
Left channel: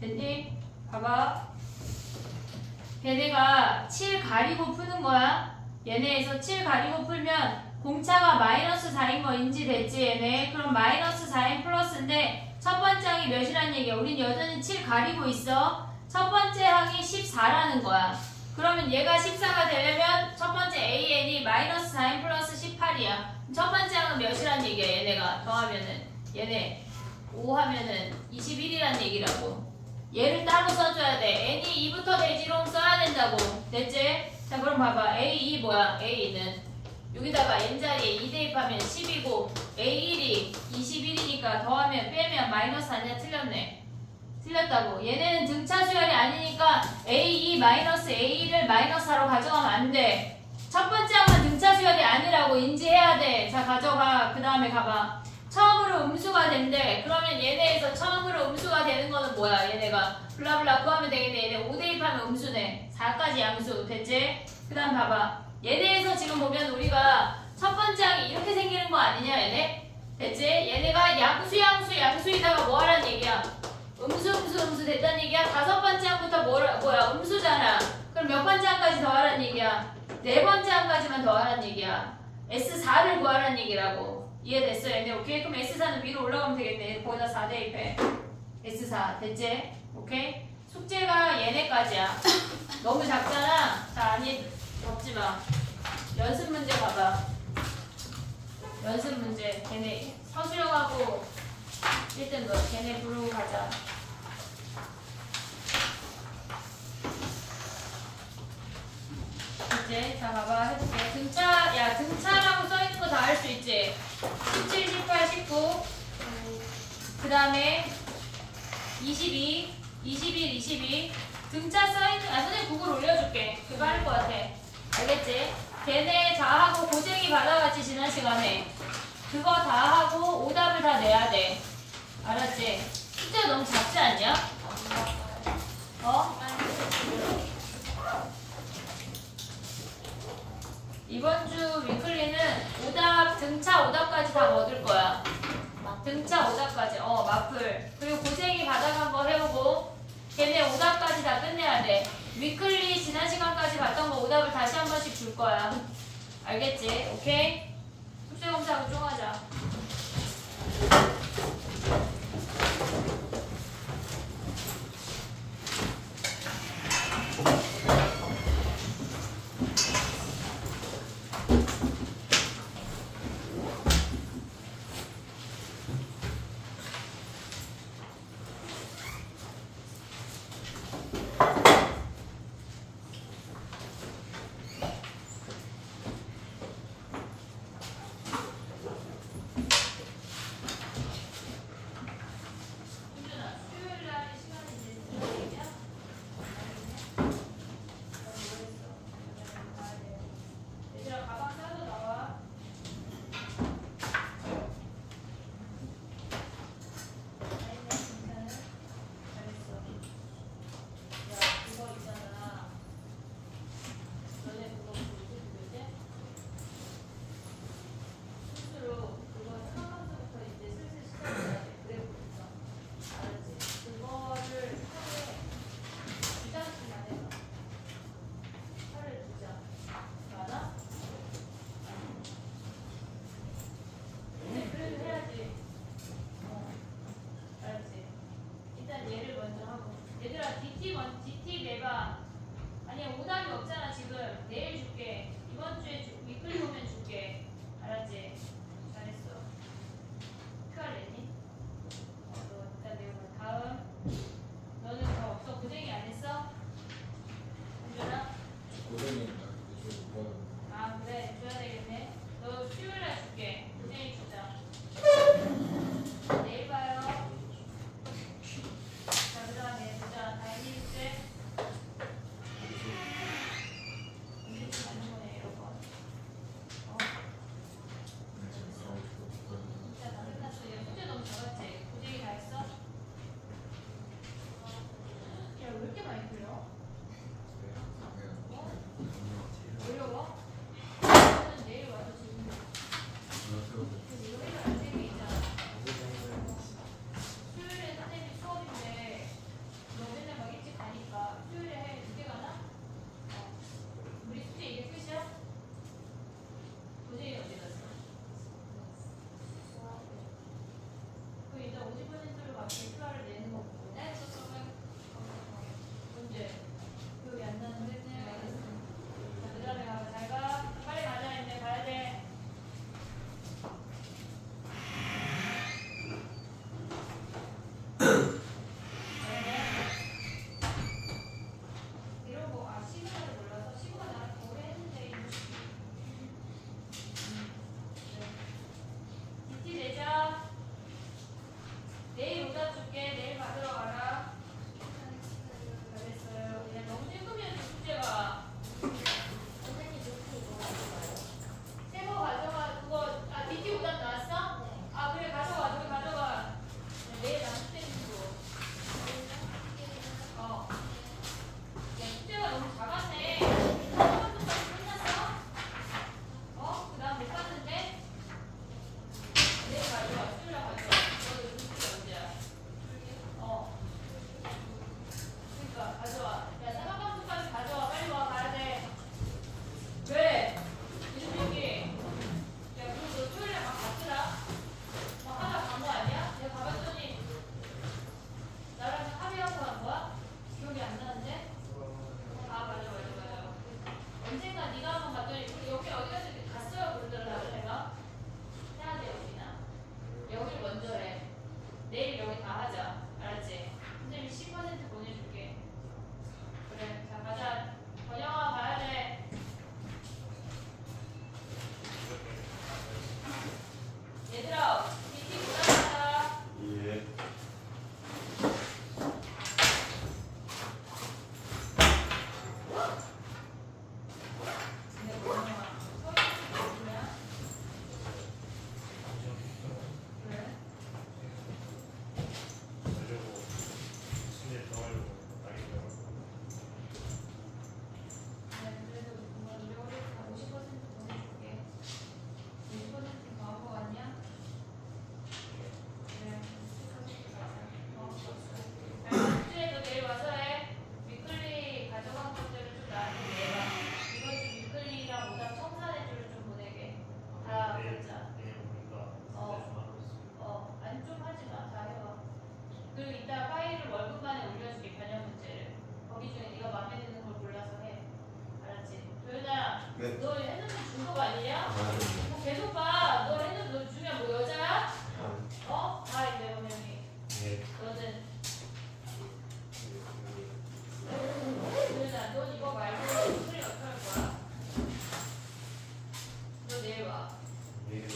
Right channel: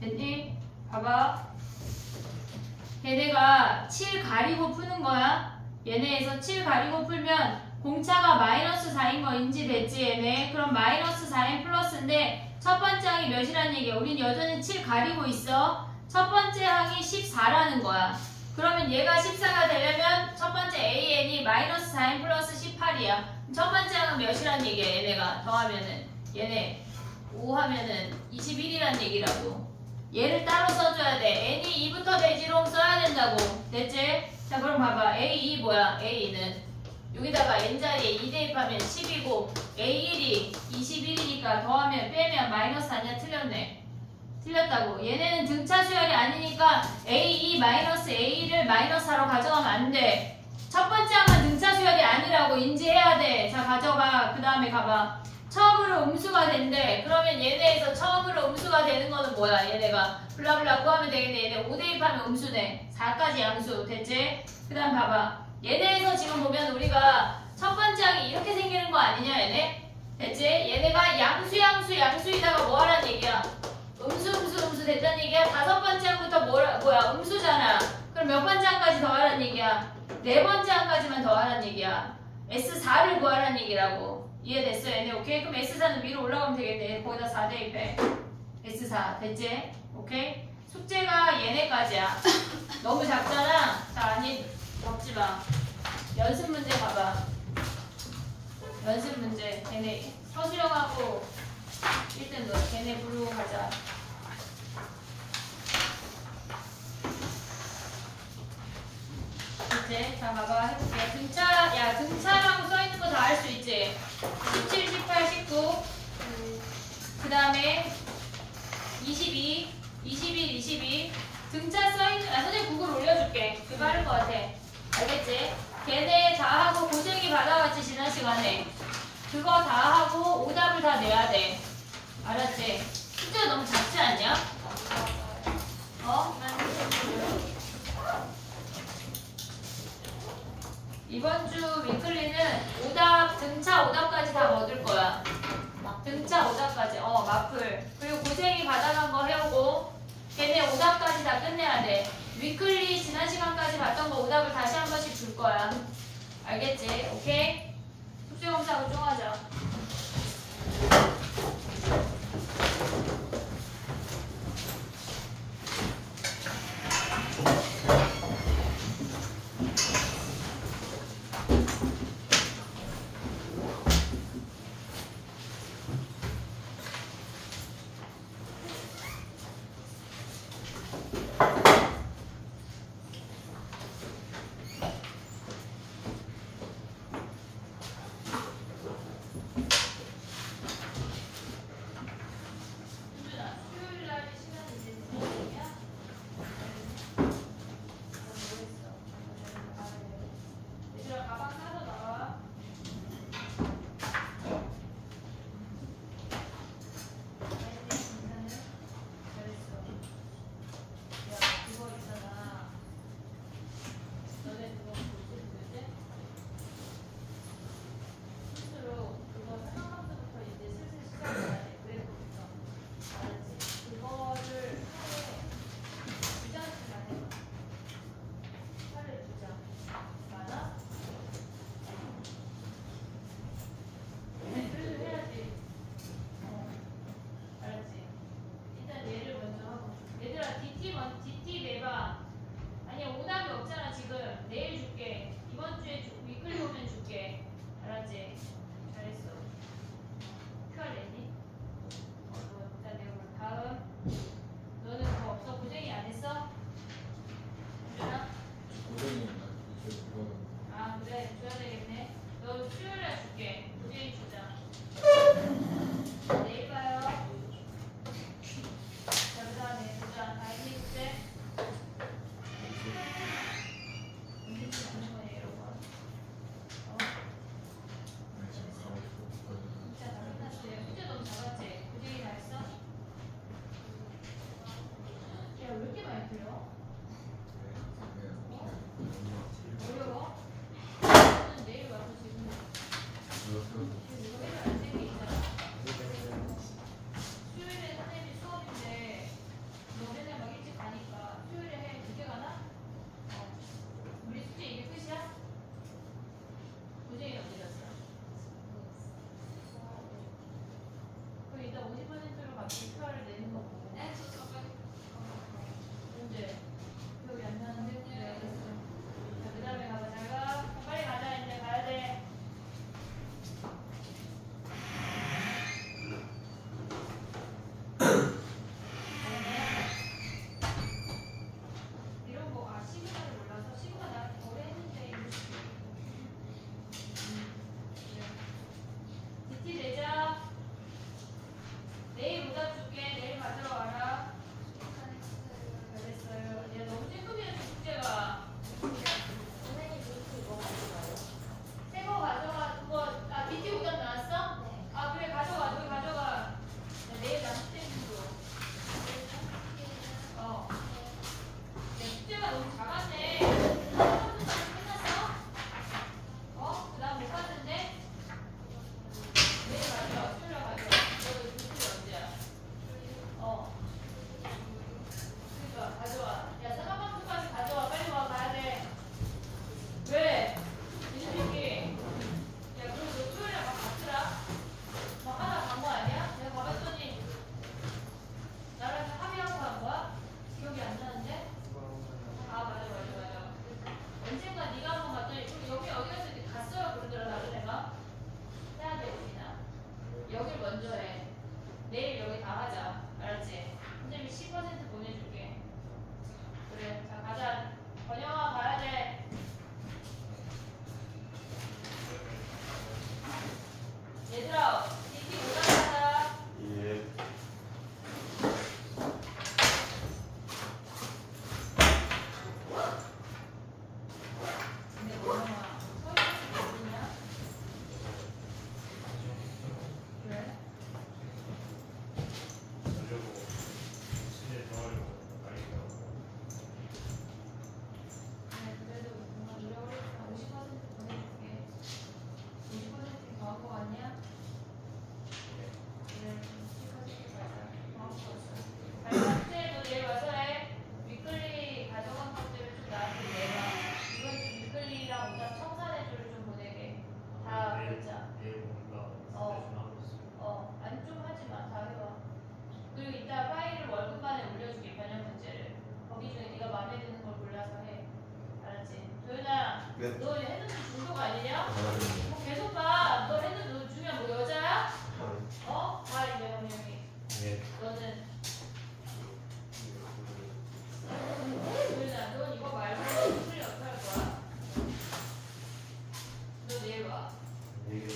됐니? 봐봐. 얘네가 7 가리고 푸는 거야. 얘네에서 7 가리고 풀면 공차가 마이너스 4인 거 인지됐지 얘네? 그럼 마이너스 4인 플러스인데 첫 번째 항이 몇이란 얘기야? 우린 여전히 7 가리고 있어. 첫 번째 항이 14라는 거야. 그러면 얘가 14가 되려면 첫 번째 AN이 마이너스 4n 플러스 18이야. 첫 번째 항은 몇이란 얘기야 얘네가 더하면은 얘네 5 하면은 21이란 얘기라고. 얘를 따로 써줘야 돼. n이 2부터 대지롱 써야 된다고. 됐지? 자 그럼 봐봐. A2 뭐야? A는 여기다가 n자리에 2 대입하면 10이고 A1이 21이니까 더하면 빼면 마이너스 아니야? 틀렸네. 틀렸다고. 얘네는 등차 수열이 아니니까 A2 마이너스 A1을 마이너스 4로 가져가면 안 돼. 첫 번째 항은 등차 수열이 아니라고 인지해야 돼. 자 가져가. 그 다음에 가봐. 처음으로 음수가 된대. 그러면 얘네에서 처음으로 음수가 되는 거는 뭐야? 얘네가 블라블라 구하면 되겠네. 얘네 5 대입하면 음수네. 4까지 양수. 됐지? 그 다음 봐봐. 얘네에서 지금 보면 우리가 첫 번째 항이 이렇게 생기는 거 아니냐 얘네? 됐지? 얘네가 양수이다가 뭐 하라는 얘기야? 음수 됐다는 얘기야? 다섯 번째 항부터 뭐야? 음수잖아. 그럼 몇 번째 항까지 더하라는 얘기야? 네 번째 항까지만 더하라는 얘기야. S4를 구하라는 얘기라고. 이해됐어 얘네? 오케이? 그럼 S4는 위로 올라가면 되겠네. 거기다 4 대입해. S4 됐지? 오케이? 숙제가 얘네까지야. 너무 작잖아? 자 아니 적지마. 연습 문제 봐봐. 연습 문제 걔네 서수영하고 1등 너 걔네 부르고 가자. 됐지? 자 봐봐 해볼게. 등차라고 써있는 거 다 알 수 있지? 17, 18, 19 그 다음에 22 21, 22 등차 써있는 선생님 구글 올려줄게. 그거 빠를 것 같아. 알겠지? 걔네 다 하고 고생이 받아왔지 지난 시간에. 그거 다 하고 오답을 다 내야 돼. 알았지? 숙제가 너무 작지 않냐? 어? 이번 주 위클리는 오답, 등차 오답까지 다 얻을 거야. 등차 오답까지. 마플. 그리고 고생이 받아간 거 해오고 걔네 오답까지 다 끝내야 돼. 위클리 지난 시간까지 봤던 거 오답을 다시 한 번씩 줄 거야. 알겠지? 오케이? 숙제 검사하고 쫑하자. 이거 해결 안 되는 게 있잖아. 수요일에 선생님이 수업인데 너 맨날 막 일찍 가니까 수요일에 해 늦게 가나? 우리 숙제 이게 끝이야? 도저히 어디 갔어? 그 일단 50%로 바뀔 표를 내는 거고. 네, 저 저번에 언제? 기억이 안 나는데? 네, 알겠어. 자, 그 다음에 가봐. 잘 가. 빨리 가자. 이제 가야 돼. 이런 거, 시그널을 몰라서 시그널 나한테 오래 했는데. DT 내자. 내일 오다 줄게. 내일 가져와라. 잘했어요. 얘 너무 찔끔해서 숙제가. 선생님 노트 이거 가져가요? 새거 가져가. 그거, DT 오답 나왔어? 네. 아, 그래. 가져가. 저기 가져가. 야, 내일 남수생으로. 어. 야, 숙제가 너무 작았네. 끝났어? 어? 그 다음 못 하는데? 내일 가져와. 수요일 날 가져와. 너도 교수가 언제야? 어. 그러니까 가져와. 야, 사과방송까지 가져와. 빨리 와. 가야 돼. 왜? 이준기. 야, 그럼 너 토요일에 막 갔더라? 막 하다 간 거 아니야? 내가 가봤더니 나랑 합의하고 간 거야? 기억이 안 나는데? 아, 맞아. 언젠가 네가 한번 갔더니 여기 어디 갔을 때 갔어요 그러더라고 내가. 해야 돼 여기나. 여길 먼저 해. 내일 여기 다 하자. 알았지? 선생님이 10% 보내줄게. 그래. 자 가자. 번영아 가야 돼. 얘들아, DT 오자마자. 예. 근데 번영아, 서울에서 누구냐? 그래? 자려고 신일 더 하려고 다니더라고. 그래도 뭔가 노력을 다 50% 보내줄게. 50% 더한 거 같냐? 그래, 50% 가자. 숙제도 내일 와서 해. 위클리 가져간 것들을 좀 나한테 내봐. 이번 주 위클리랑 오답 청산해주를 좀 보내게. 다 글자. 내일 뭔가 어. 좀 하고 있어. 아니 좀 하지 마. 다 해와. 그리고 이따 파일을 월급 만에 올려줄게. 변형 문제를. 거기 중에 네가 마음에 드는 걸 골라서 해. 알았지? 도현아, 네. 너 핸드폰 중독 아니냐? 뭐 계속 봐. 너 핸드폰 너 중요한 뭐 여자야? 어? 다 이제 변형이. 예. 너는 도현아, 너 이거 말고 위클리 어떻게 할 거야? 너 내일 와. 내일이요.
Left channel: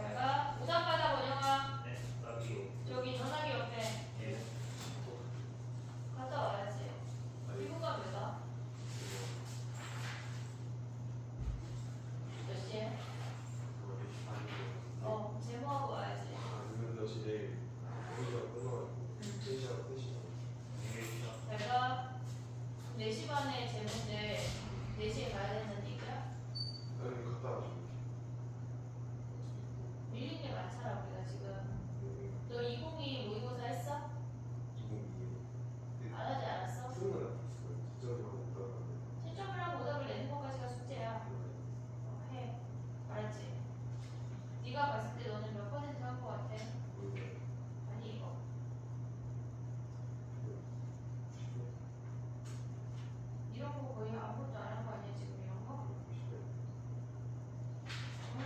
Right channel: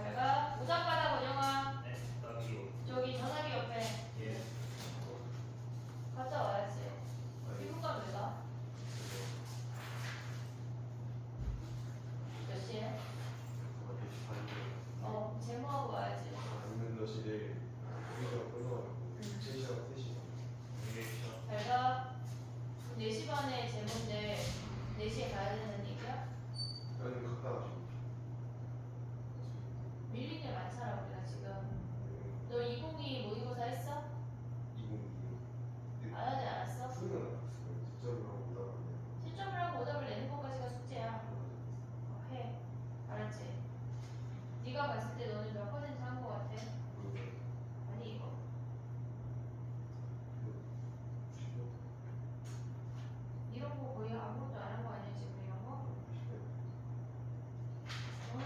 잘 가. 오답 받아 번영아. 네. 나도 저기 전화기 옆에. 예. 갔다 와야지. 1분 가면 왜 가? 몇 시에? 제모하고 와야지. 잘 가. 4시 반에 제모인데 4시에 가야 된다는 얘기야? 밀린 게 많잖아 우리가 지금. 너 2022 모의고사 했어? 안 하지 않았어? 신점을 하고 오답을 내는 것까지가 숙제야. 해. 알았지? 네가 봤을 때 너는 몇 퍼센트 한 거 같아? 아니 이거. 이런 거 거의 아무것도 안 한 거 아니야 지금 이런 거? 응?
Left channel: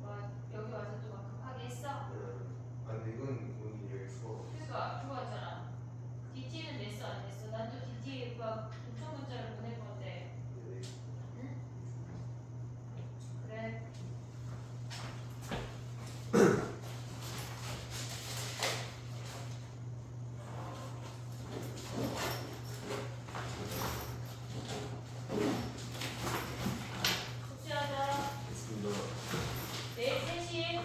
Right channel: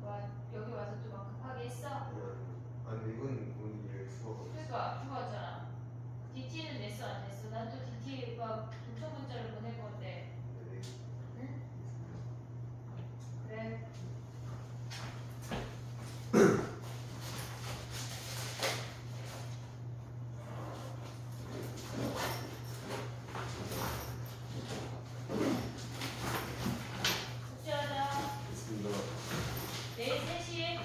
뭐 여기 와서 또 막 급하게 했어? 그러니까 그거 왔잖아. DT는 냈어 안 냈어? 난또 DT 막 도청 문자를 보낼 건데. 응? 그래. 숙제하자. 내일 3시.